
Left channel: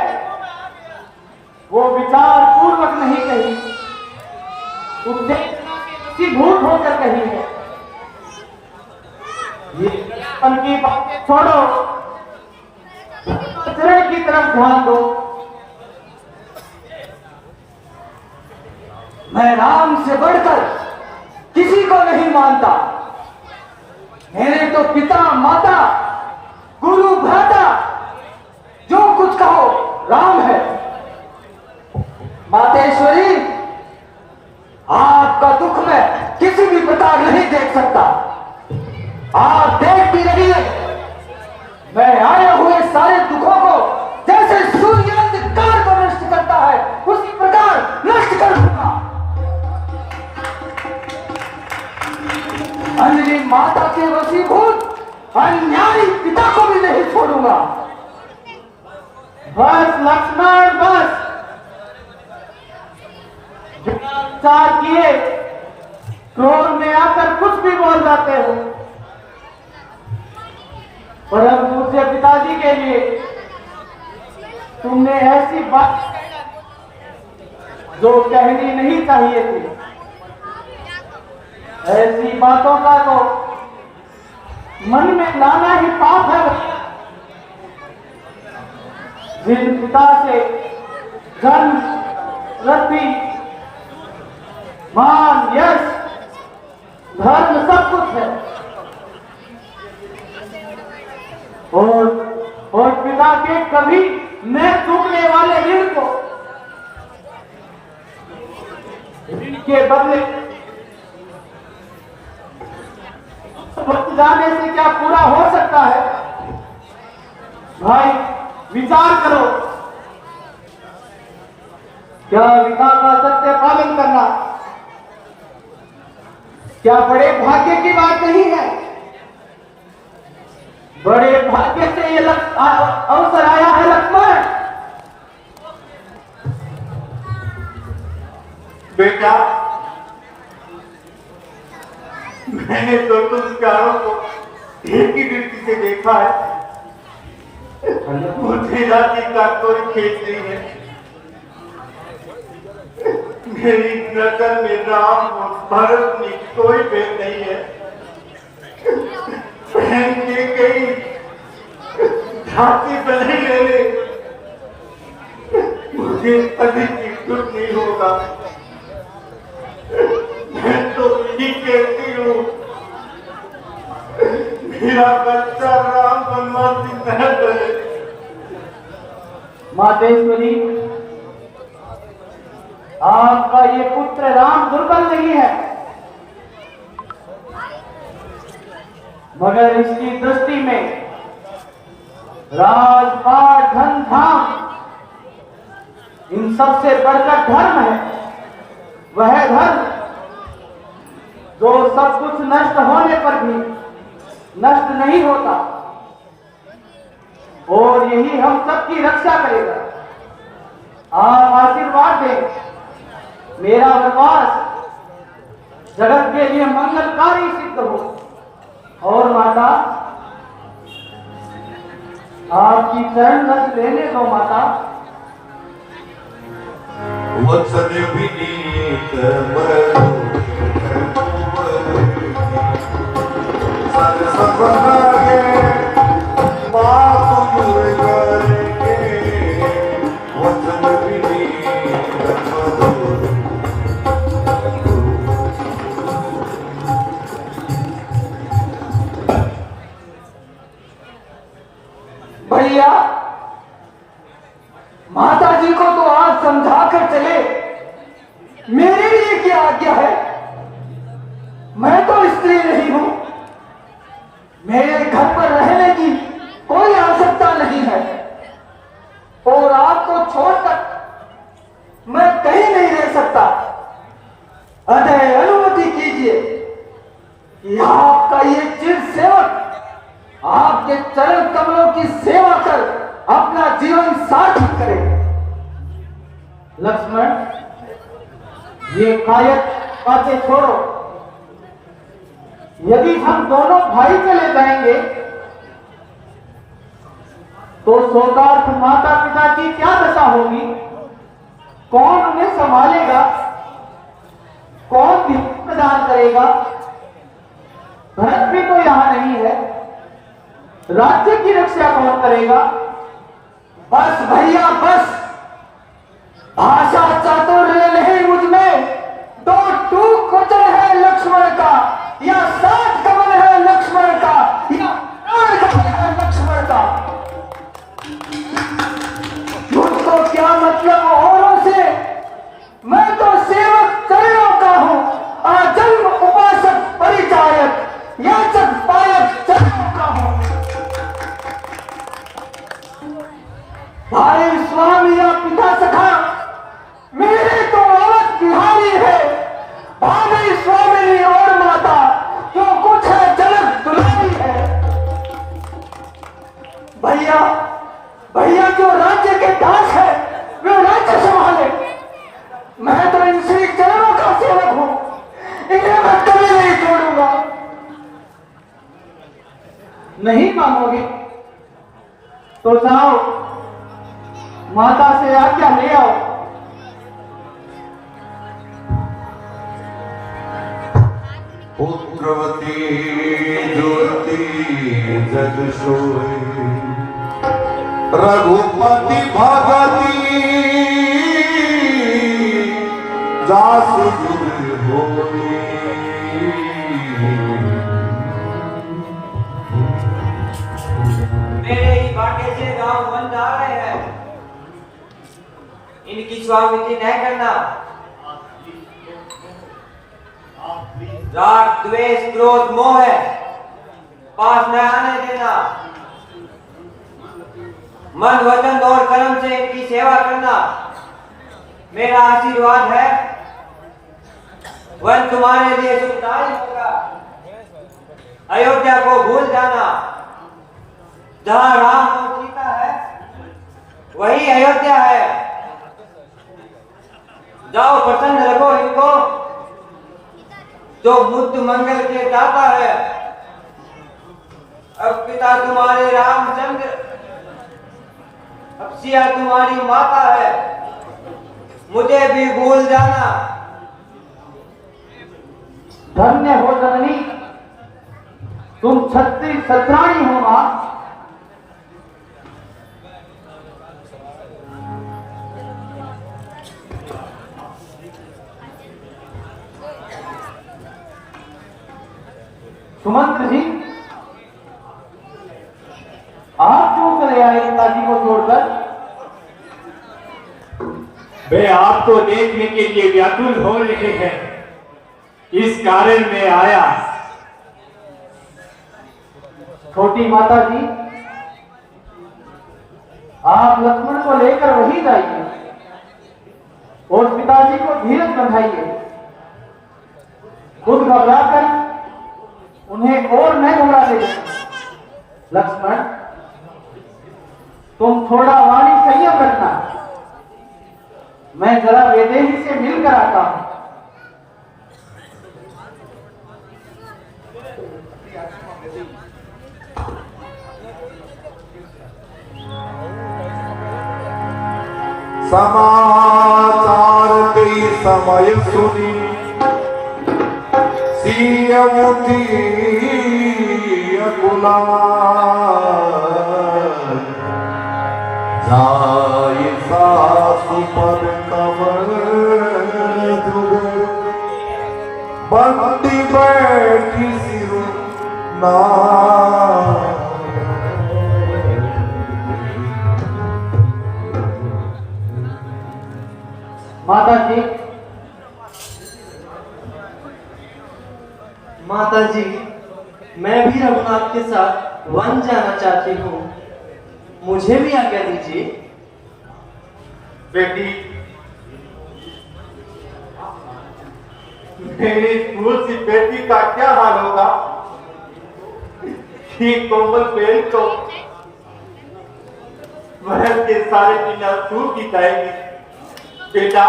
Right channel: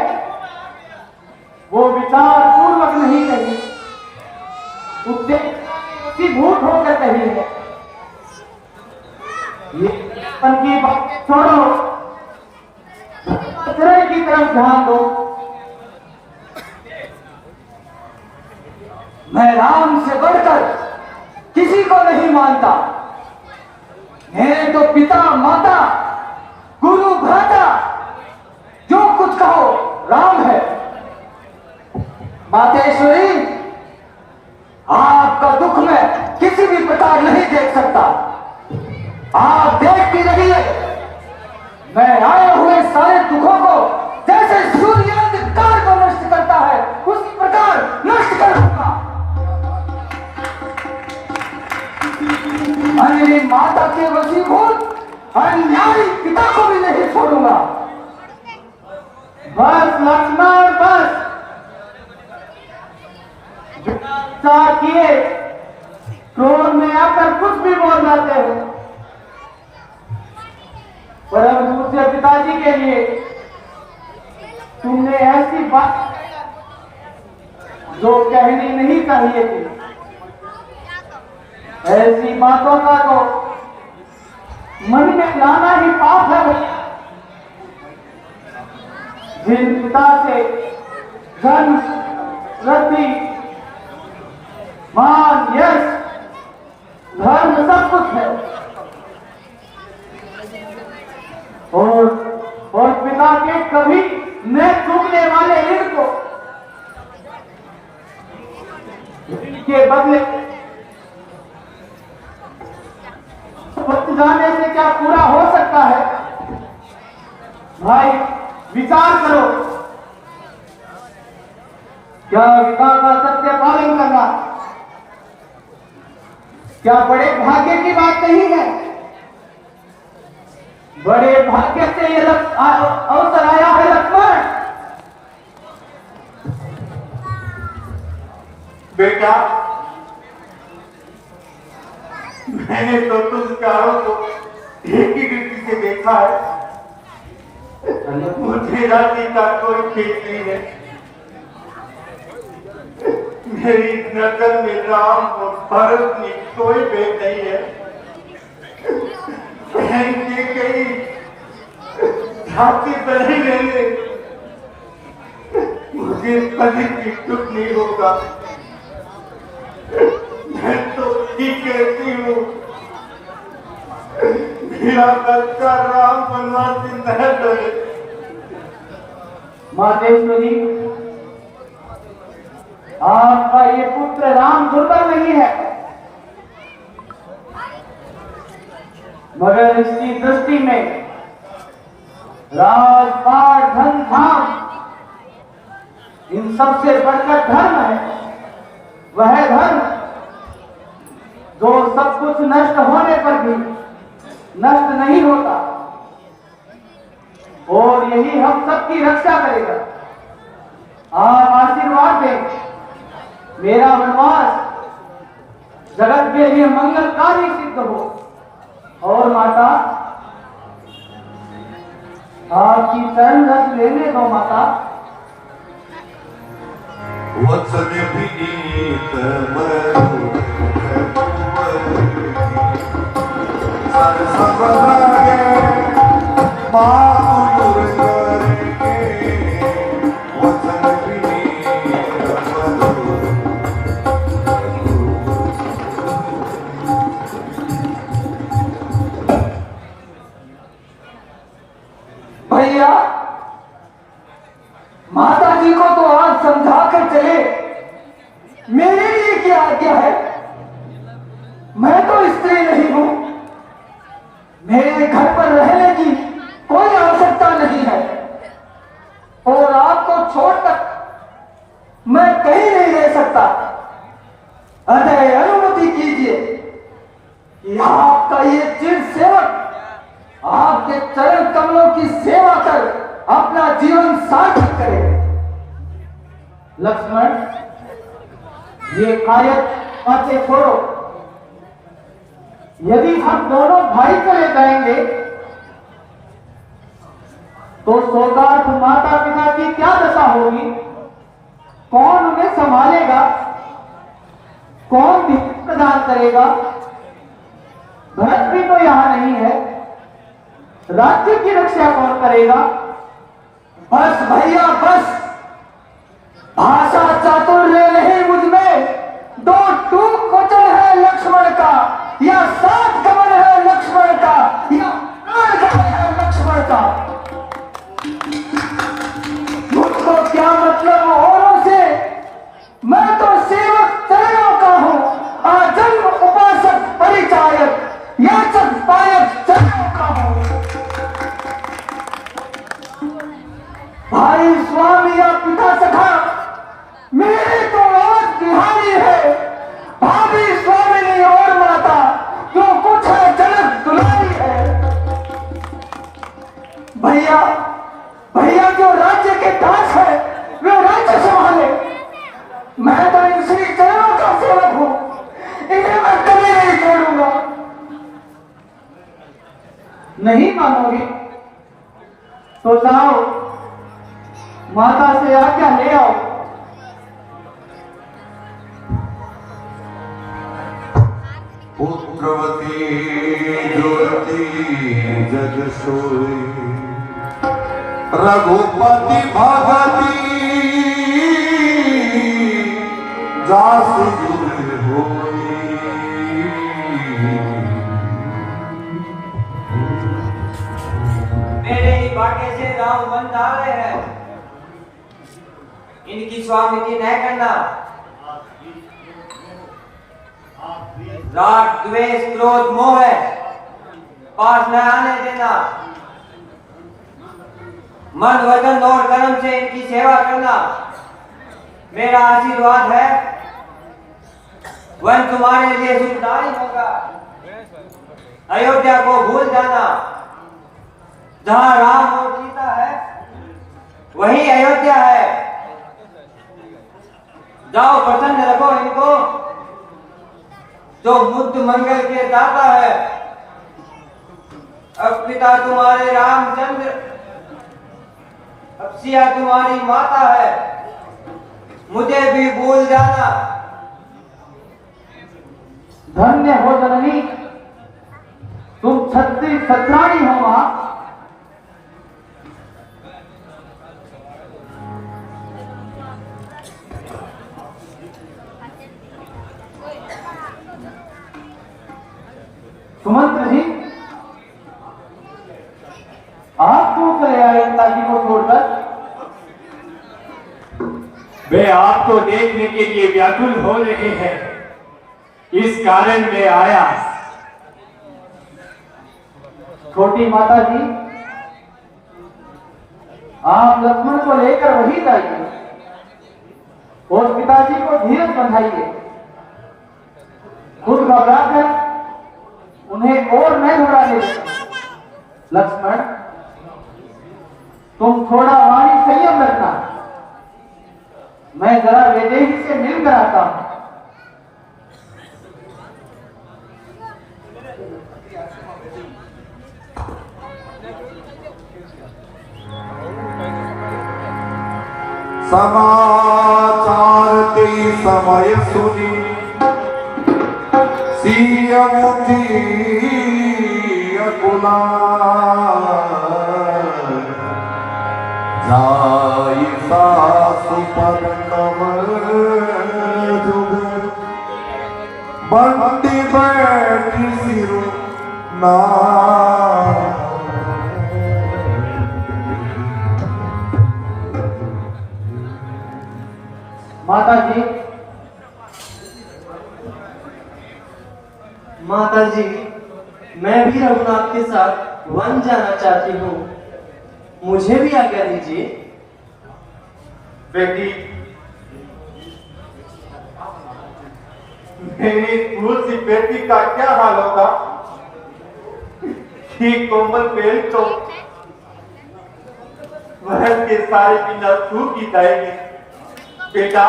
वो विचार पूर्वक नहीं कही, उद्देश्य के वशीभूत होकर कही है। ये मन की बातें छोड़ो, आचरण की तरफ ध्यान दो। मैं राम से बढ़कर किसी को नहीं मानता। मेरे तो पिता माता गुरु भ्राता जो कुछ कहो राम है। मातेश्वरी, आपका दुख मैं किसी भी प्रकार नहीं देख सकता। आप देखती रहिए, मैं आए हुए सारे दुखों को जैसे सूर्य अंधकार को नष्ट करता है उसी प्रकार नष्ट कर दूंगा। अंजलि माता के वशीभूत अन्यायी पिता को भी नहीं छोड़ूंगा। बस लक्ष्मण बस। किए क्रोध में आकर कुछ भी बोल जाते हो। परम पूज्य पिताजी के लिए तुमने ऐसी बात जो कहनी नहीं चाहिए थी। ऐसी बातों का तो मन में लाना ही पाप है भैया। जिन पिता से जन्म, वृद्धि, मान, यश, धर्म सब कुछ है, और पिता के कभी न चूकने वाले ऋण को ऋण के बदले बच जाने से क्या पूरा हो सकता है? भाई विचार करो। क्या विकास का सत्य पालन करना क्या बड़े भाग्य की बात नहीं है? बड़े भाग्य से यह अवसर आया है लक्ष्मण। बेटा, मैंने तो संस्कारों को एक ही दृष्टि से देखा है। मुझे राज्य का कोई खेत नहीं है। मेरी नजर में राम और भरत में कोई भेद नहीं है। बहन के कई झांकी बनी रहने मुझे कभी भी दुख नहीं होगा। मैं तो यही कहती हूँ, मेरा बच्चा राम बनवासी न बने। मातेश्वरी, आपका ये पुत्र राम दुर्बल नहीं है, मगर इसकी दृष्टि में राजपाट, धन धाम इन सबसे बढ़कर धर्म है। वह धर्म जो सब कुछ नष्ट होने पर भी नष्ट नहीं होता और यही हम सबकी रक्षा करेगा। आप आशीर्वाद दें, मेरा वनवास जगत के लिए मंगलकारी सिद्ध हो। और माता, आपकी चरण रस लेने दो माता। वचन विनीत सरसंगे मातुर करके वचन विनीत भैया माता जी को तो आज समझा कर चले, मेरे लिए क्या आज्ञा है? मैं तो स्त्री नहीं हूं, मेरे घर पर रहने की कोई आवश्यकता नहीं है और आपको छोड़कर मैं कहीं नहीं रह सकता। अतः अनुमति कीजिए कि आपका ये चिर सेवक आपके चरण कमलों की सेवा कर अपना जीवन सार्थक करे। लक्ष्मण, ये कायक बातें छोड़ो। यदि हम दोनों भाई चले जाएंगे तो शोकार्त माता पिता की क्या दशा होगी? कौन उन्हें संभालेगा? कौन भी प्रदान करेगा? भरत भी तो यहां नहीं है, राज्य की रक्षा कौन करेगा? बस भैया बस, भाषा चातुर्य नहीं मुझ में, दो टूक वचन है लक्ष्मण का, या सात कमल है लक्ष्मण का, या प्राण है लक्ष्मण का। मुझको क्या मतलब औरों से? मैं तो सेवक चरणों का हूं, आजन्म उपासक परिचारक याचक पायक चरणों का हूं। भाई स्वामी या पिता सखा मेरे तो अवध बिहारी है, भाभी स्वामी और माता जो कुछ है जनक दुलारी है। भैया भैया जो राज्य के दास है वे राज्य संभाले, मैं तो इन श्री चरणों का सेवक हूं, इन्हें मैं कभी नहीं छोड़ूंगा। नहीं मानोगे तो जाओ माता से आज्ञा ले आओ। पुत्रवती जुवती जग सोई रघुपति भगती जासु गुर होई। मेरे ही भाग्य से गांव बन जा रहे हैं, इनकी स्वामी की न करना। राग द्वेष क्रोध मोह है, पास न आने देना। मन वचन और कर्म से इनकी सेवा करना मेरा आशीर्वाद है। वह तुम्हारे लिए सुखदायी होगा। अयोध्या को भूल जाना, जहां राम और सीता है वही अयोध्या है। जाओ प्रसन्न रखो इनको, जो मुक्त मंगल के दाता है। अब पिता तुम्हारे रामचंद्र, अब सिया तुम्हारी माता है, मुझे भी भूल जाना। धन्य हो जननी, तुम छत्री सत्राणी हो मां। सुमंत्र जी, आप क्यों चले आए पिताजी को छोड़कर? वे आपको देखने के लिए व्याकुल हो रहे हैं, इस कारण मैं आया। छोटी माता जी, आप लक्ष्मण को लेकर वहीं जाइए और पिताजी को धीरज बंधाइए। खुद घबराकर उन्हें और मैं घबरा ले। लक्ष्मण, तुम थोड़ा वाणी संयम रखना, मैं जरा वैदेही से मिलकर आता हूं। समाचार कोई समय सुनी सियमती जाय सासु पर कमर बंदी बैठी सिर ना माता जी मैं भी रघुनाथ के साथ वन जाना चाहती हूँ, मुझे भी आज्ञा दीजिए। बेटी, मेरी स्कूल सी बेटी का क्या हाल होगा कि कोमल पेड़ को महल के सारे बिना सूखी जाएगी। बेटा,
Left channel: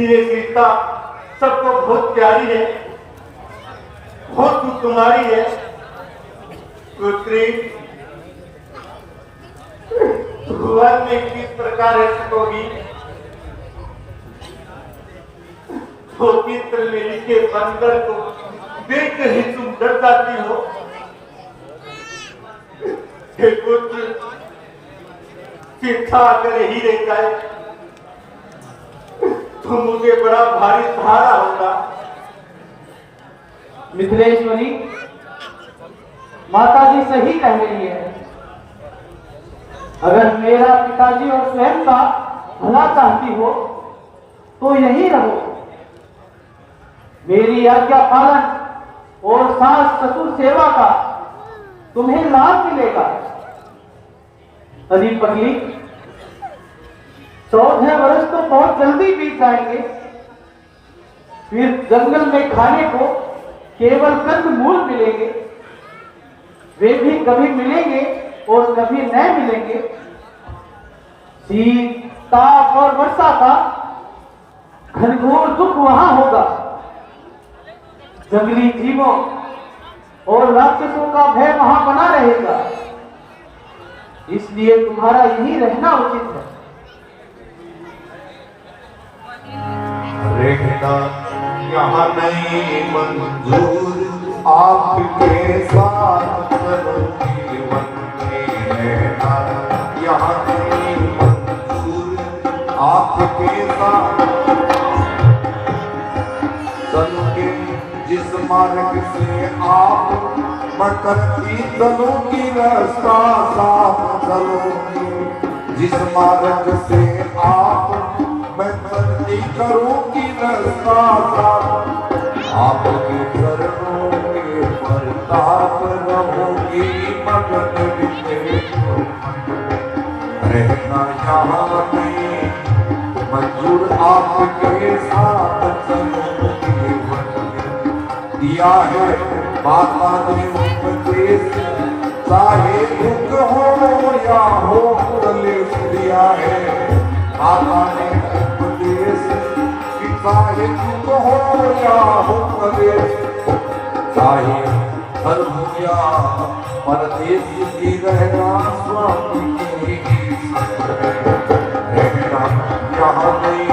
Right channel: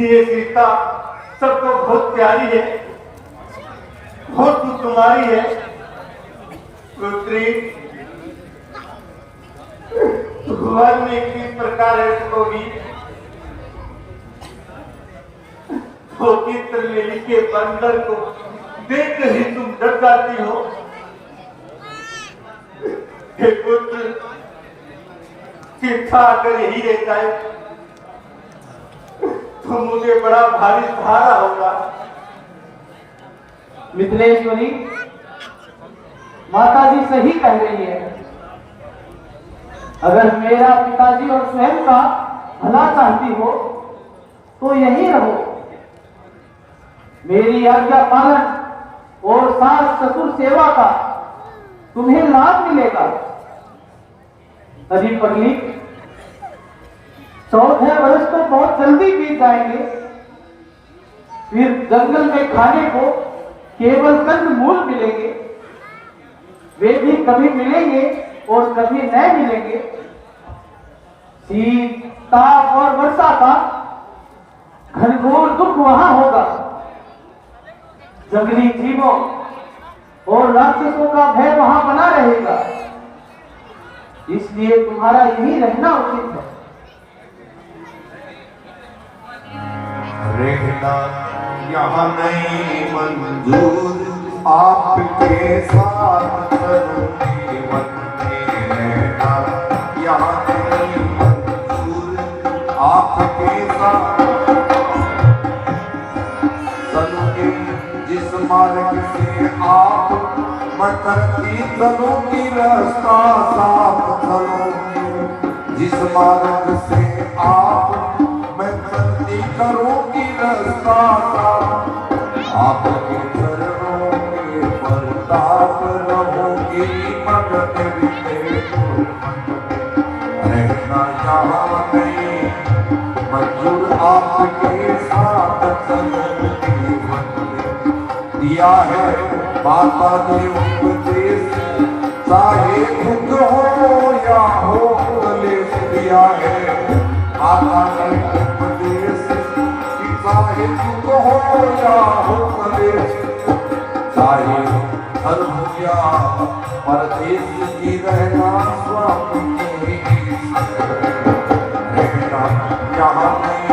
ये सीता सबको बहुत प्यारी है, बहुत कुमारी है। पुत्री वन में किस प्रकार है सकोगी, तो किस तरह के बंदर को देख कर ही तुम डर जाती हो। पुत्र सीता अगर यही रहता है तो मुझे बड़ा भारी सहारा होगा। मिथिलेश्वरी, माता जी सही कह रही है। अगर मेरा पिताजी और स्वयं का भला चाहती हो तो यही रहो। मेरी आज्ञा पालन और सास ससुर सेवा का तुम्हें लाभ मिलेगा। तभी पगली 14 वर्ष तो बहुत जल्दी बीत जाएंगे। फिर जंगल में खाने को केवल कंद मूल मिलेंगे, वे भी कभी मिलेंगे और कभी नहीं मिलेंगे। शीत, ताप और वर्षा का घनघोर दुख वहां होगा। जंगली जीवों और राक्षसों का भय वहां बना रहेगा। इसलिए तुम्हारा यही रहना उचित है। रहना यहाँ नहीं मंजूर, आपके साथ जीवन में रहना यहाँ नहीं मंजूर, आपके साथ चलोगे जिस मार्ग से आप बकरती चलोगी रास्ता साफ चलोगे, जिस मार्ग से आप बकरती करोगी रास्ता आपके चरणों में अरदास रहोगी मदद रहना यहाँ में मंजूर, आपके साथ चलोगी। दिया है माता ने उपदेश, चाहे दुख हो या हो कलेश। दिया है माता ने उपदेश, चाहे दुख हो या हो कलेश, चाहे दल हो या परदेश की रहना स्वामी के रहना यहाँ में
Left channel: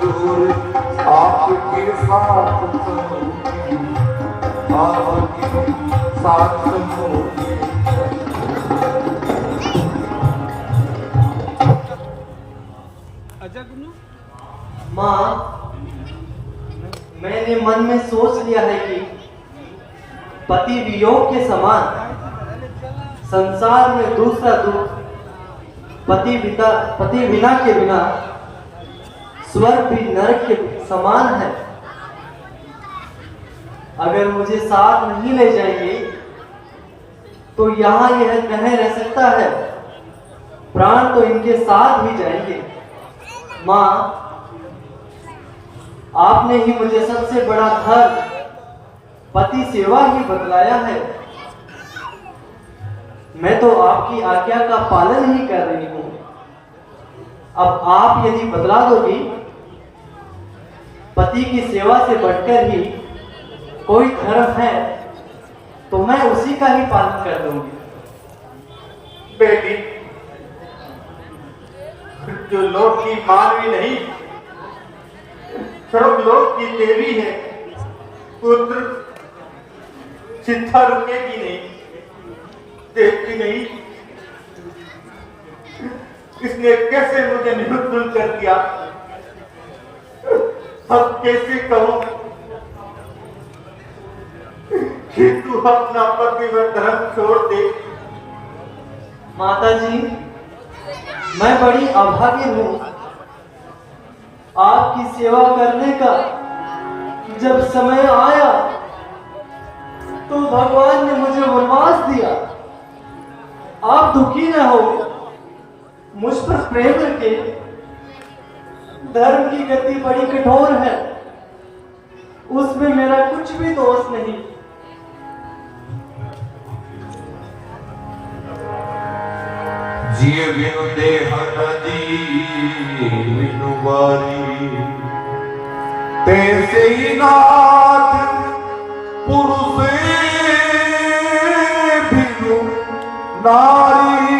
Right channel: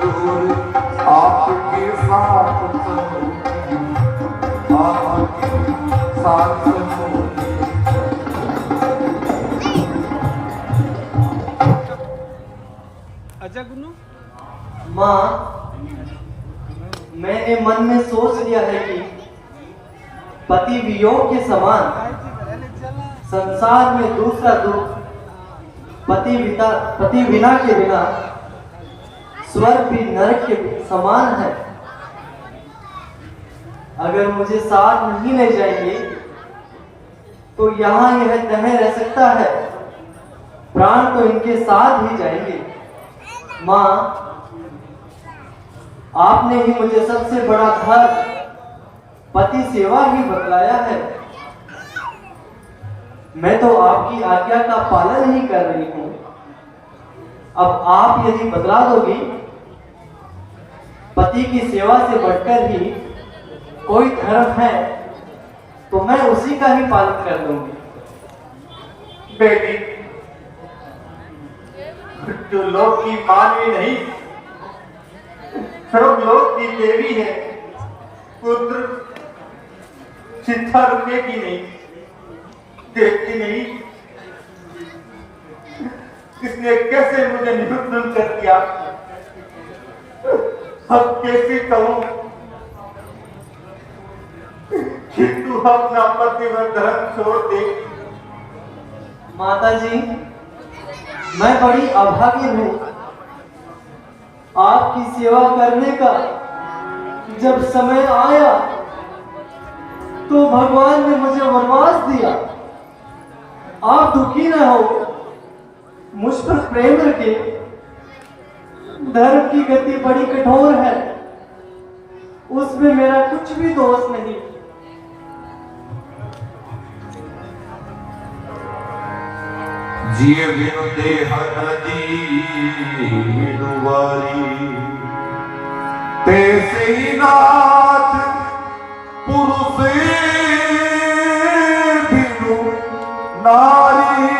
दूर, आपके साथ आपके साथ अजय गुन्नू, माँ, मैंने मन में सोच लिया है कि पति वियोग के समान संसार में दूसरा दुख पति बिना के बिना स्वर्ग भी नरक के समान है। अगर मुझे साथ नहीं ले जाएंगे तो यहाँ यह कह रह सकता है, प्राण तो इनके साथ ही जाएंगे। माँ, आपने ही मुझे सबसे बड़ा धर्म पति सेवा ही बतलाया है। मैं तो आपकी आज्ञा का पालन ही कर रही हूं। अब आप यदि बतला दोगी, पति की सेवा से बढ़कर ही कोई धर्म है, तो मैं उसी का ही पालन कर दूंगी। बेटी, जो लोक की मानवी नहीं, सब लोक की देवी है। पुत्र चिंता रुकेगी नहीं, देखती नहीं। इसने कैसे मुझे निरुद्ध कर दिया, अब कैसे कहूं कि तू अपना पति व धर्म छोड़ दे। माता जी, मैं बड़ी अभागी हूँ। आपकी सेवा करने का जब समय आया तो भगवान ने मुझे वरदान दिया। आप दुखी न हो, मुझ पर प्रेम रखे। धर्म की गति बड़ी कठोर है, उसमें मेरा कुछ भी दोष नहीं। जिय देह नदीवारी तैसे ही नाथ पुरुष बिनु नारी।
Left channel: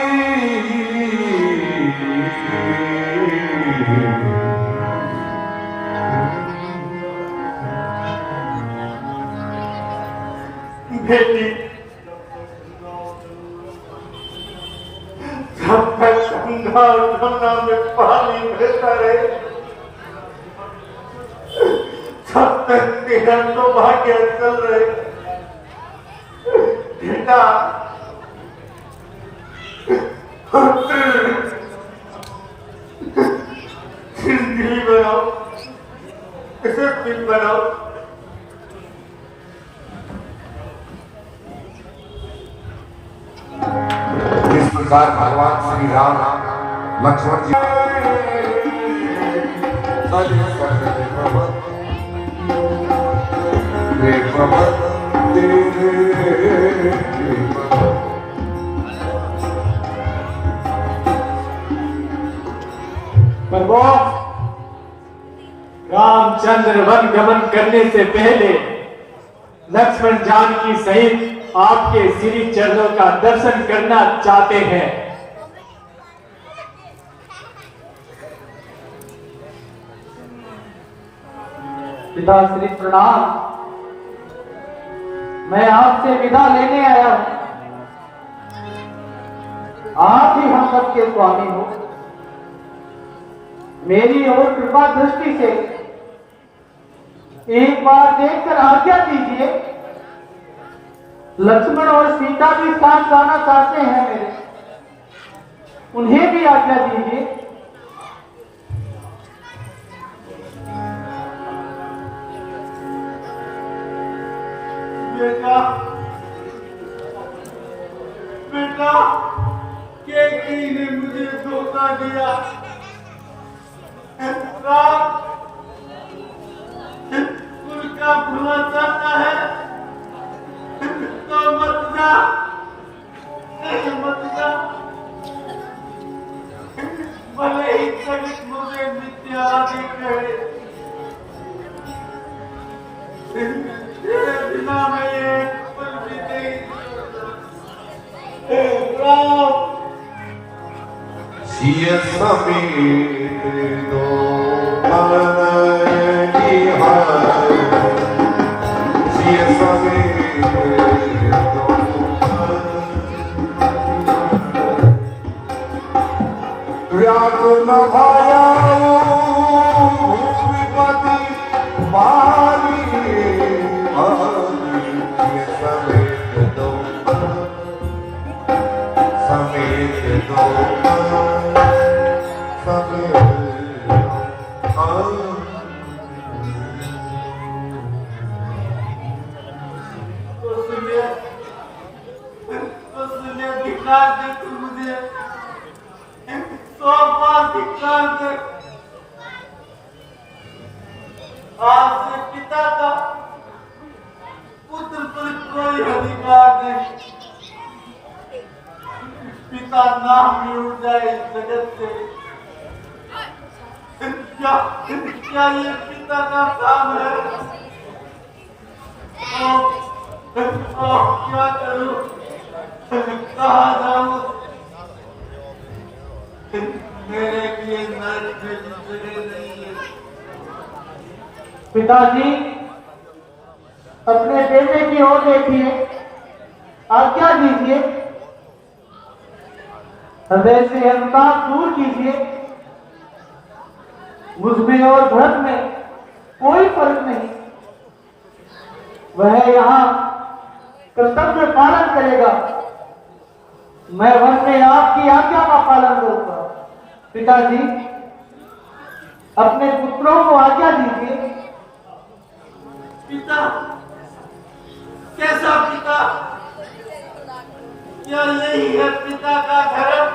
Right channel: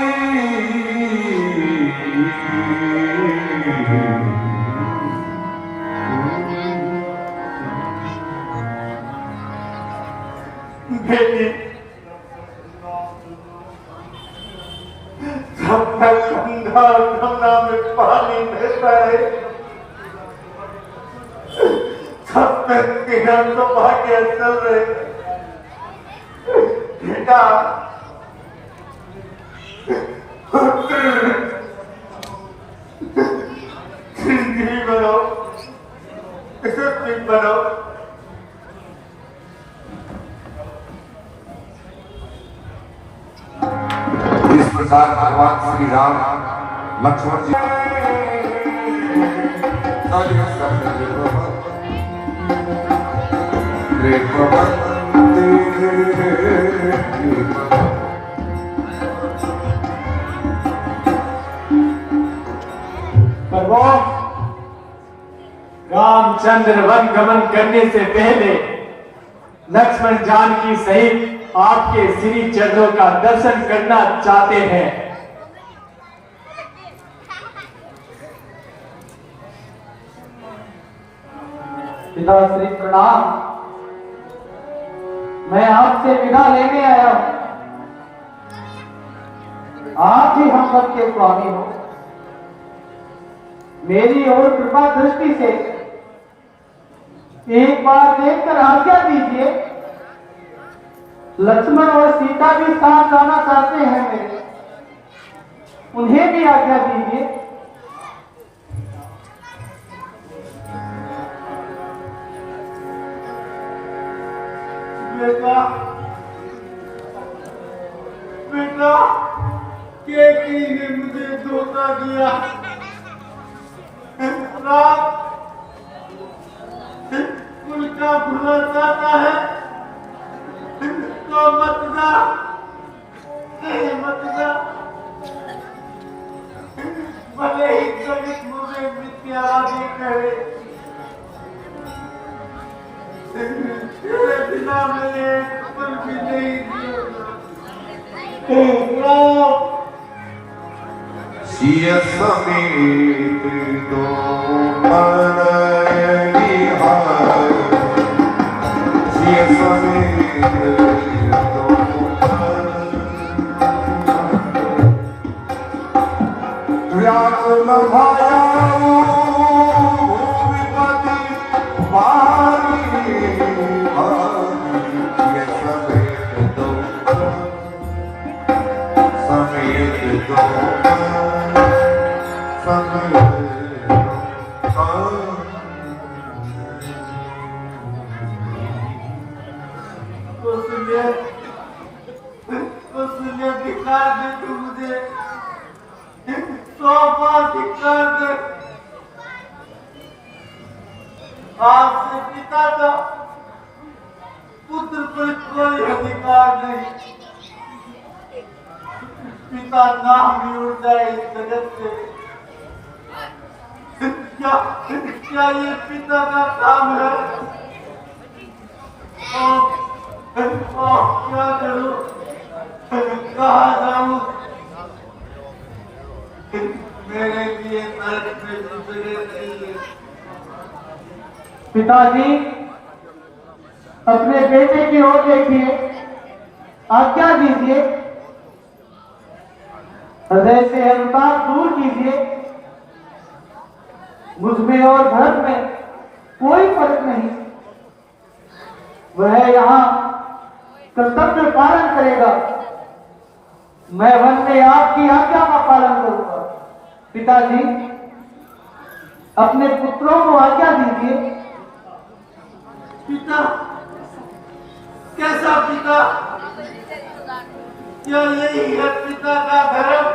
बेटी, जब तक गंगा और गंगा में पानी बहता है, तब तक तेरा तो भाग्य चल रहे। बेटा, जिंदगी बनाओ, कसरत बनाओ। इस प्रकार भगवान श्री राम लक्ष्मण जी भगवान रामचंद्र वन गमन करने से पहले लक्ष्मण जानकी सहित आपके श्री चरणों का दर्शन करना चाहते हैं। पिता श्री प्रणाम। मैं आपसे विदा लेने आया हूं। आप ही हम सब के स्वामी हो। मेरी और कृपा दृष्टि से एक बार देखकर आज्ञा दीजिए। लक्ष्मण और सीता भी साथ जाना चाहते हैं, उन्हें भी आज्ञा दीजिए। बेटा, बेटा, केकई ने मुझे धोखा दिया। राम उनका भुला चाहता है तो मत जा, मत जा। भले ही जगत मुझे मिथ्यावादी कहे, तेरे बिना मैं एक पल भी नहीं जिऊंगा। सिय समीत दो मनयनि हाय, सिय समीत व्याकुल भायानो विपति बारी, सिय समीत दो समीत दो उसने दिखा दे तू मुझे, 100 बार दिखा दे। आज से पिता का पुत्र पर कोई अधिकार नहीं। पिता नाम भी उड़ जाए इस जगत से। क्या ये पिता का काम है? क्या करूं, कहाँ जाऊं? मेरे लिए पिताजी, अपने बेटे की ओर देखिए, आज्ञा दीजिए, हृदय से अनुताप दूर कीजिए। मुझमें और भरत में कोई फर्क नहीं। वह यहाँ कर्तव्य पालन करेगा, मैं वन में आपकी आज्ञा का पालन करूंगा। पिताजी, अपने पुत्रों को आज्ञा दीजिए। पिता, कैसा पिता? क्या यही है पिता का धर्म?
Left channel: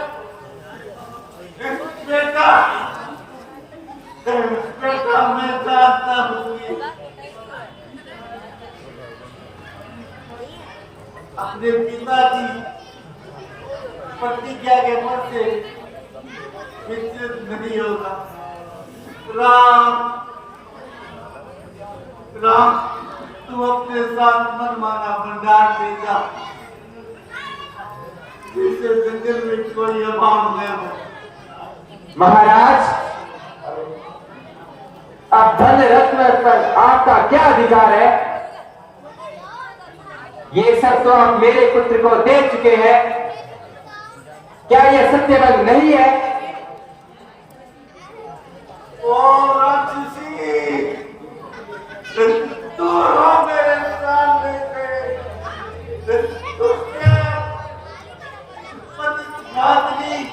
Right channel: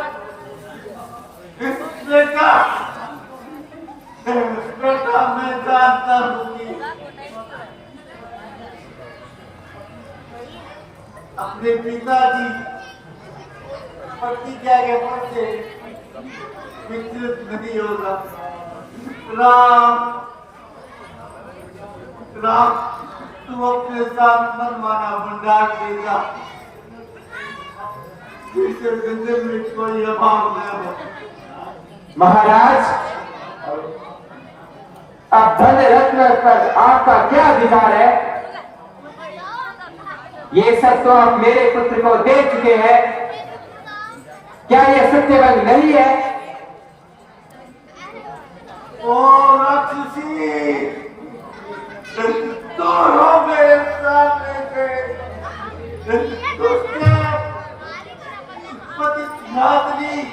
बेटा, बेटा, मैं जानता हूँ कि अपने पिताजी प्रतिज्ञा के पद से विचलित नहीं होगा। राम, राम, तू अपने साथ मनमाना भंडार ले जा, जिससे जिंदगी में कोई अभाव न हो। महाराज, अब धन रत्न पर आपका क्या अधिकार है? ये सब तो आप मेरे पुत्र को दे चुके हैं। क्या यह सत्यवान नहीं है? ओ राक्षसी, दोनों मेरे सामने से दुष्ट पतिघातनी,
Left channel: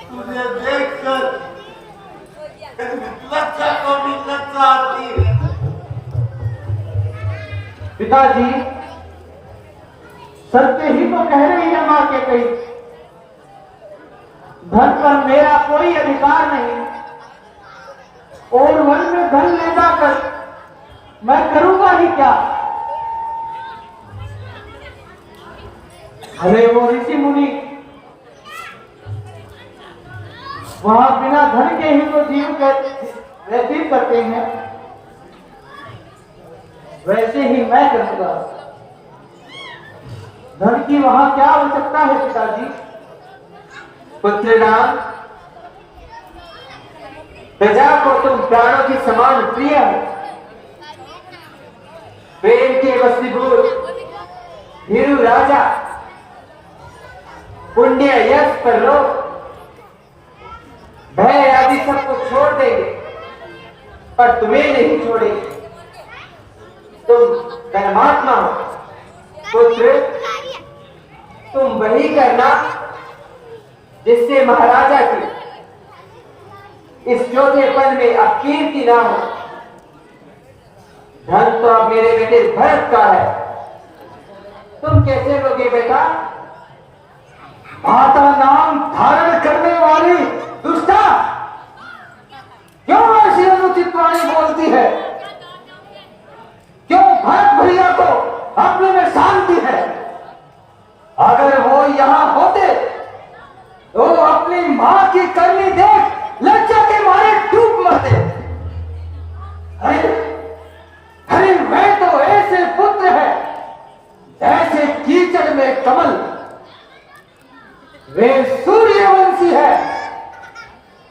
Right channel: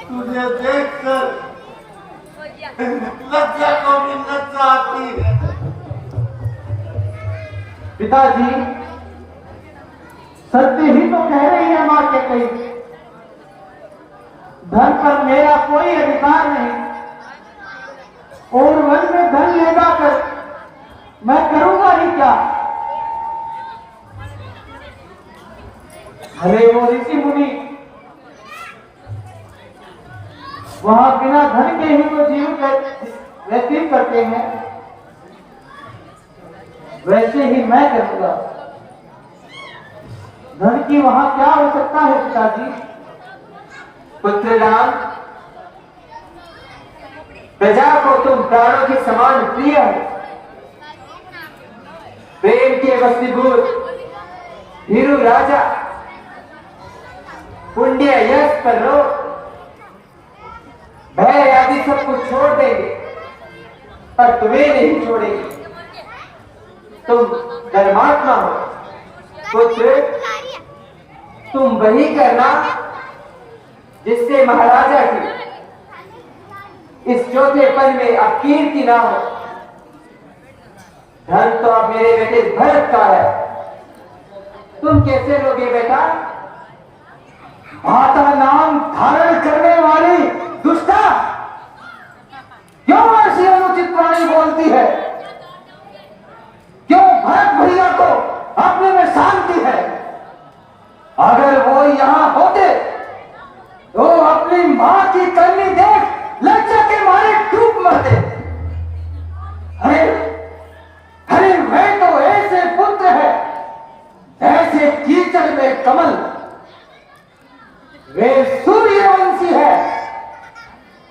तुझे देखकर लज्जा को भी लज्जा आती है। पिताजी, सत्य ही तो कह रही है मां के कही। धन पर मेरा कोई अधिकार नहीं, और वन में धन ले जाकर मैं करूंगा ही क्या? अरे वो ऋषि मुनि वहां बिना धन के ही तो जीव व्यतीत करते हैं, वैसे ही मैं करूंगा। धन की वहां क्या आवश्यकता है पिताजी? पुत्र राम, प्रजा को तुम प्राणों की समान प्रिय हो। प्रेम के वसीभूत धीरू राजा पुण्य यश पर लो, भय आदि सबको छोड़ देंगे, पर तुम्हें नहीं छोड़ेंगे। तुम धर्मात्मा हो पुत्र, तुम वही करना जिससे महाराजा की इस चौथे पद में अब कीर्ति ना हो। धन तो अब मेरे बेटे भरत का है, तुम कैसे लोगे बेटा? माता नाम धारण करने वाली दुष्टा, क्यों ऐसी अनुचित वाणी बोलती है? क्यों भरत भैया को अपने में शांति है? अगर वो यहाँ होते तो अपनी मां की करनी देख लज्जा के मारे डूब मरते। अरे अरे, मैं तो ऐसे पुत्र है जैसे कीचड़ में कमल। वे सूर्यवंशी है,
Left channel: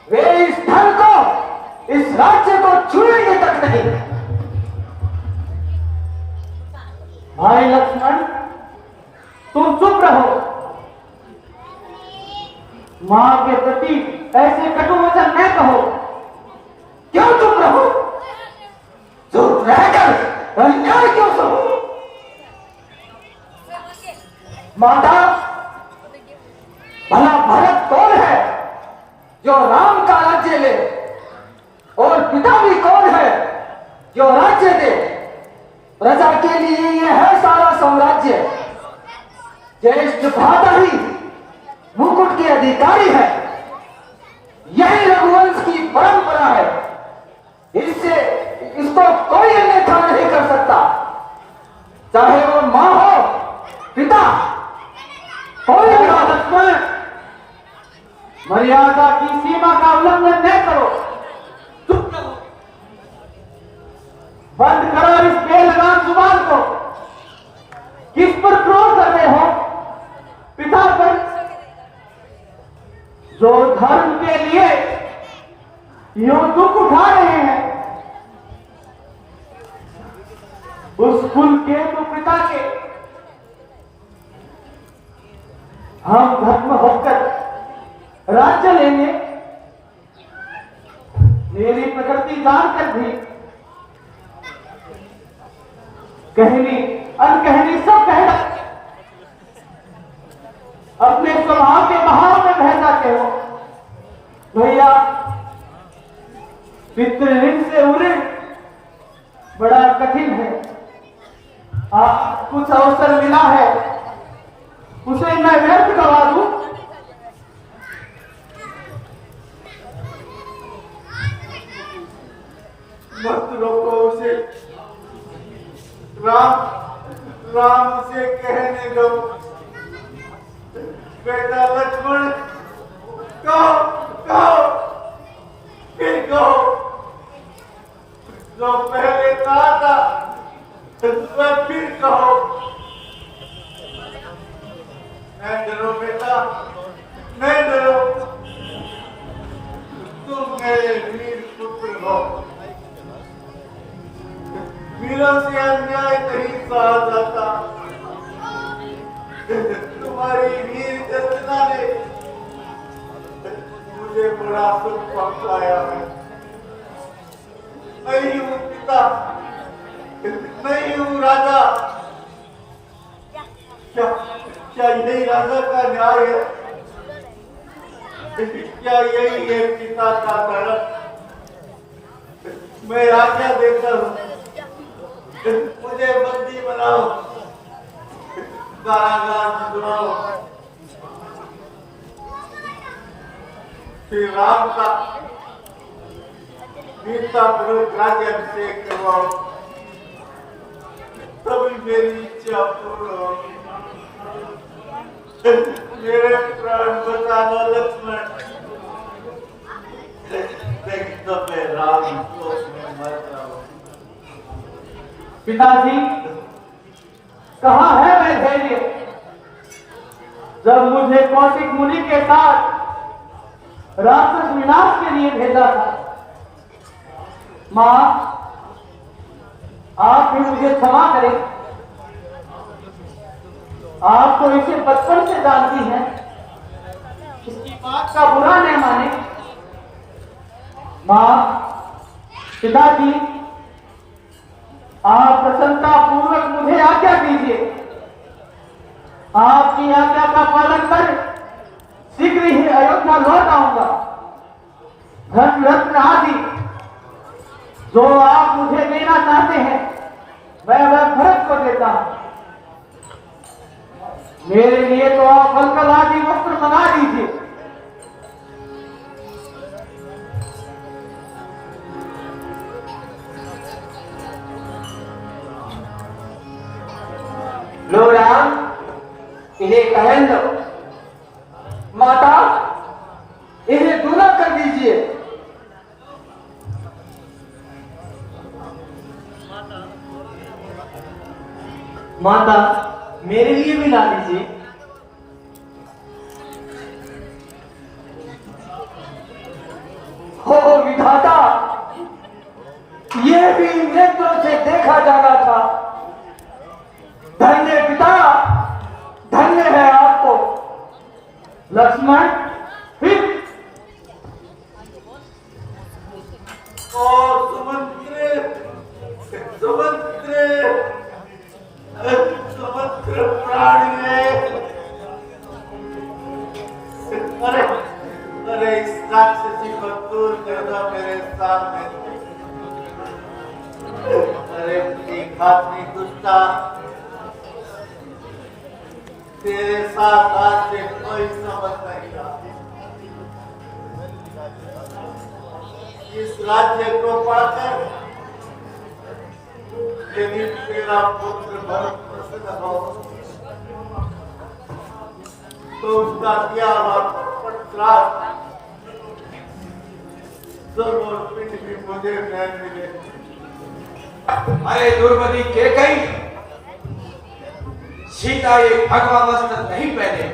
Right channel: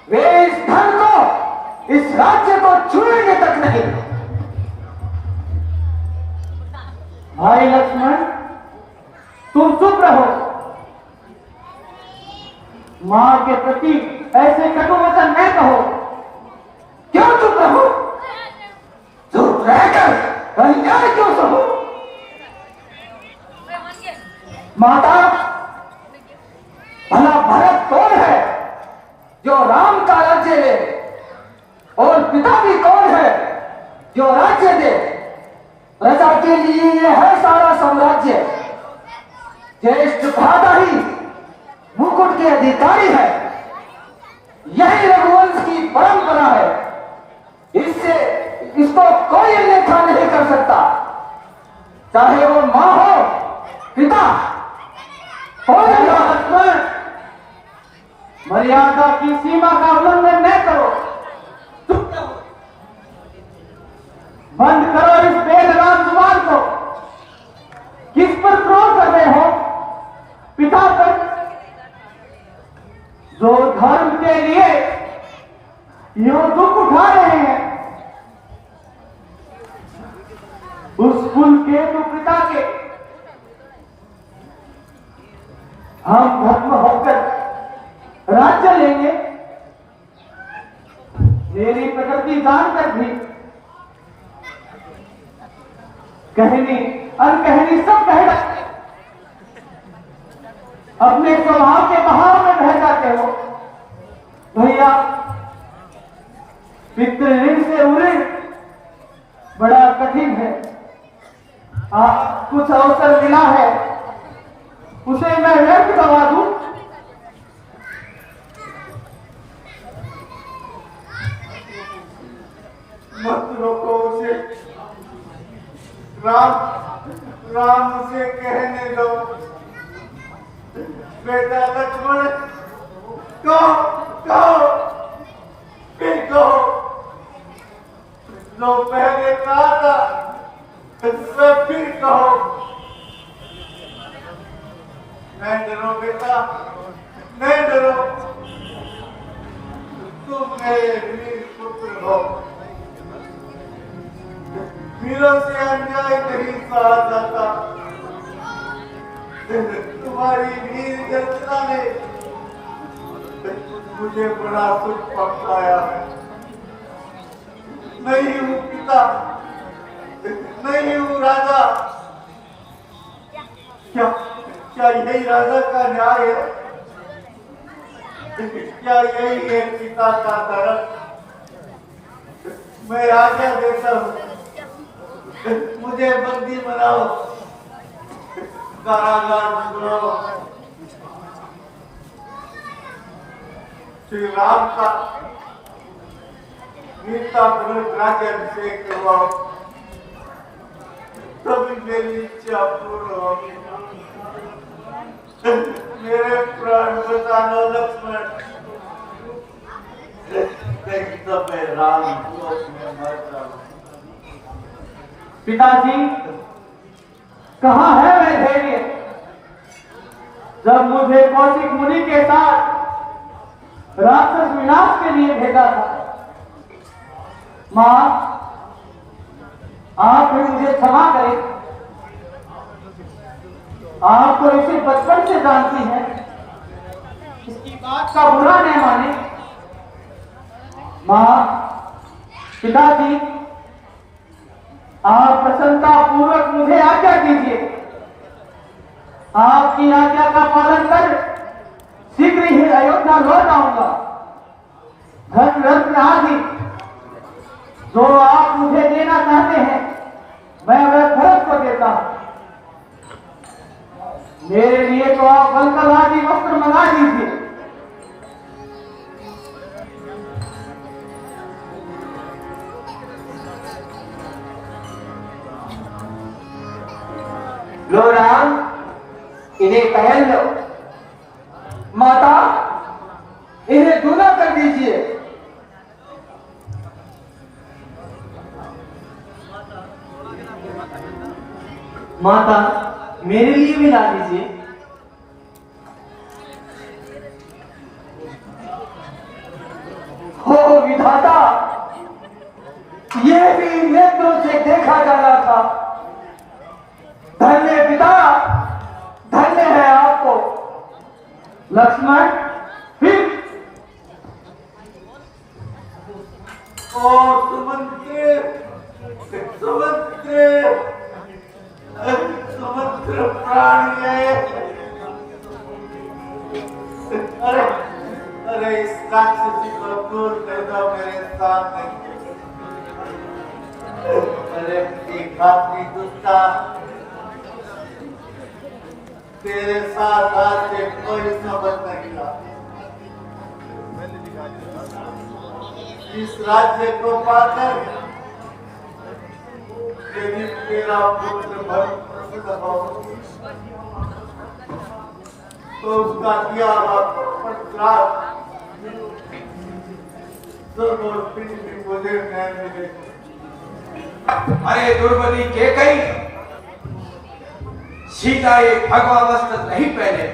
वे इस धन को, इस राज्य को छूएंगे तक नहीं। भाई लक्ष्मण, तुम चुप रहो। मां के प्रति ऐसे कटु वचन न कहो। क्यों चुप रहो? चुप रहकर अन्याय क्यों सहो? माता, भला भरत कौन है जो राम का राज्य ले, और पिता भी कौन है जो राज्य दे? प्रजा के लिए यह है सारा साम्राज्य। ज्येष्ठ भ्राता ही मुकुट के अधिकारी है। यही रघुवंश की परंपरा है। इससे इसको कोई अन्यथा नहीं कर सकता, चाहे वो मां हो, पिता, कोई भी हो। लक्ष्मण, मर्यादा की सीमा का उल्लंघन न करो। चुप रहो। बंद करो इस बेलगाम जुबान को। किस पर क्रोध कर रहे हो? पिता पर, जो धर्म के लिए यो दुख उठा रहे हैं उस कुल के पिता के। हम धर्म होकर राज्य लेंगे, मेरी प्रकृति जानकर भी कहनी अनकहनी सब कह रहे, अपने स्वभाव के बहाव में बह जाते हो। भैया पितृ से उऋण बड़ा कठिन है। कुछ अवसर मिला है उसे मैं व्यर्थ करवा दूं। मत रोको उसे, राम उसे कहने दो। बेटा लक्ष्मण, कहो फिर कहो जो पहले कहा था, वह फिर कहो। नहीं डरो बेटा, नहीं डरो, तुम मेरे वीर पुत्र हो। वीरों से अन्याय नहीं सहा जाता। तुम्हारी वीर गर्जना ने मुझे बड़ा सुख पहुंचाया है। नहीं हूं पिता, नहीं हूं राजा। क्या यही राजा का न्याय है? क्या यही है पिता का धर्म? मैं आज्ञा देता हूं, मुझे बंदी बनाओ, कारागार में दो। श्री राम का वीरता पूर्वक राज्याभिषेक करवाओ, तभी मेरी इच्छा पूर्ण होगी। मेरे प्राण बचा लो लक्ष्मण, लेकिन तो मैं राम को न जाऊं। पिताजी, कहाँ है मैं धैर्य जब मुझे कौशिक मुनि के साथ राक्षस विनाश के लिए भेजा था? मां, आप भी मुझे क्षमा करें, आप तो इसे बचपन से जानती हैं, इसकी बात का बुरा न माने। मां, पिताजी, आप प्रसन्नता पूर्वक मुझे आज्ञा दीजिए। आपकी आज्ञा का पालन कर शीघ्र ही अयोध्या लौट आऊंगा। धन रत्न आदि जो आप मुझे देना चाहते हैं, मैं वह भरत को देता हूं। मेरे लिए तो आप बलकर आदि वस्त्र मंगा दीजिए। लो राम, इन्हें पहन लो। माता, इन्हें दूल्हा कर दीजिए। माता, मेरे लिए भी ला दीजिए। हो विधाता, ये भी नेत्रों से देखा जाना था। धन्य पिता, धन्य है आपको। लक्ष्मण, फिर और सुमंत्र प्राणी, अरे इस राक्षसी को दूर कर दो मेरे सामने। अरे घातनी दुष्टा, तेरे साथ आज से कोई समझ नहीं रहा। इस राज्य को पाकर यदि तेरा पुत्र भरत प्रसन्न हो तो उसका दिया हुआ श्राद्ध जरूर भी मुझे न्याय मिले। अरे दुर्मति केकई, सीता ये भगवा वस्त्र नहीं पहने।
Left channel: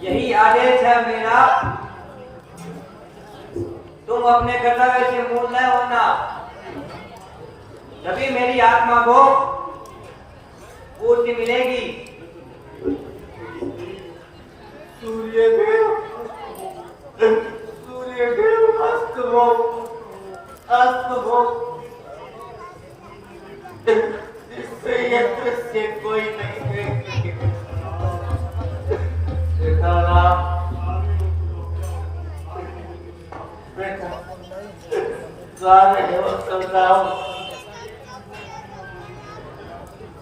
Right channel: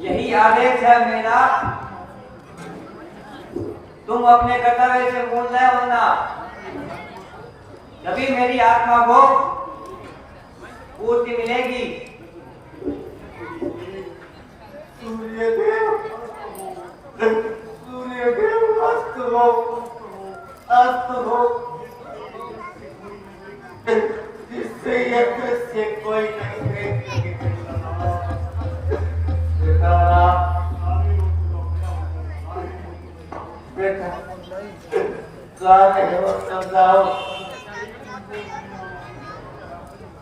यही आदेश है मेरा। तुम अपने कर्तव्य से मूल न होना, तभी मेरी आत्मा को पूर्ति मिलेगी। सूर्यदेव अस्त हो, अस्त हो। जिससे ये दृश्य कोई नहीं देख सकेगा। बेटा जा रहे हो तो जाओ,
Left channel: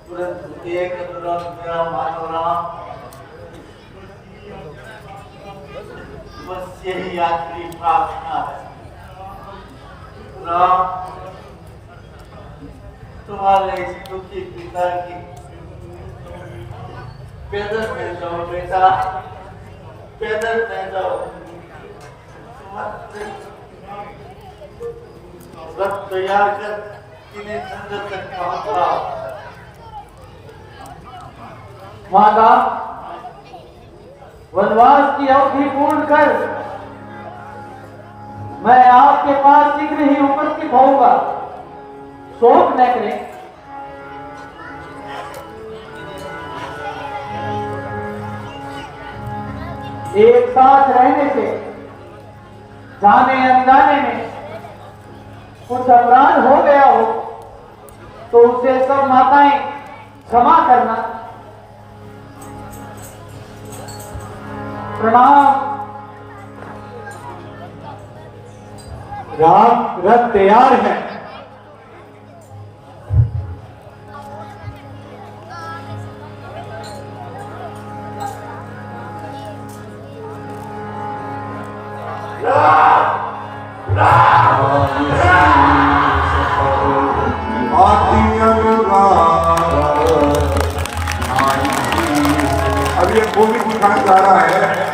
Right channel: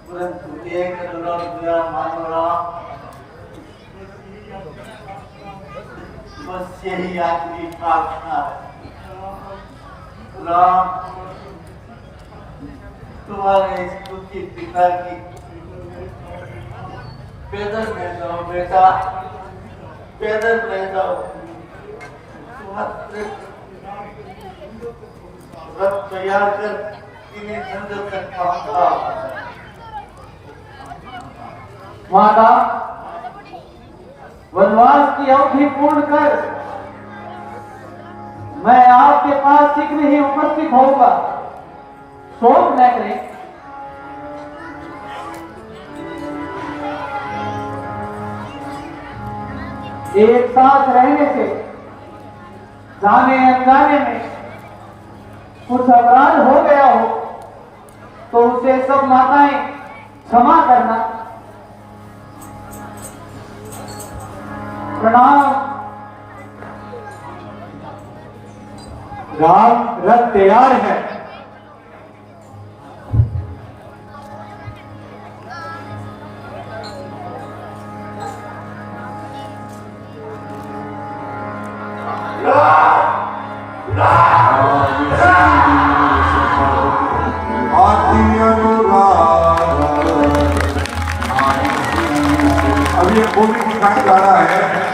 परंतु एक अनुरोध मेरा मानो राम, बस यही आखिरी प्रार्थना है। राम, तुम्हारे इस दुखी पिता की पैदल रह जाओ बेटा, पैदल रह जाओ। रथ तैयार कर इन्हें जंगल तक पहुंचाओ। माता, वनवास की अवधि पूर्ण कर मैं आपके पास शीघ्र ही उपस्थित होऊंगा, शोक न करें। एक साथ रहने से जाने अनजाने में कुछ अपराध हो गया हो तो उसे सब माताएं क्षमा करना। प्रणाम। राम, रथ तैयार है। अब ये पूरी दिखाई जा रहा है।